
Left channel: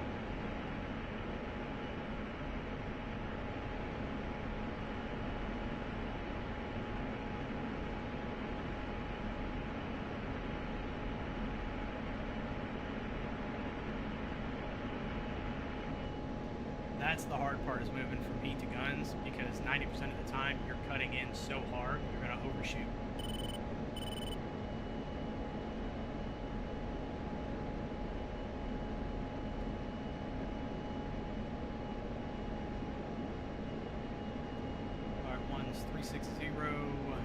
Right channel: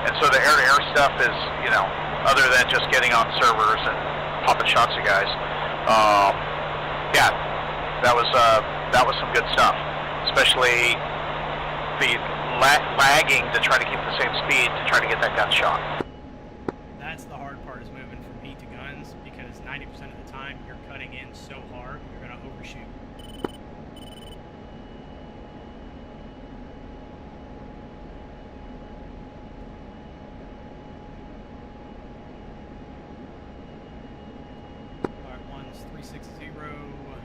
and so the air-to-air stuff is, you know, other than just getting on servers and popping shots at guys. Yeah, that was some good stuff, especially the lagging to try to keep the same speed to try to get that gun shot. That's the hard part, is moving from heat to guns, because 90% of the time you're cutting in so hard you're going to overshoot. Alright, one's 360,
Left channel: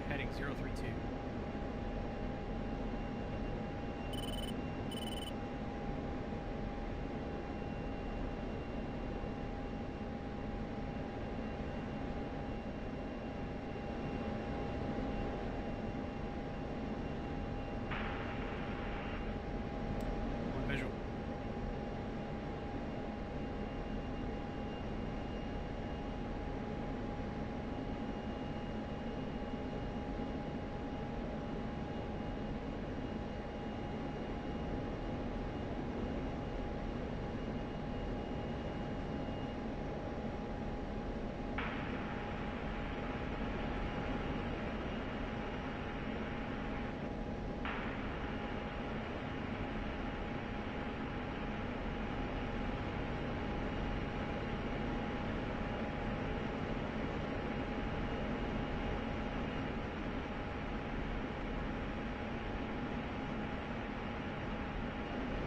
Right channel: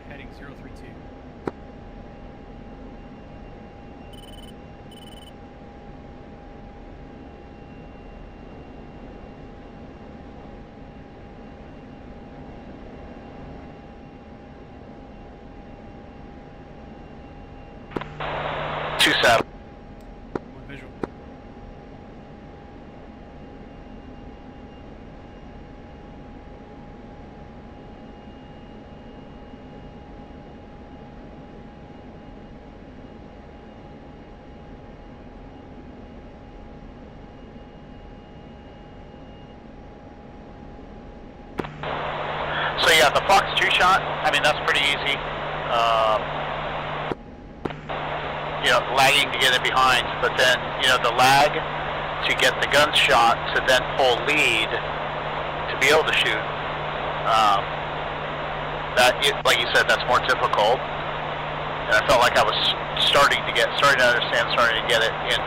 heading 032. One visual. So yeah, the Fox 2 shot, I mean, that's pretty easy. lagging to get in behind, but then, the lag to get the gun shot to then pull lead to be able to shoot, like you said, that's more difficult. And I felt like I was starting to understand, starting to get it in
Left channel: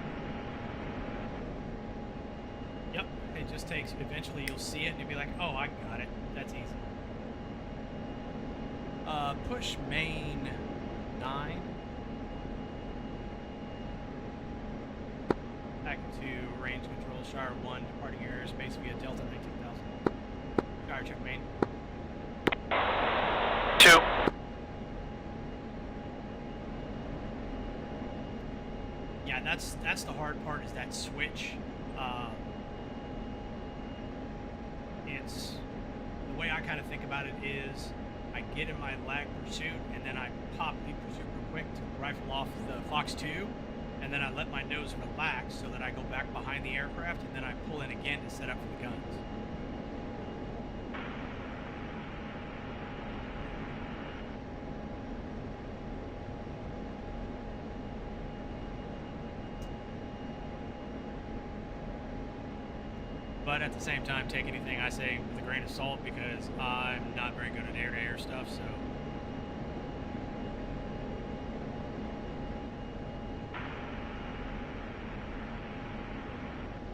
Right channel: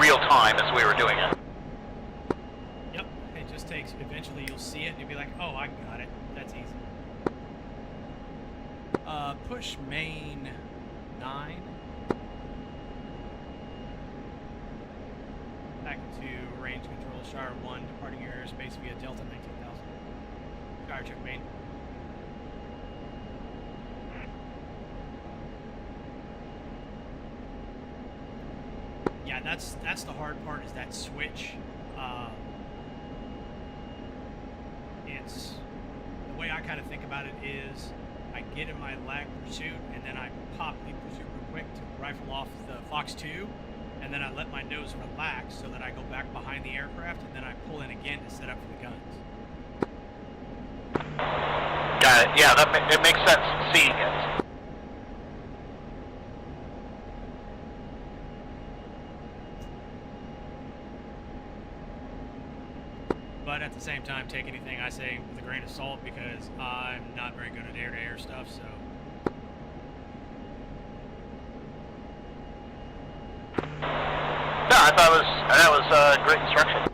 real time as we were doing it. Yep, it just takes, eventually you'll see it and you'll be like, oh, I got it. That's easy. Push main 9. Back to range control, Shire 1, departing airspace via Delta 19,000. Shire check main. 2. Yeah, that's the hard part, is that switch. It's, the way I kind of think about it is, I get in my lag pursuit, and then I pop lead pursuit real quick to rifle off the Fox 2, and then I let my nose relax so that I go back behind the aircraft, and then I pull in again to set up for the guns. Got it. Yeah, it makes sense seeing it. But at the same time, take anything I say with a grain of salt, because I'm not very good at air-to-air stuff, so... No, I thought that was great instruction.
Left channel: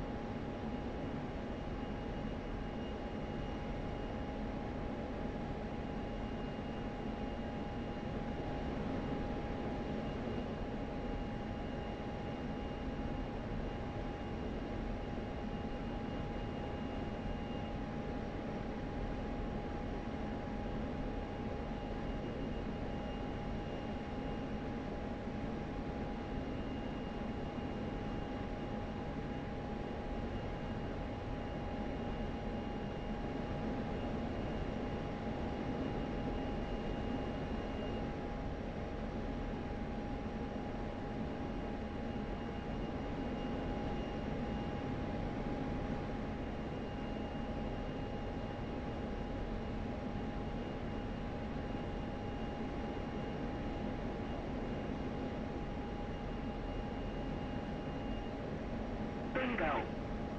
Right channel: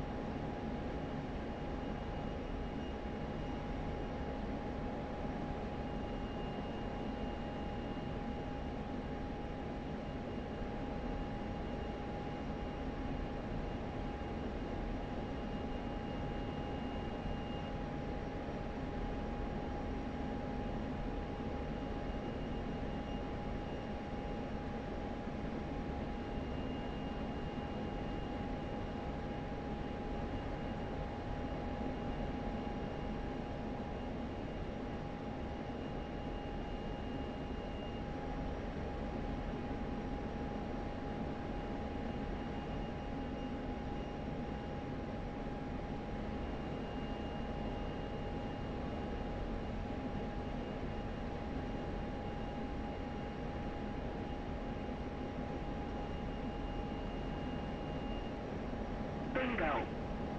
Bingo.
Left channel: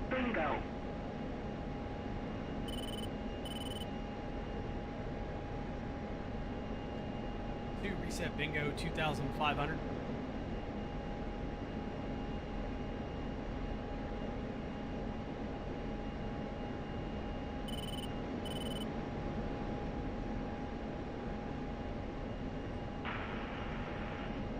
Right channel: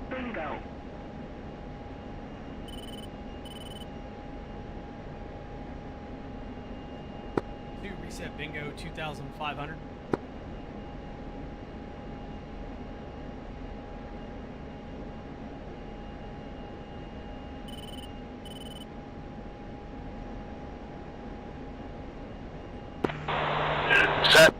Bingo. To reset bingo 2,500. Set.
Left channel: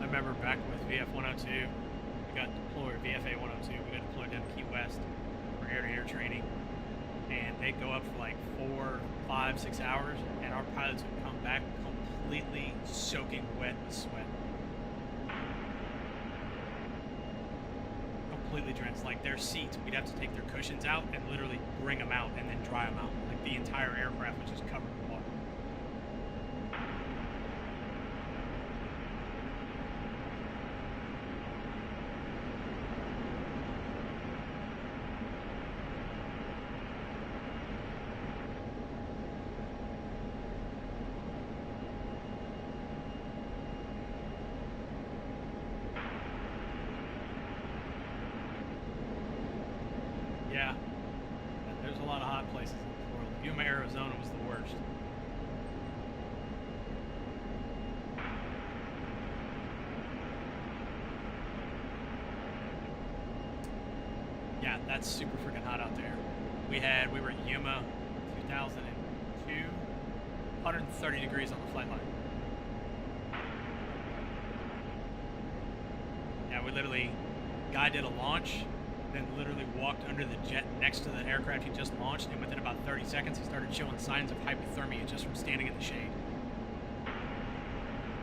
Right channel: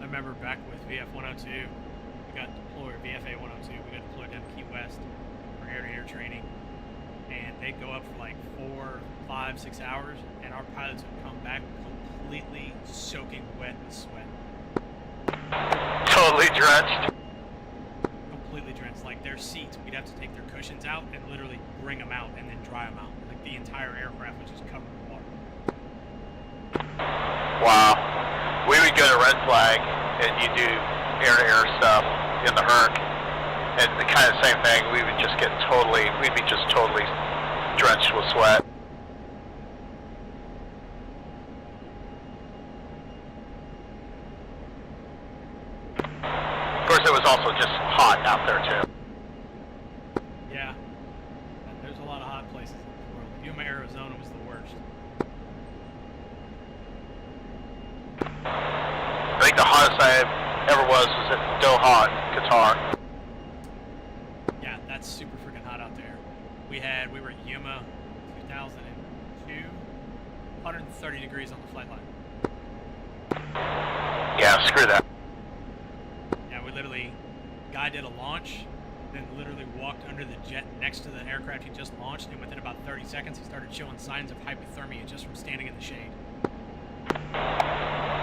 I remember back with VF-102, we got deployed, VFA-102, we got deployed down to Key West for air-to-air training, and they'd go up for like 4, 5, 6 hours, and our pilots would come back completely soaking wet with sweat. Totally drenched. Completely drenched. like their seats, we'd have to take their cushions out and literally bring them out and then dry them out. Like the entire aircraft was just covered in water. Wow. We would go to red flag and you do air-to-air stuff in the Herc, and the kind of same thing. We would just get we'd be just totally drenched with sweat. Of course, it was also just hot out there too. Yeah. There's a lot of hot places in this world. Yuma, Arizona was the worst. I think the hottest I ever was at Doha, Qatar. Yeah, that's super freaking hot out there. We were at Yuma 2002, 130 degrees on the flight line. Yeah, screw that. Yeah, we literally, guy did a launch, then literally walked under the jet next to the aircraft he just launched, and within about 30 seconds he started showing signs of hypothermia just from standing in the shade.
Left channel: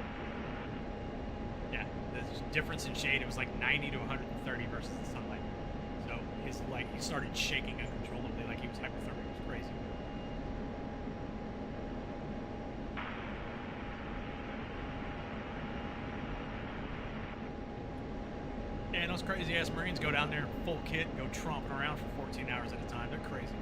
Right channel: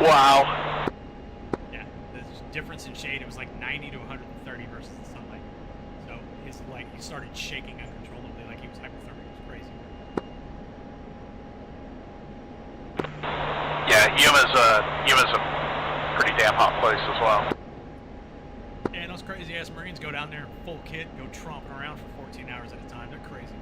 Wow. Yeah, the difference in shade, it was like 90 to 130 versus the sunlight. So he started shaking uncontrollably like he was hypothermic. It was crazy. Yeah, Yuma's a pretty damn hot place as well. Yeah, and those crazy ass Marines go down there in full kit and go tromping around for 14 hours at a time. They're crazy.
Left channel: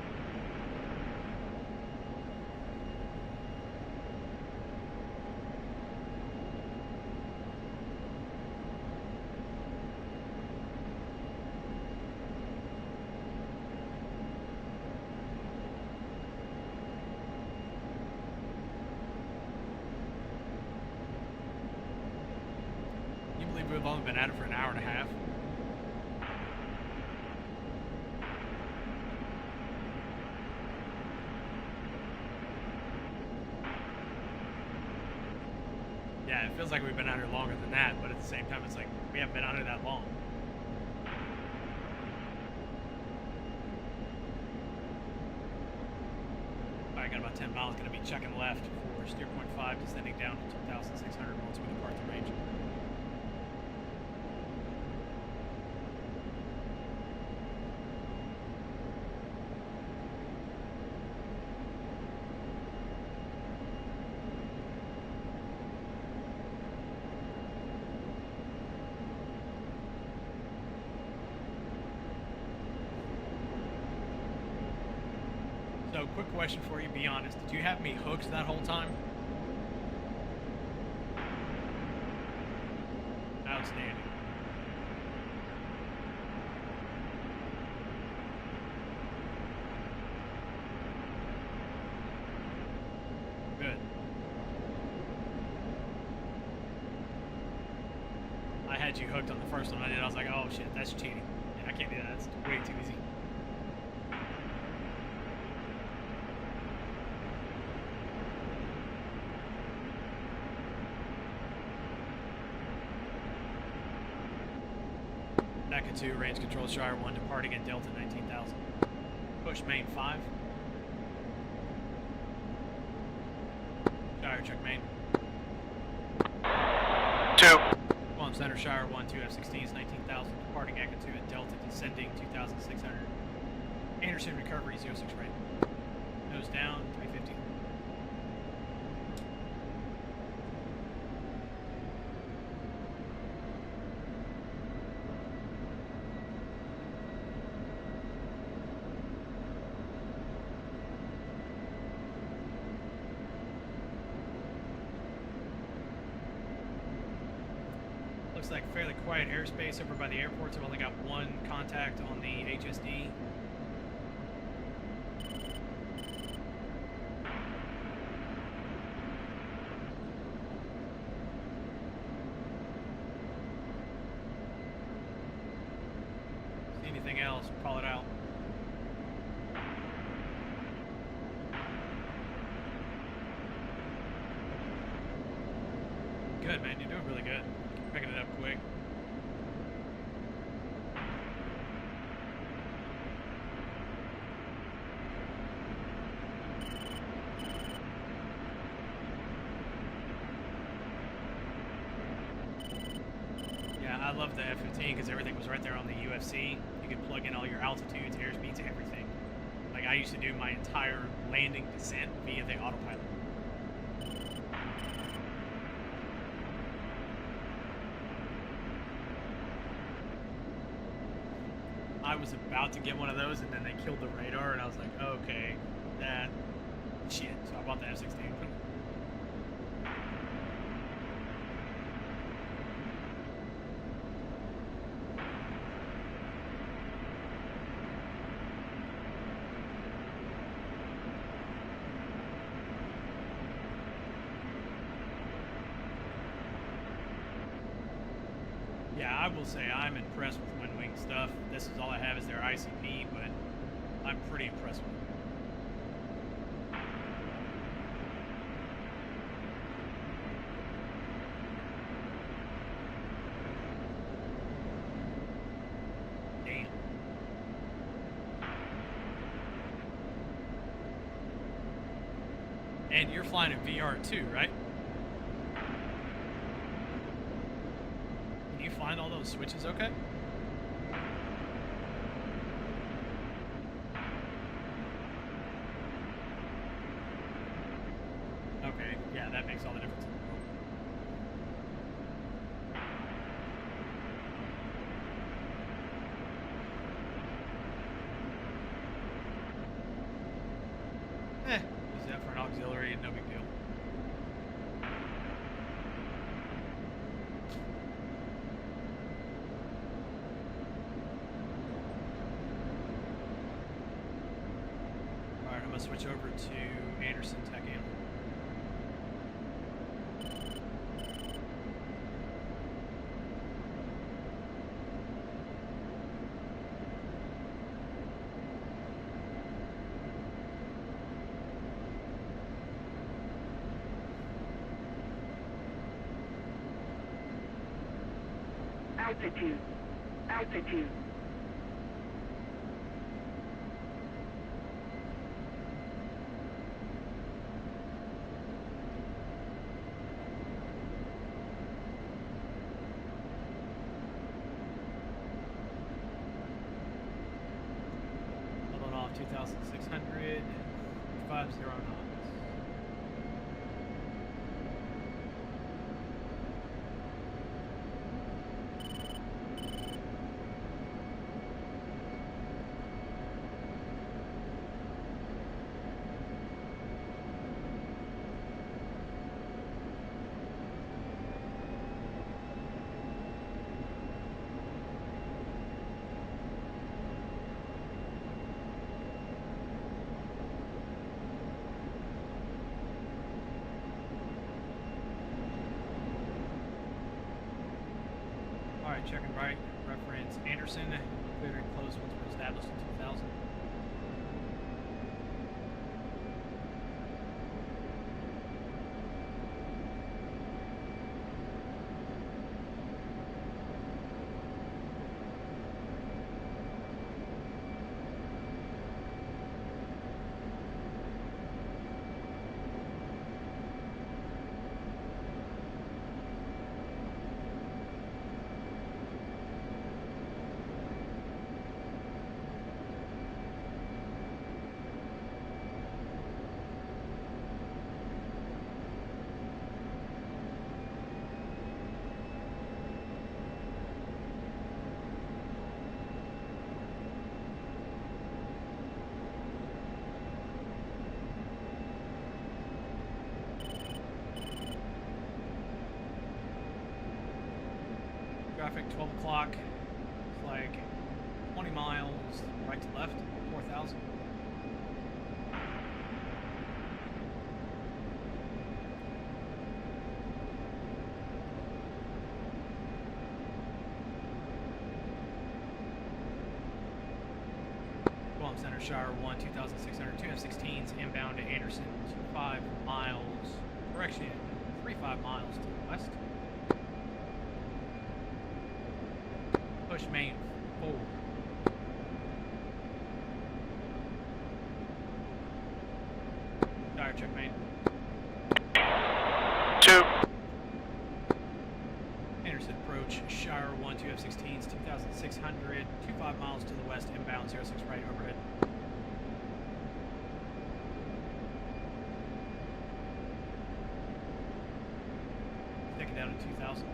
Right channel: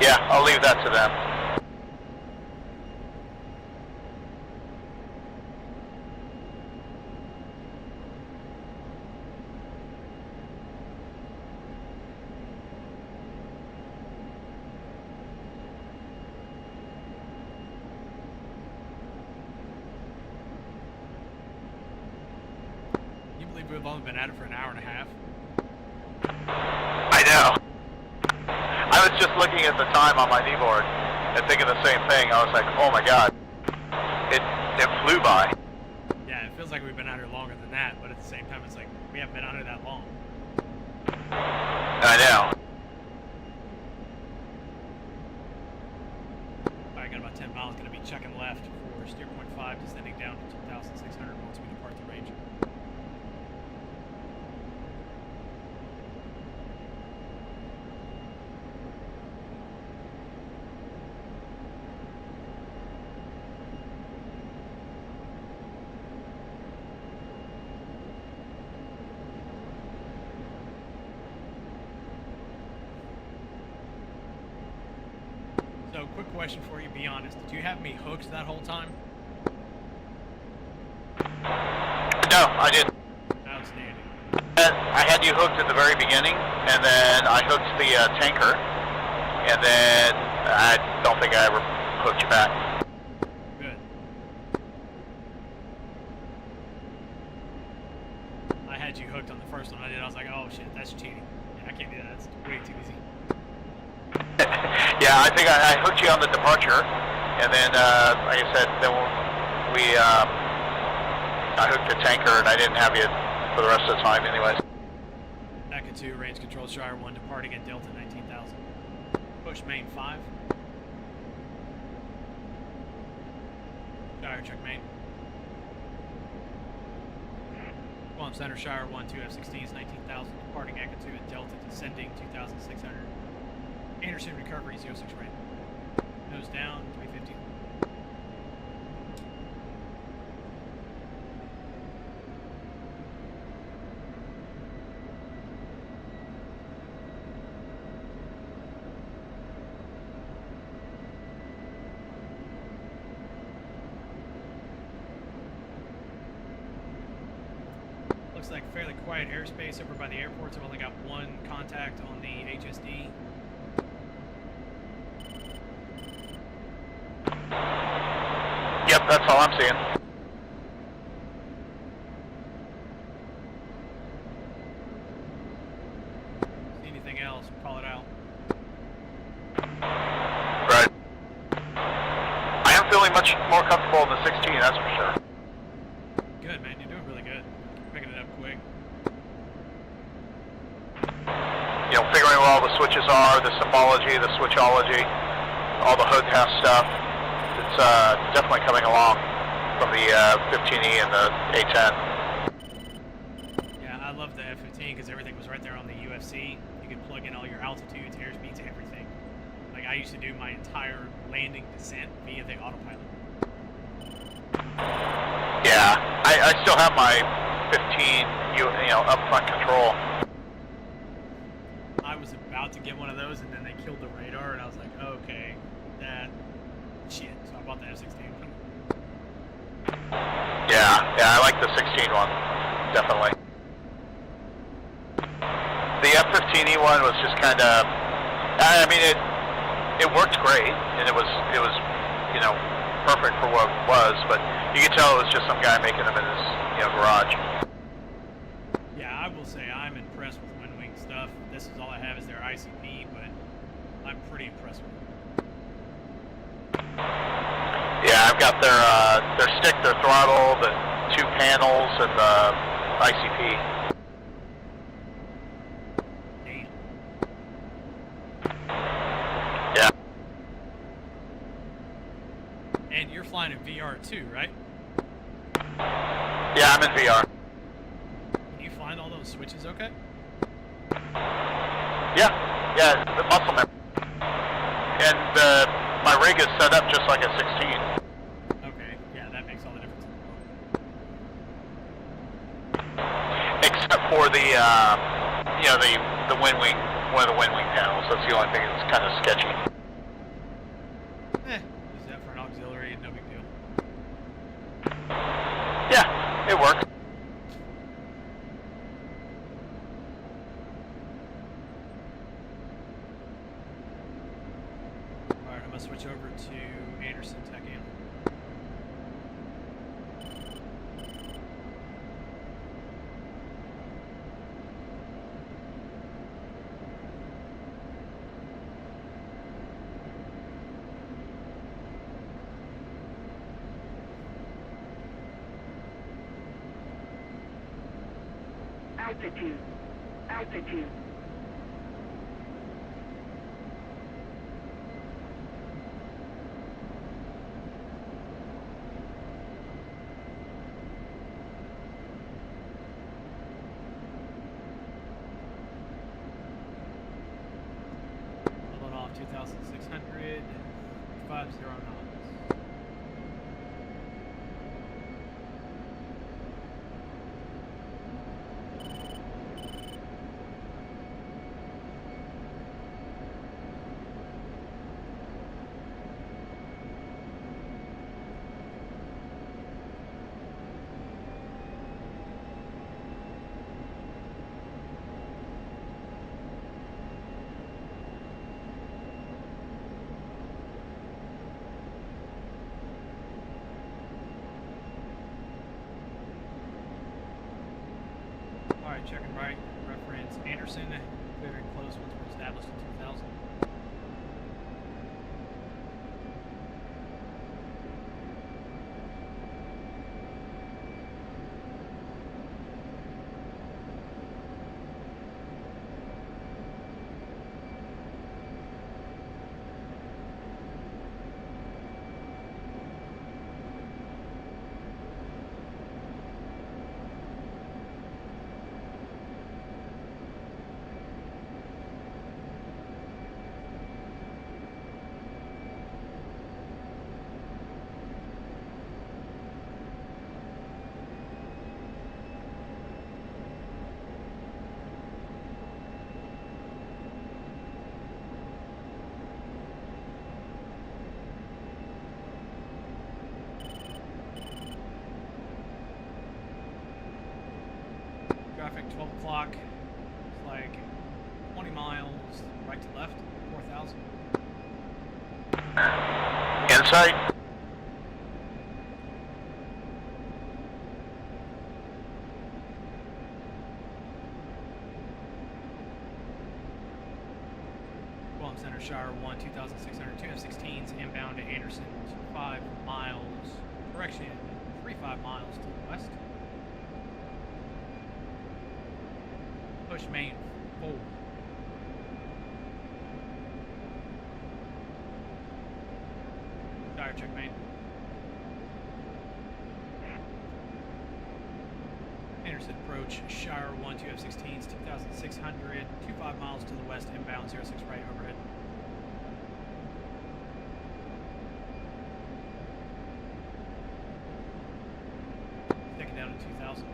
Yeah, I'll leave that to them. You believe we've only been at it for an hour and a half? I know. I was just looking at the time on my kneeboard and thinking the same thing. I was like, oh my god, it flew by. Yeah, it feels like we've been out here longer than that, but at the same time, it's like we haven't been out here that long. I know. I got about 10 miles. Going to be checking left for steer point 5, descending down to 2,600 once we depart the range. So, quick question for you, be honest. Did you have me hooked that whole time? No, I didn't. Outstanding. I had you hooked at the very beginning, and then I hooked the tanker, and then I don't think I ever hooked you back. Good. I had you hooked on the first one I did. I was like, oh shit, that's cheating. Yeah, I can't do that. That's way too easy. Yeah, I think I hooked you on the departure, and then, like I said, then I hooked the tanker, and I didn't have you for the rest of the time anyways. Echo 2, range control, Shire 1, departing at Delta 19,000. Push main 5. Shire, check main. 2. Qualm Center, Shire 1, 2 F-16s, 19,000. Departing Echo 2 at Delta, descending 2,600. Anderson, recovery, 06 rate. Nose down, 350. Looks like fairly quiet airspace over by the airports. I've only got one contact on the HSD. Yep, that's all I'm seeing. See anything else, call it out. Right. I am feeling much more comfortable in the 16, that's for sure. Good, man. You're doing really good. Picking it up quick. You know, figuring out all the switches are, the symbology, the switchology, all the HOTAS stuff. it's definitely coming along from the 15E and the A10. Yeah, I love the F-15 because everything was right there on the UFC. You could plug in all your altitudes, airspeeds, everything. Like, I used to do my entire landing descent via the autopilot. Yeah, I still have my 15, upfront control. I was about to get one of those, and then they killed the radar, and I was like, okay, that shit. So I bought the F-16 one. Yeah, I like the 16 one, definitely. The F-15E one was just kind of, I mean, it worked great, and it was perfect for what it was, but you could tell it was just some guy making them in his garage. Yeah, I will say I'm impressed with WinWing stuff. This is all I have is their ICP, but I'm pretty impressed with it. Yeah, I've got their stick, their throttle, the 2 panels, and the ICP. Damn. Yeah. And you're flying in VR too, right? Yeah, I'm in VR. Can you find all those switches okay? Yeah, the muscle memory. And my rig is set up just like a 16. Okay, yeah, that makes all the difference in the world. Except for the WinWing, one of the WinWing panels. That's the only thing that's kind of sketchy. Use that for an auxiliary, no big deal. Yeah, it works. Alright, I'm gonna switch over to Anderson Tech Am. Altitude. Leveling off 2,600, 50 knots. Alright, checking right. Reference Anderson. Clearing close once we're established in 2000. Traffic 12 o'clock. It's like 20 miles right to left, 4,000. Insight. Guam Center, Shire 1, 2,602 F-16s inbound to Anderson, 5 miles. Correction, 35 miles to the west. Push main forward. Fire check main. 2. Anderson approach, Shire 1, 2 F-16s, 2,600, 25 miles to the west, inbound, 06 right, overhead. Take it down to 2,000.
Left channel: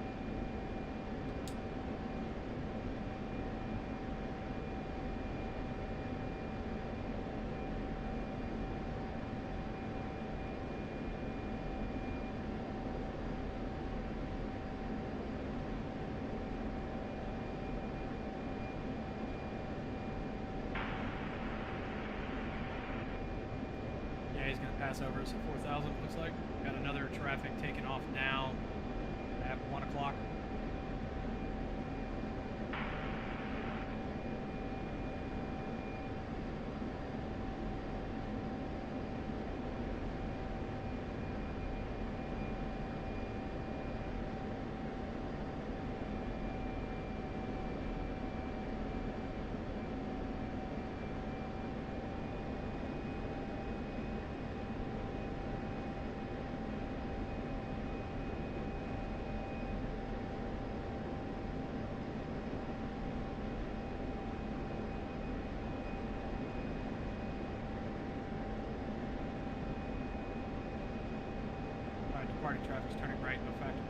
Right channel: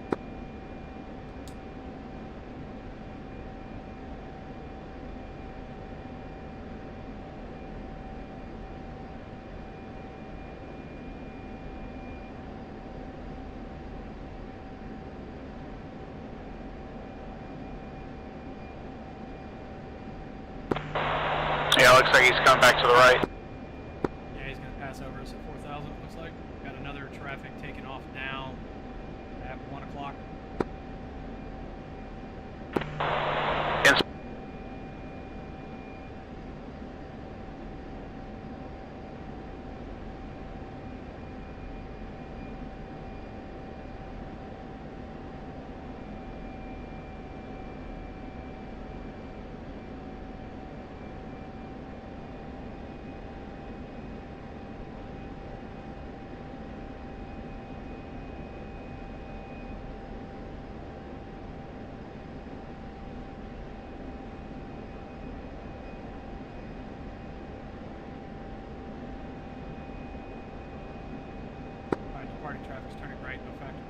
Yeah, looks like he's coming back to the right. Yeah, he's going to pass over us at 4,000, looks like. Got another traffic taking off now at 1 o'clock. Yes. Alright, departing traffic's turning right, no factor.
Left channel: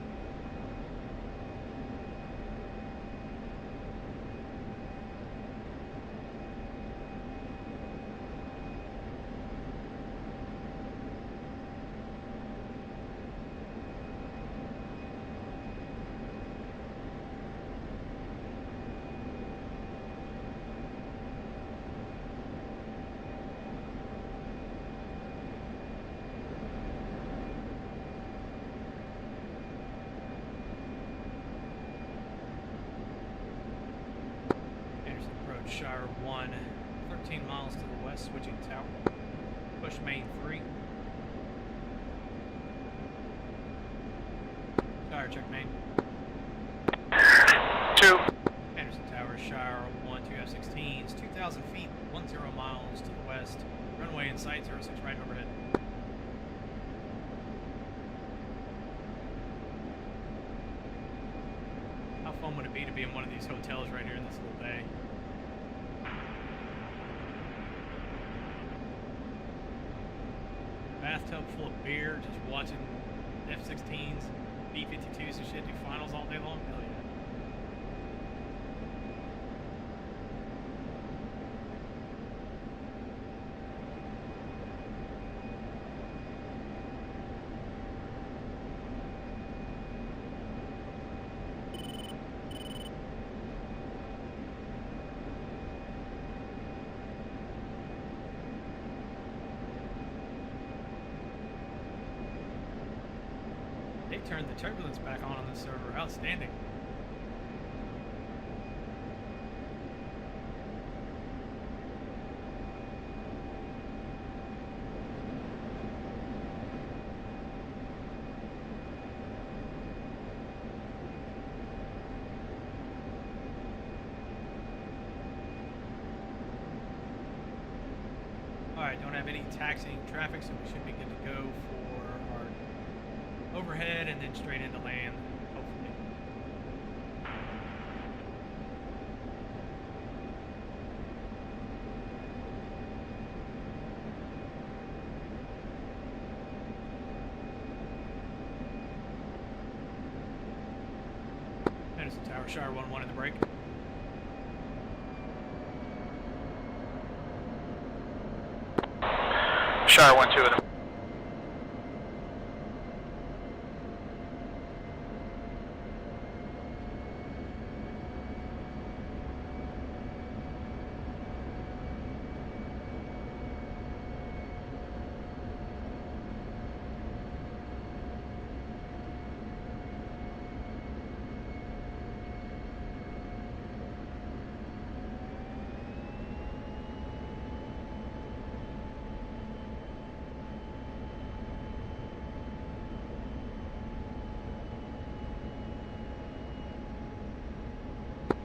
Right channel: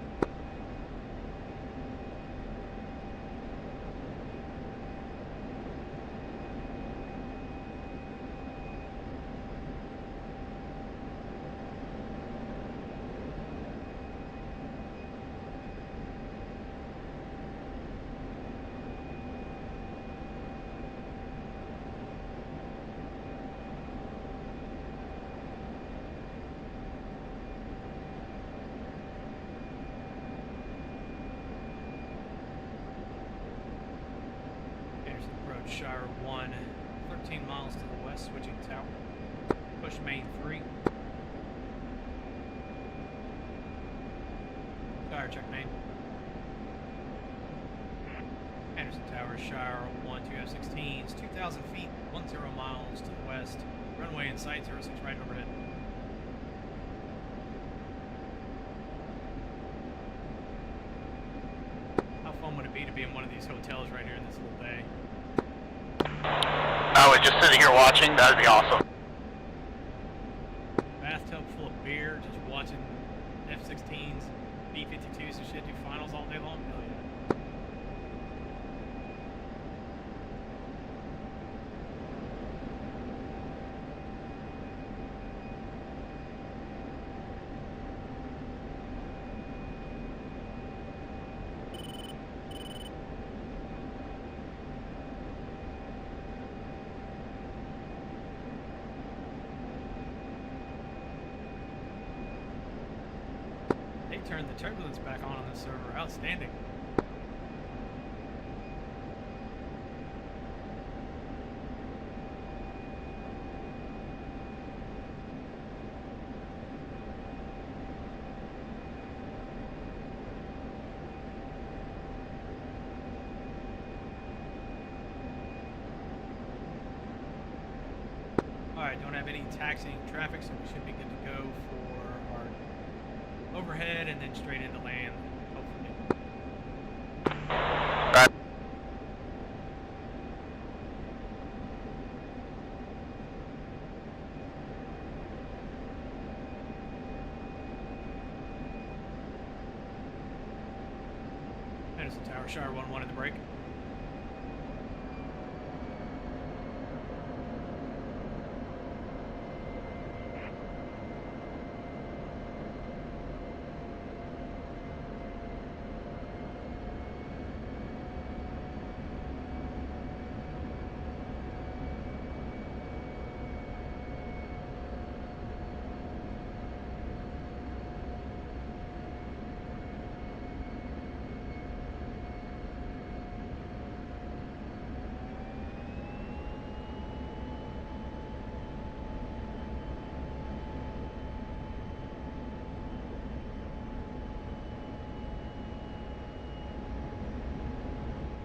Anderson approach, Shire 1, 13 miles to the west, switching tower. Push main 3. Shire check main. 2. Anderson Tower, Shire 1, 2 F-16s, 2,000 feet, 10 miles to the west. Runway in sight, 06 right overhead. How fun would it be to be in one of these hotels right here in this little bay? I was just sitting here watching. That'd be awesome. Bathtub full of beer, just watching F-16s, B-52s and shit do finals all day long? Hell yeah. They turned the turbulence back on this server. Outstanding. Alright, don't have any taxiing traffic, so we should be good to go for our overhead and then straight into land, hopefully. Right. Anderson Tower, Shire 1-1 in the break. Shire 1-2 in the...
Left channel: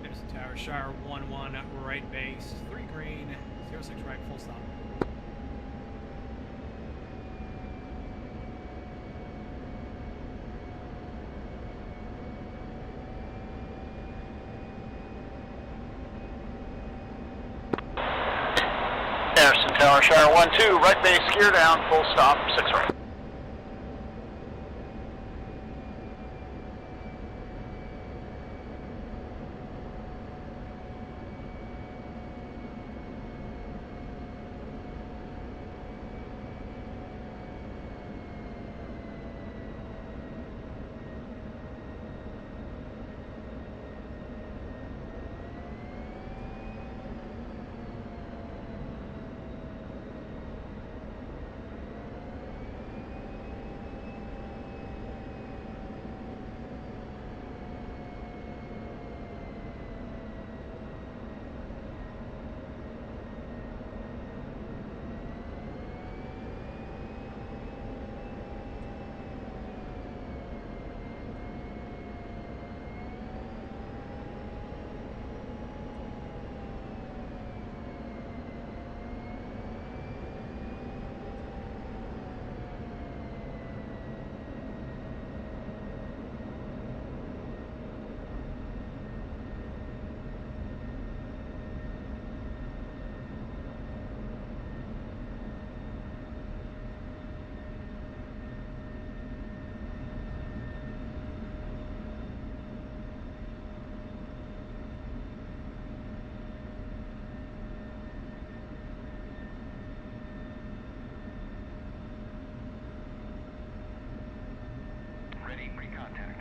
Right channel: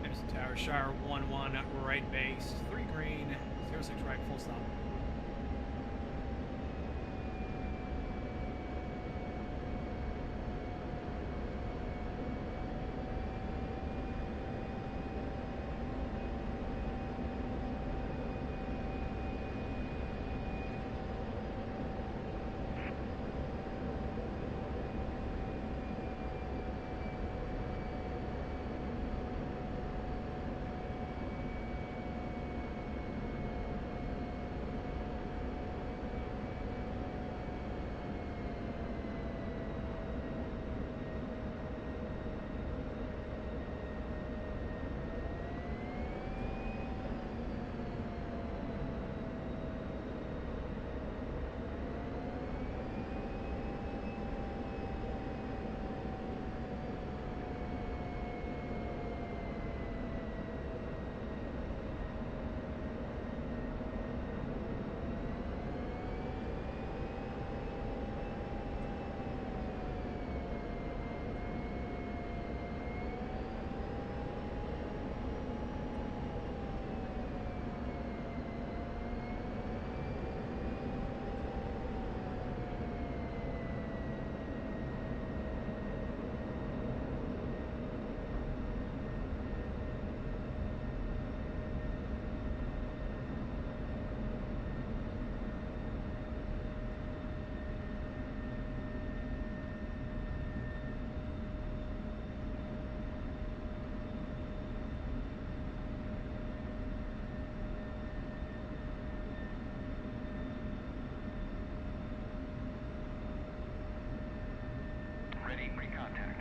Anderson Tower, Shire 1-1 right base, 3 green, 06 right, full stop. Anderson Tower, Shire 1-2, right base, gear down, full stop, 6 right. Ready for contact.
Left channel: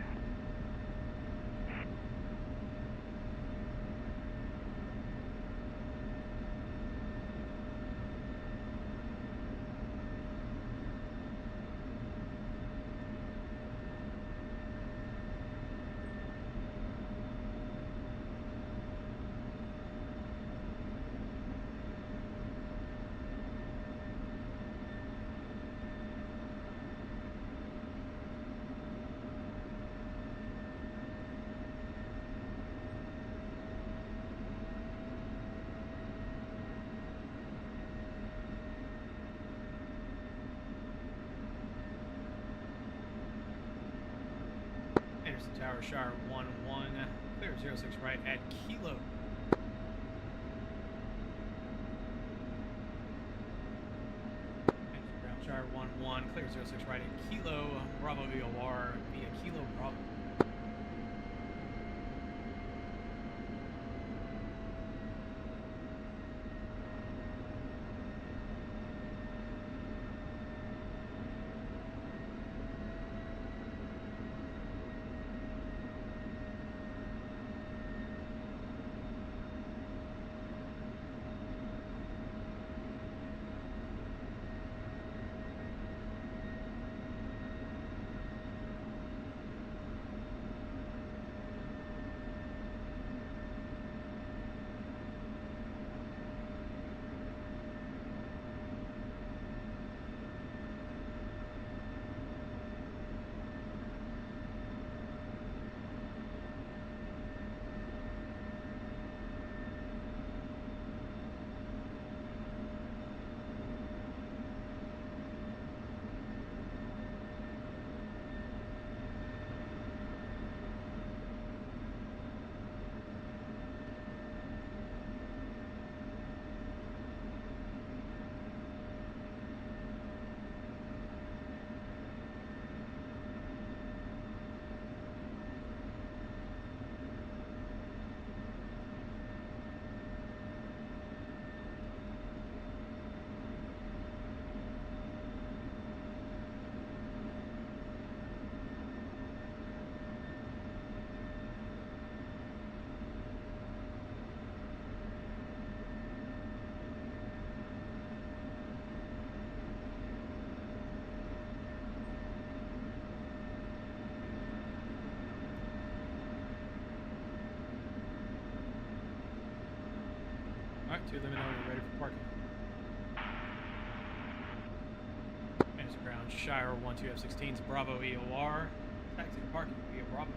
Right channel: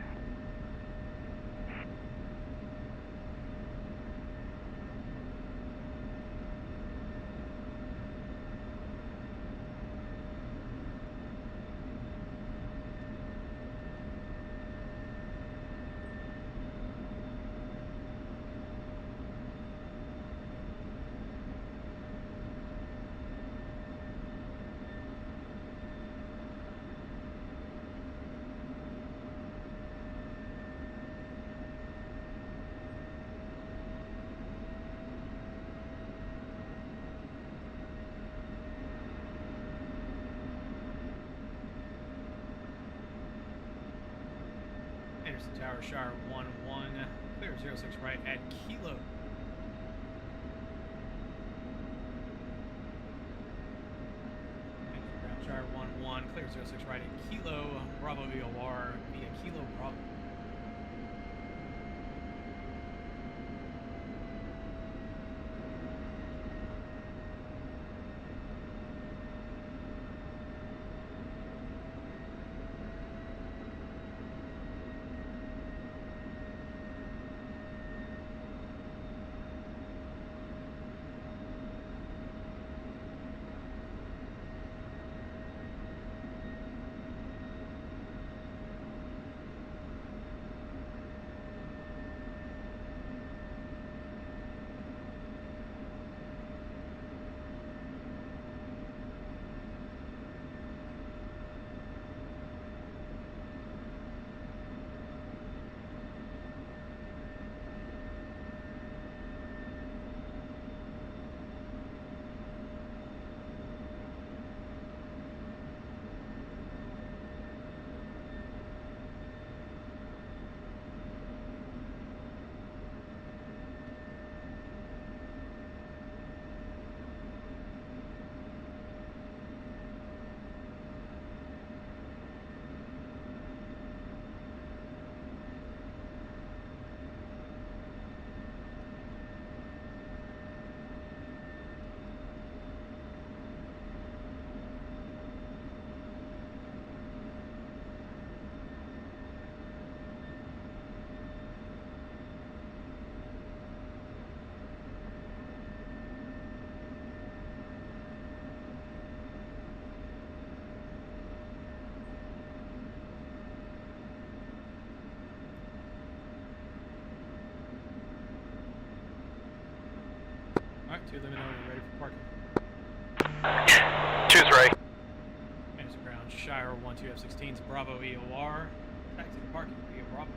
Anderson Tower, Shire 1-1, clear 06 right at Kilo. Anderson Ground, Shire 1-1, clear 06 right at Kilo, Bravo VOR via Kilo Bravo. Alright, 2 let me know when you're ready for parking. 2-3. Anderson Ground, Shire 1-2 F-16s, Bravo EOR, taxi to parking via Bravo.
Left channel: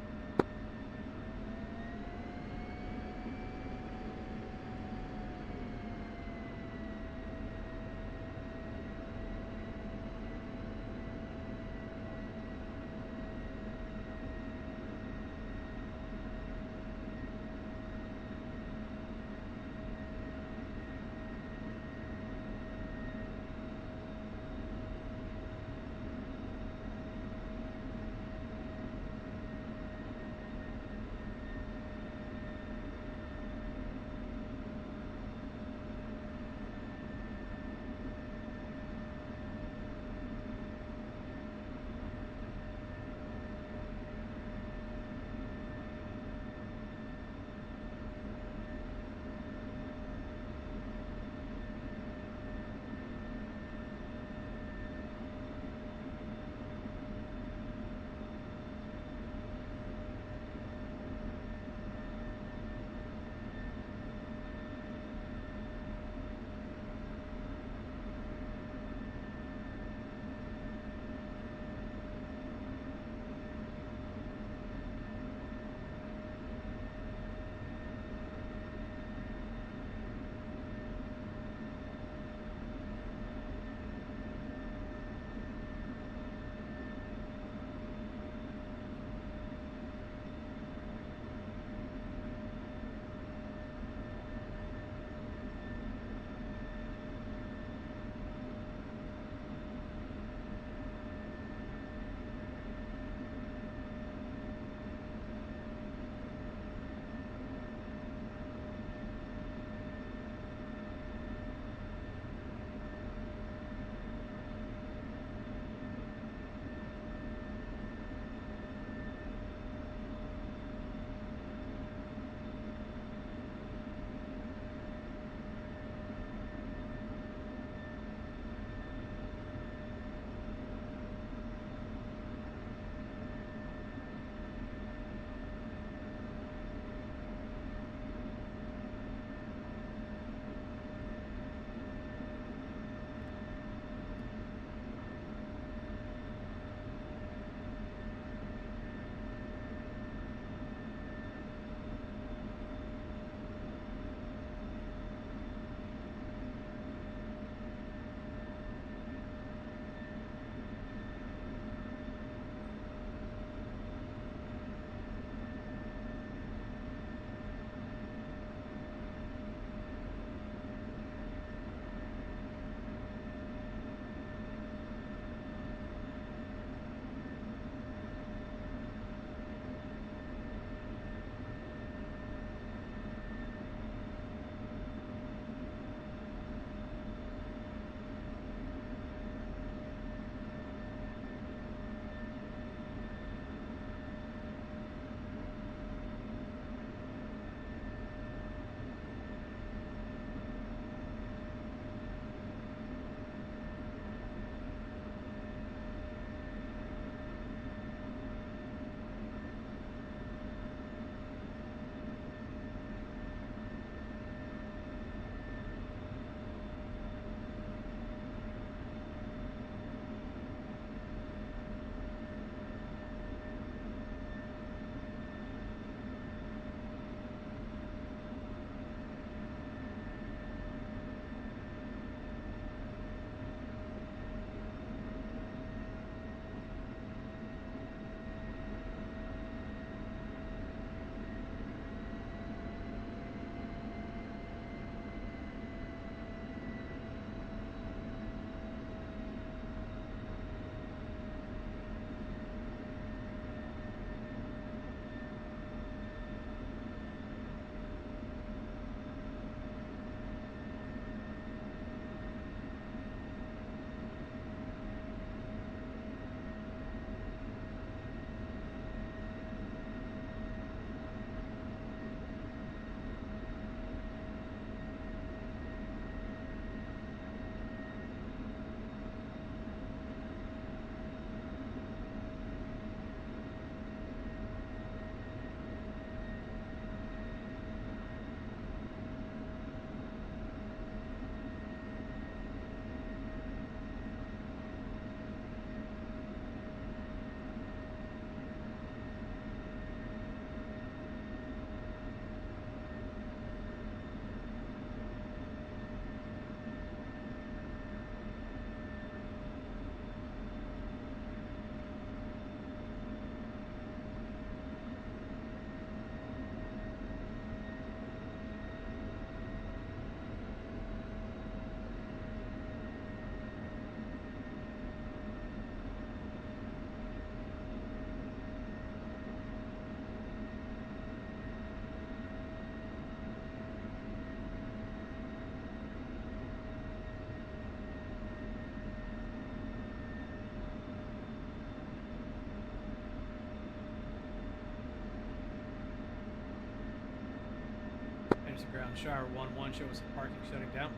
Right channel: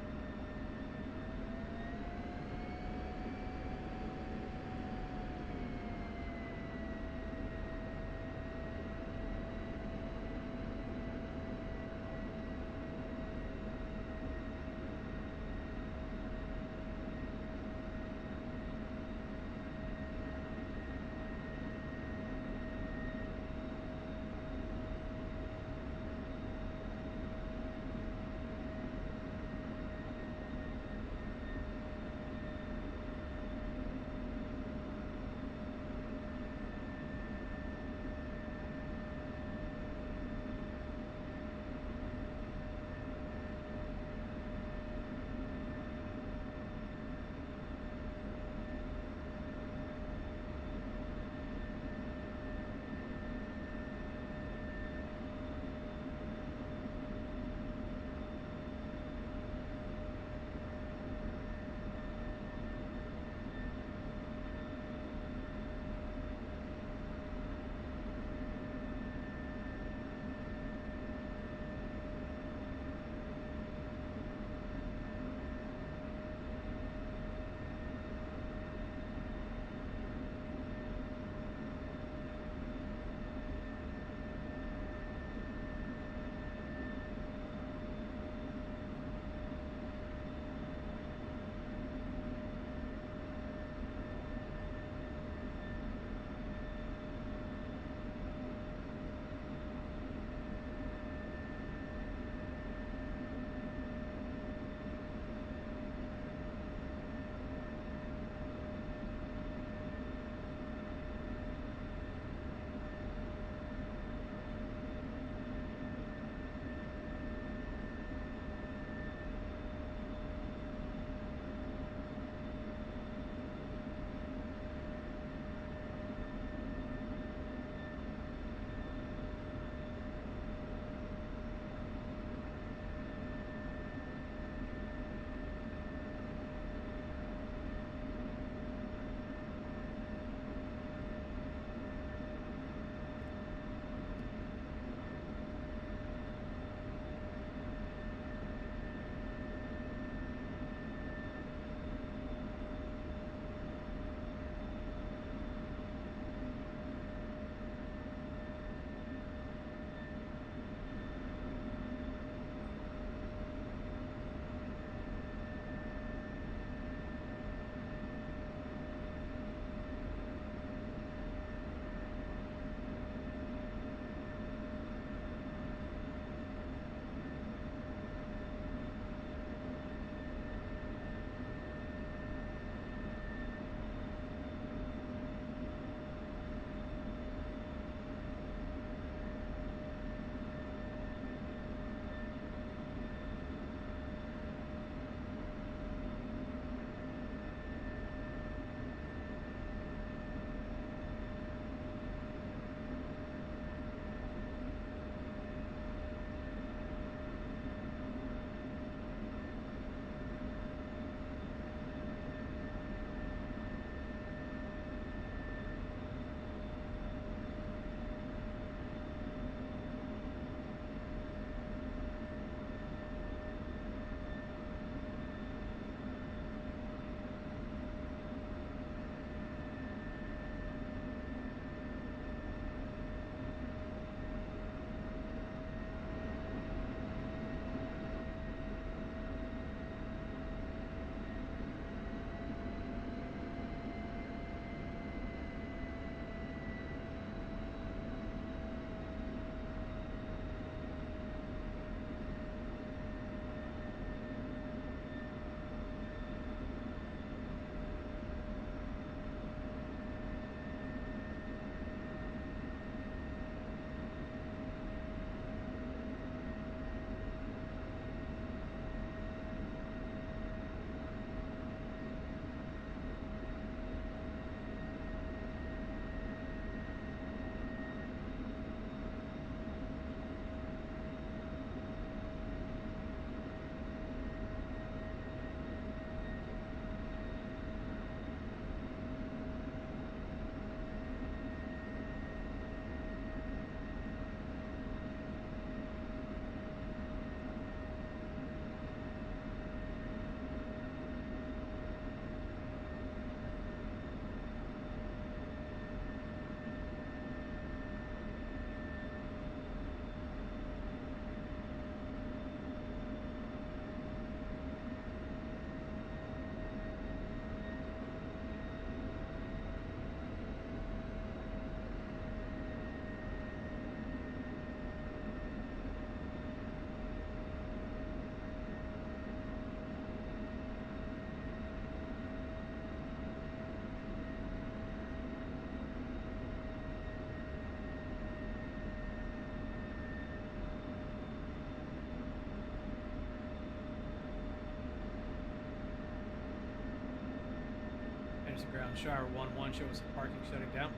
Taxi ground, Shire 1-1, show us the parking shutting down.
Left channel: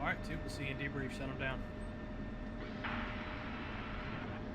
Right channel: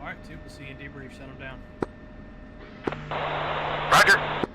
Alright, 2, we'll see you in debrief, shut them down. Roger.